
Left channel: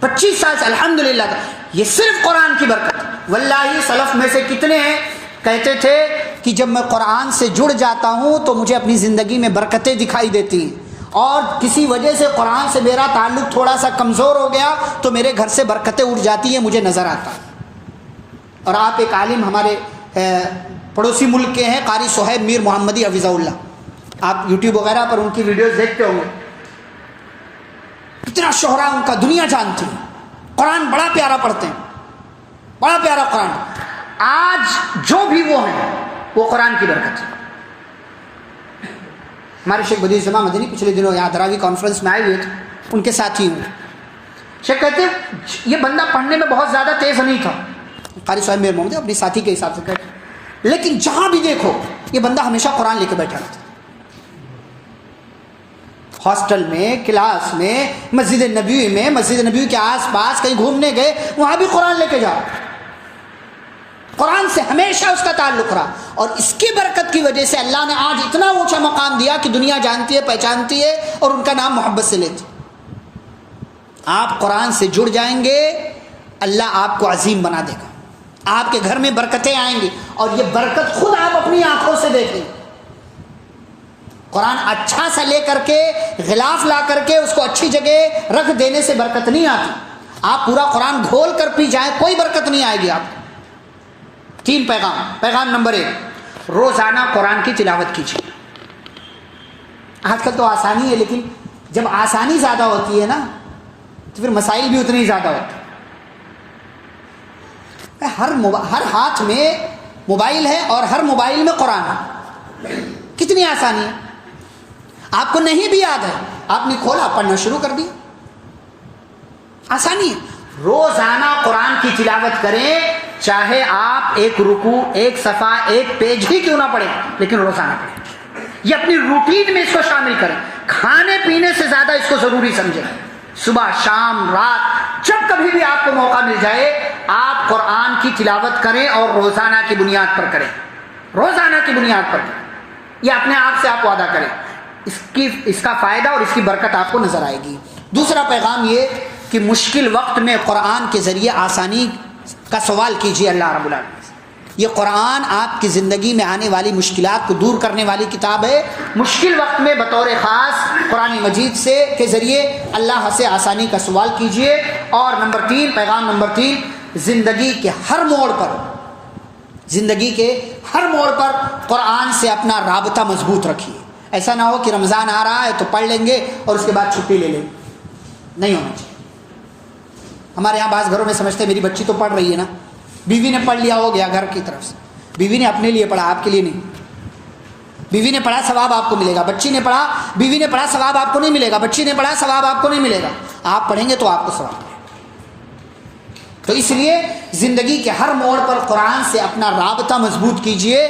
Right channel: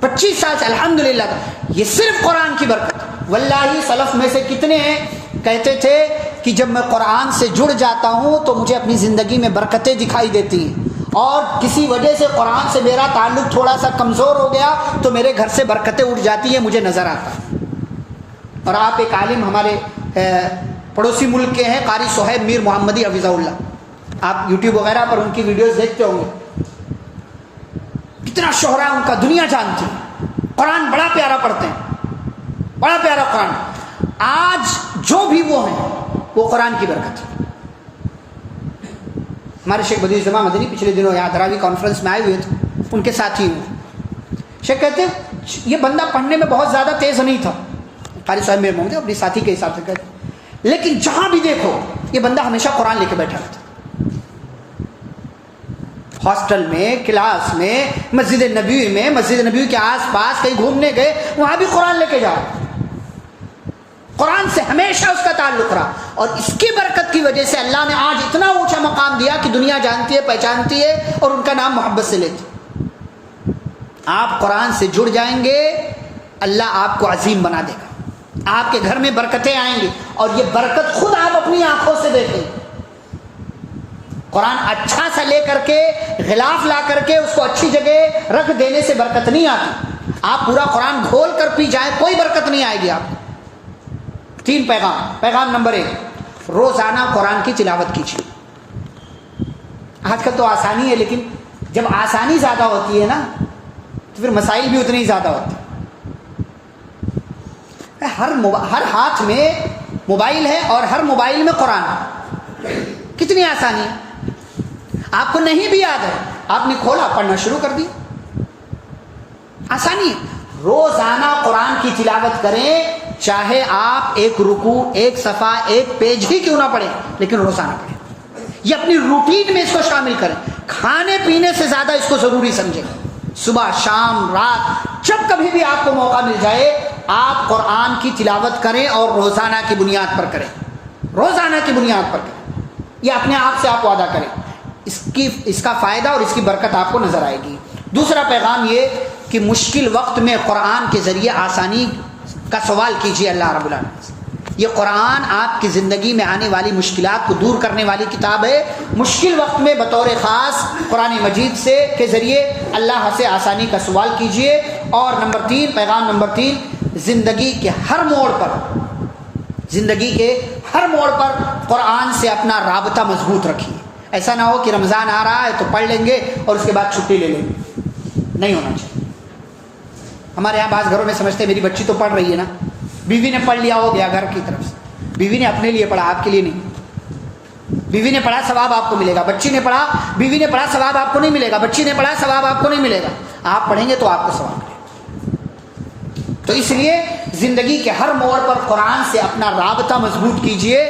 25 سال سے الحمدللہ۔ یہ صرف قرآن کی برکت۔ واللہ سلف میں سے کتنے ہیں کہتے تھے کہ جب میں قرآن سے جڑ جاتا ہوں تو مجھے اپنی زندگی میں برکتیں دکھائی دیتی ہیں، اور کسی وجہ سے قرآن سے میرا تعلق تھوڑا سا کمزور ہو گیا تو میرے گھر سے برکتیں اٹھ جاتی ہیں، مجھے نظر آتا ہے۔ اور آپ ایک عالم ہمارے پڑوسی ملک کے ہیں، قاری صہیب میر محمدی حفظہ اللہ، آپ یوٹیوب وغیرہ پر ان کی ویڈیوز دیکھتے ہوں گے، کتنا شہرا ان کا دنیا جانتی ہے، قرآن بڑا پیارا پڑھتے ہیں، بڑا پیارا قرآن۔ آج جو بھی وہ ہیں وہ قرآن کی برکت ہے۔ ہمارے شیخ بدیع الزمان مدنی پچھلے دنوں یہاں دراوی کانفرنس میں آئے ہوئے تھے، ان کے ساتھی ہوں۔ شیخ کہتے یہ بندہ پڑھنے میں بہت زیادہ تیز نہیں تھا، قاری صاحب میرے محمد اپنی ساتھی کے حساب سے کہتے، لیکن جہاں بھی دیکھو یہ بندہ ہمیشہ قرآن لے کے بیٹھا رہتا، ہاسٹل میں، کلاس میں، مسجد نبوی میں، مسجد نبوی کے آس پاس کہیں گھومنے گئے وہاں بھی قرآن لے کے جاؤ۔ قرآن سے ہمیشہ اس کا تعلق رہا، اور اس کی برکت کی وجہ سے اللہ نے آج اتنا اونچا مقام دیا کہ دنیا جانتی ہے، پہچانتی ہے، اور ان کا نام محبت سے لیتی۔ آپ قرآن سے جڑ جائیں گے، اللہ آپ کو عظیم بنا دے گا، آپ کے گھر میں برکتیں آئیں گی، اور یہ برکت خود آپ اپنی آنکھوں سے دیکھیں۔ قرآن اچھا سا لے کر کے، غلاف لا کر کے اس کو اچھی جگہ رکھ دینے سے برکت نہیں آتی۔ آپ پورا قرآن گھول کر پی جائیں، کوئی برکت نہیں آئے گی آپ کو۔ 3 پیغام نمبر 1، روزانہ قرآن کی تلاوت کیجیے۔ آج کل تو آسانی ہے، لیکن جب آسانی زیادہ ہوتی ہے نا تو پھر مسائل بھی اتنے ہی زیادہ ہوتے ہیں۔ ہر ہاتھ میں موبائل ہے اور ہر موبائل میں قرآن ہے، کتنی آسانی ہے۔ آپ کو نہیں بھی یاد ہے، آپ نے کھولا، پڑھنا شروع کر دی، آسانی ہے۔ روزانہ قرآن کی تلاوت کریں، چاہے آپ ایک رکوع، ایک صفحہ، ایک پیج ہی کیوں نہ پڑھیں، لیکن روزانہ پڑھیں۔ یہ اپنی روٹین میں اس کو شامل کریں، کھانے پینے سے زیادہ اس کو ضروری سمجھیں۔ صبح، شام، رات، جب کبھی بھی آپ کو موقع مل جائے آپ قرآن کی تلاوت کریں، اور روزانہ کی بنیاد پر کریں، روزانہ کی بنیاد پر کریں۔ یہ اپنے آپ سے آپ وعدہ کریں، اس کا فائدہ اور اس کی برکت آپ کو نظر آئے گی۔ دوسرا پیغام یہ کہ مشکل وقت میں قرآن کے ذریعے آسانی کا سوال کیجیے اللہ رب العالمین سے۔ یہ قرآن آپ کی زندگی میں آنے والی مشکلات کو دور کرنے والی کتاب ہے۔ مشکل وقت میں بطور خاص قرآن مجید سے کے ذریعے اللہ سے آسانی کا سوال کیجیے۔ اور پیغام نمبر 3، زندگی کے ہر موڑ پر قرآن سے اپنا رابطہ مضبوط رکھیے۔ ایسا نہ ہو کہ رمضان آ رہا ہے تو پڑھ لیں گے اور اس کے بعد چھٹی لے لیں گے، نہیں ہونا چاہیے۔ ہمارے یہاں بعض گھروں میں سمجھتے ہیں میری بچی تو پڑھ رہی ہے نا، بیوی نے پڑھ لیا ہو گیا گھر کی طرف سے، بیوی نے اپنے لیے پڑھا، آپ کے لیے نہیں۔ بیوی نے پڑھا ثواب آپ کو ملے گا، بچی نے پڑھا، بیوی نے پڑھا ثواب آپ کو نہیں ملے گا، بچی نے پڑھا ثواب آپ کو نہیں ملے گا، آپ پڑھیں گے تو آپ کو ثواب ملے گا۔ تو اس لیے زندگی کے ہر موڑ پر قرآن سے اپنا رابطہ مضبوط کیجئے۔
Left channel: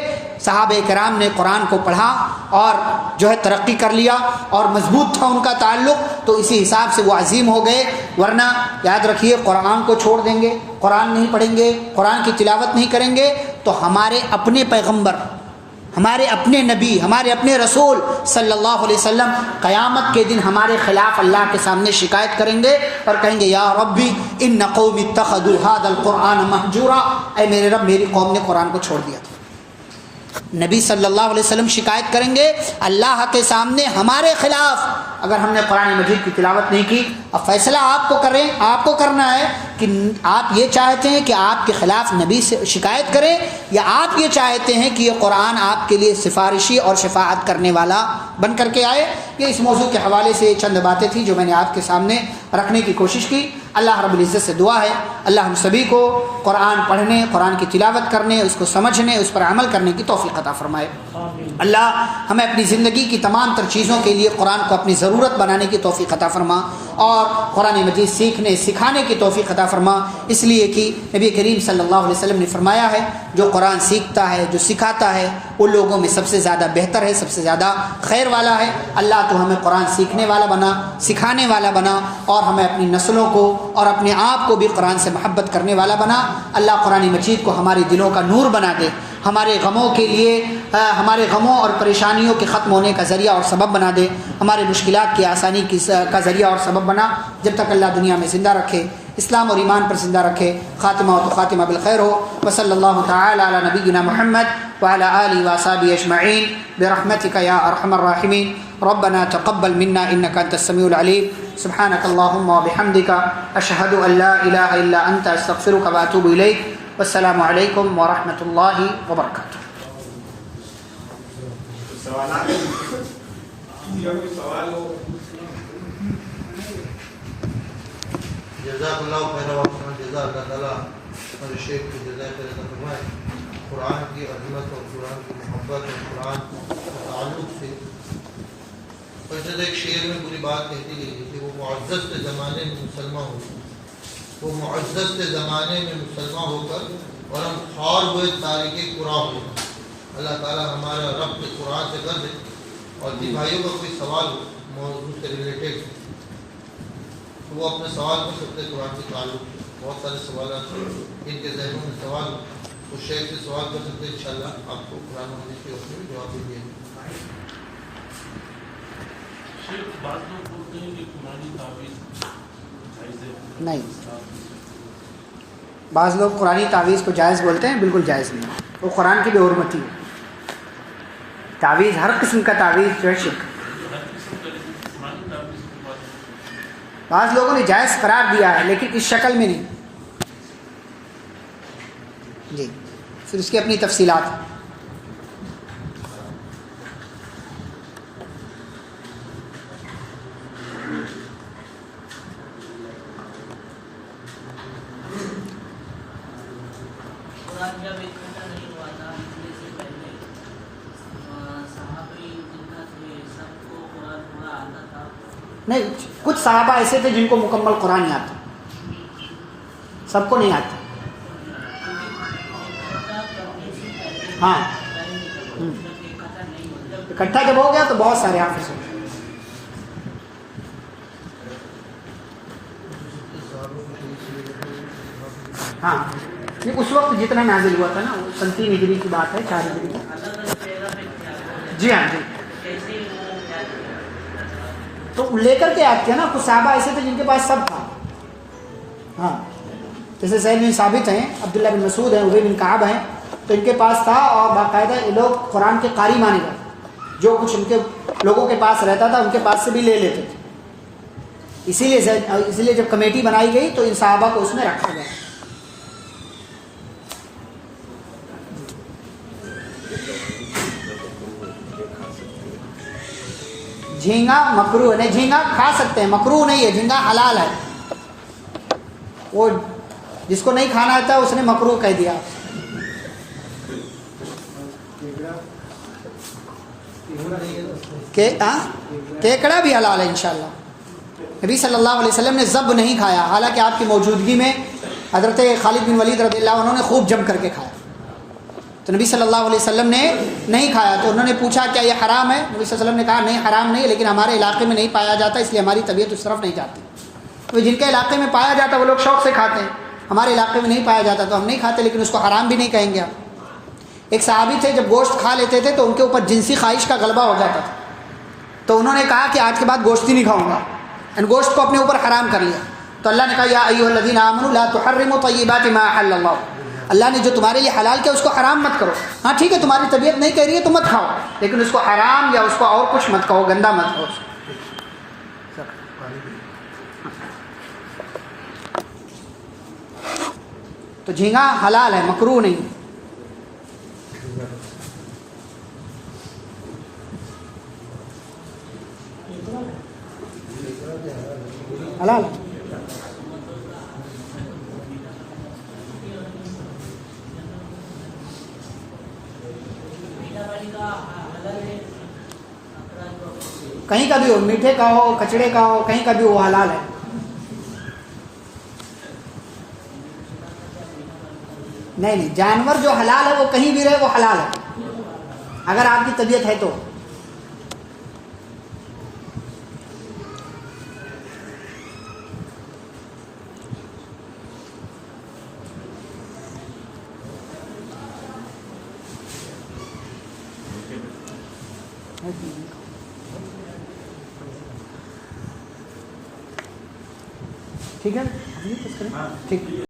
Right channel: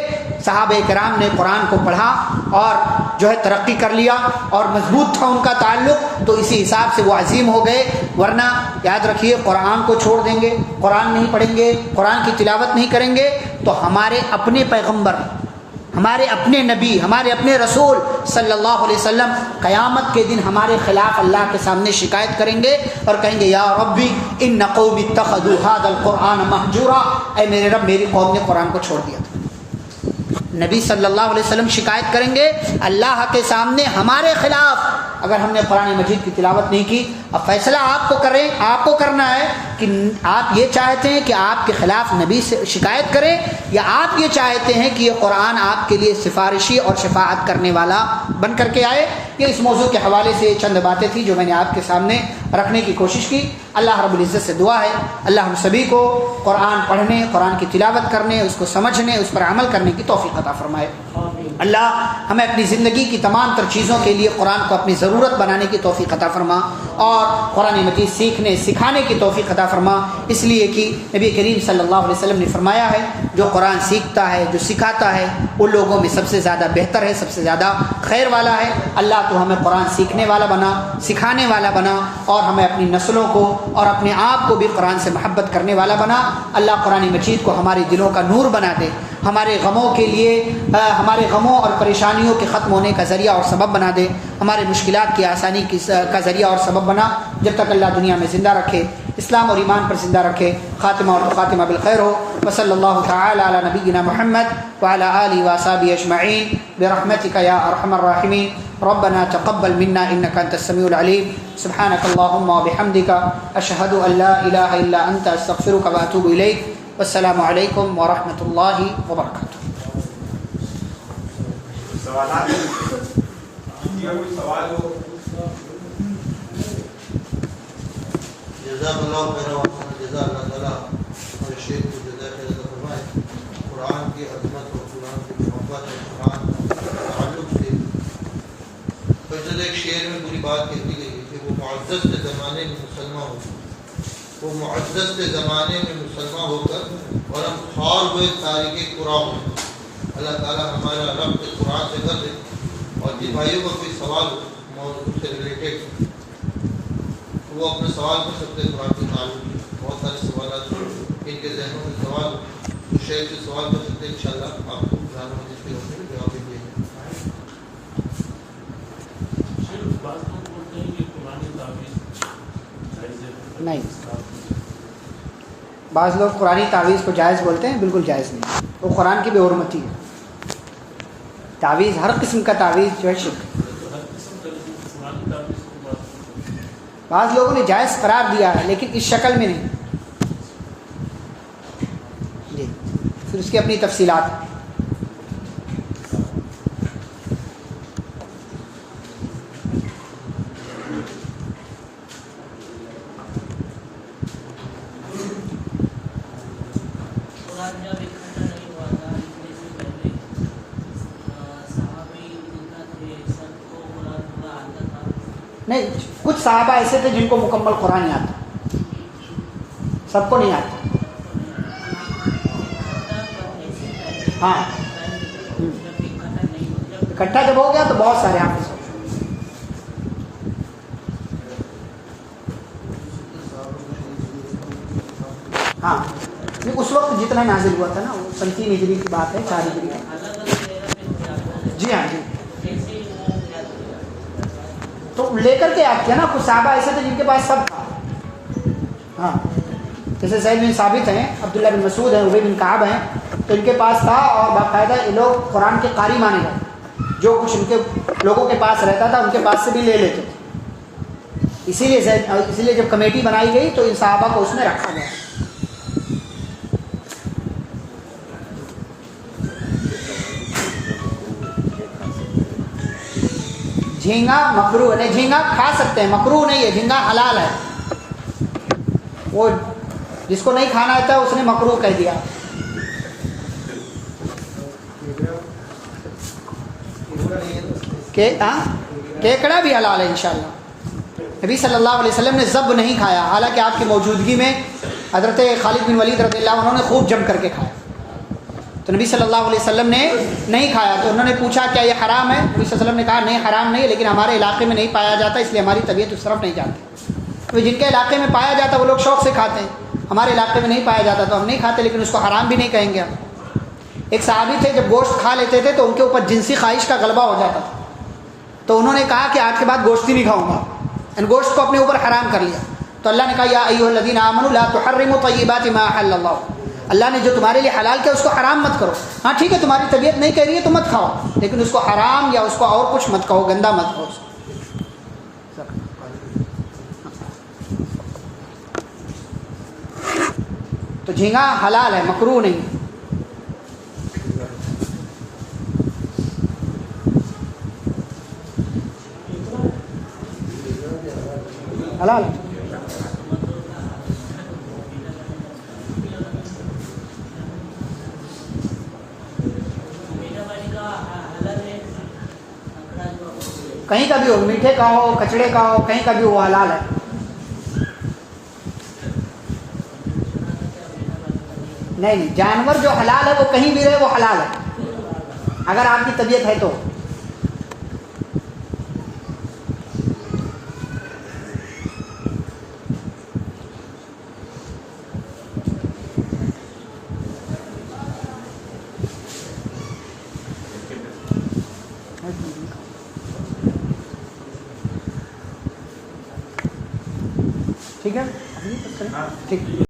صحابہ کرام نے قرآن کو پڑھا اور جو ہے ترقی کر لیا اور مضبوط تھا ان کا تعلق، تو اسی حساب سے وہ عظیم ہو گئے۔ ورنہ یاد رکھیے، قرآن کو چھوڑ دیں گے، قرآن نہیں پڑھیں گے، قرآن کی تلاوت نہیں کریں گے، تو ہمارے اپنے پیغمبر، ہمارے اپنے نبی، ہمارے اپنے رسول صلی اللہ علیہ وسلم قیامت کے دن ہمارے خلاف اللہ کے سامنے شکایت کریں گے اور کہیں گے یا ربی ان قوم اتخذوا هذا القرآن مہجورا، اے میرے رب میری قوم نے قرآن کو چھوڑ دیا تھا۔ نبی صلی اللہ علیہ وسلم شکایت کریں گے اللہ کے سامنے ہمارے خلاف، اگر ہم نے قرآن مجید کی تلاوت نہیں کی۔ اب فیصلہ آپ کو کرنا ہے کہ آپ یہ چاہتے ہیں کہ آپ کے خلاف نبی سے شکایت کریں، یا آپ یہ چاہتے ہیں کہ یہ قرآن آپ کے لیے سفارشی اور شفاعت کرنے والا بن کر کے آئے۔ یہ اس موضوع کے حوالے سے چند باتیں تھیں جو میں نے آپ کے سامنے رکھنے کی کوشش کی۔ اللہ رب العزت سے دعا ہے اللہ ہم سبھی کو قرآن پڑھنے، قرآن کی تلاوت کرنے، اس کو سمجھنے، اس پر عمل کرنے کی توفیق عطا فرمائے۔ اللہ ہمیں اپنی زندگی کی تمام تر چیزوں کے لیے قرآن کو اپنی ضرورت بنانے کی توفیق عطا فرما، اور قرآن مجید سیکھنے سکھانے کی توفیق عطا فرما، اس لیے کہ نبی کریم صلی اللہ علیہ وسلم نے فرمایا ہے جو قرآن سیکھتا ہے، جو سکھاتا ہے، ان لوگوں میں سب سے زیادہ بہتر ہے، سب سے زیادہ خیر والا ہے۔ اللہ تو ہمیں قرآن سیکھنے والا بنا، سکھانے والا بنا، اور ہمیں اپنی نسلوں کو اور اپنے آپ کو بھی قرآن سے محبت کرنے والا بنا۔ اللہ قرآن مجید کو ہمارے دلوں کا نور بنا دے، ہمارے غموں کے لیے، ہمارے غموں اور پریشانیوں کے ختم ہونے کا ذریعہ اور سبب بنا دے، ہمارے مشکلات کی آسانی کا ذریعہ اور سبب بنا، جب تک اللہ دنیا میں زندہ رکھے، اسلام اور ایمان پر زندہ رکھے، خاتمہ اور خاتمہ بالخیر ہو۔ وصلی اللہ تعالی علی نبینا محمد وعلی آلہ وصحبہ اجمعین برحمتک یا ارحم الراحمین۔ ربنا تقبل منا انك انت السميع العليم، سبحانك اللهم وبحمدك اشهد ان لا اله الا انت استغفرك واتوب اليك، والسلام علیکم ورحمۃ اللہ وبرکاتہ۔ جزاک اللہ خیر و جزا اللہ تعالیٰ ہمارے شیخ کی جزائے خیر فرمائے۔ قرآن کی عظمت اور قرآن کی محبت اور قرآن کے تعلق سے فضل ایک شعر میں پوری بات کہتی گئی کہ وہ معزز کے زمانے میں مسلمان ہو، وہ معزز کے زمانے میں مسلمان ہو کر اور ہم خوار ہوئے تاریخ قرآن ہوئے۔ اللہ تعالیٰ ہمارا رب قرآن سے کر دے۔ اور جن بھائیوں کا کوئی سوال ہو موضوع سے ریلیٹڈ تو وہ اپنے سوال کر سکتے ہیں۔ قرآن کے تعلق بہت سارے سوالات ان کے ذہنوں میں سوال ہو تو شیخ سے سوال کر سکتے ہیں، انشاءاللہ آپ کو قرآن مجید کے حکم میں جواب دیں گے۔ نہیں، بعض لوگ قرآنی تعویذ کو جائز بولتے ہیں، بالکل جائز نہیں، وہ قرآن کی بے حرمتی ہے۔ تعویذ، ہر قسم کا تعویذ جو ہے شرک۔ بعض لوگوں نے جائز قرار دیا ہے لیکن اس شکل میں نہیں۔ جی پھر اس کی اپنی تفصیلات. نہیں, کچھ صحابہ ایسے تھے جن کو مکمل قرآن نہیں آتا, سب کو نہیں آتا. ہاں, اکٹھا جب ہو گیا تو بہت سارے حافظ ہو. ہاں, اس وقت جتنا نازل ہوا تھا نا, وہ 3 ہجری کی بات ہے, 4 ہجری کی. جی ہاں جی, تو لے کر کے یاد کیا نا. کچھ صحابہ ایسے تھے جن کے پاس سب تھا. ہاں, جیسے زید بن ثابت ہیں, عبداللہ بن مسعود ہیں, ابی بن کعب ہیں, تو ان کے پاس تھا اور باقاعدہ یہ لوگ قرآن کے قاری مانے گئے. جو کچھ ان کے لوگوں کے پاس رہتا تھا ان کے پاس سے بھی لے لیتے تھے. اسی لیے جب کمیٹی بنائی گئی تو ان صحابہ کو اس میں رکھا گیا. جھینگا مکروہ نہیں, جھینگا کھا سکتے ہیں, مکروہ نہیں ہے. جھینگا حلال ہے. وہ جس کو نہیں کھانا آتا اس نے مکروہ کہہ دیا. کیکڑا بھی حلال ہے انشاءاللہ. نبی صلی اللہ علیہ وسلم نے ذب نہیں کھایا, حالانکہ آپ کی موجودگی میں حضرت خالد بن ولید رضی اللہ عنہ نے خوب جم کر کے کھایا. تو نبی صلی اللہ علیہ وسلم نے نہیں کھایا. تو انہوں نے پوچھا کیا یہ حرام ہے؟ نبی صلی اللہ علیہ وسلم نے کہا نہیں حرام نہیں, لیکن ہمارے علاقے میں نہیں پایا جاتا, اس لیے ہماری طبیعت اس طرف نہیں جاتی. تو جن کے علاقے میں پایا جاتا وہ لوگ شوق سے کھاتے ہیں, ہمارے علاقے میں نہیں پایا جاتا تو ہم نہیں کھاتے, لیکن اس کو حرام بھی نہیں کہیں گے ہم. ایک صحابی تھے, جب گوشت کھا لیتے تھے تو ان کے اوپر جنسی خواہش کا غلبہ ہو جاتا تھا. تو انہوں نے کہا کہ آج کے بعد گوشت ہی نہیں کھاؤں گا, گوشت کو اپنے اوپر حرام کر لیا. تو اللہ نے کہا یا ایھا الذین آمنوا لا تحرموا طیبات ما احل اللہ, اللہ نے جو تمہارے لیے حلال کیا اس کو حرام مت کرو. ہاں ٹھیک ہے, تمہاری طبیعت نہیں کہہ رہی ہے تو مت کھاؤ, لیکن اس کو حرام یا اس کو اور کچھ مت کہو, گندا مت کہو. تو جھینگا حلال ہے, مکروہ نہیں ہے. حلال کہیں کا بھی ہو, میٹھے کا ہو, کچڑے کا ہو, کہیں کا بھی وہ حلال ہے. نہیں, جانور جو حلال ہے وہ کہیں بھی رہے وہ حلال ہے, اگر آپ کی طبیعت ہے تو. ٹھیک ہے, ٹھیک.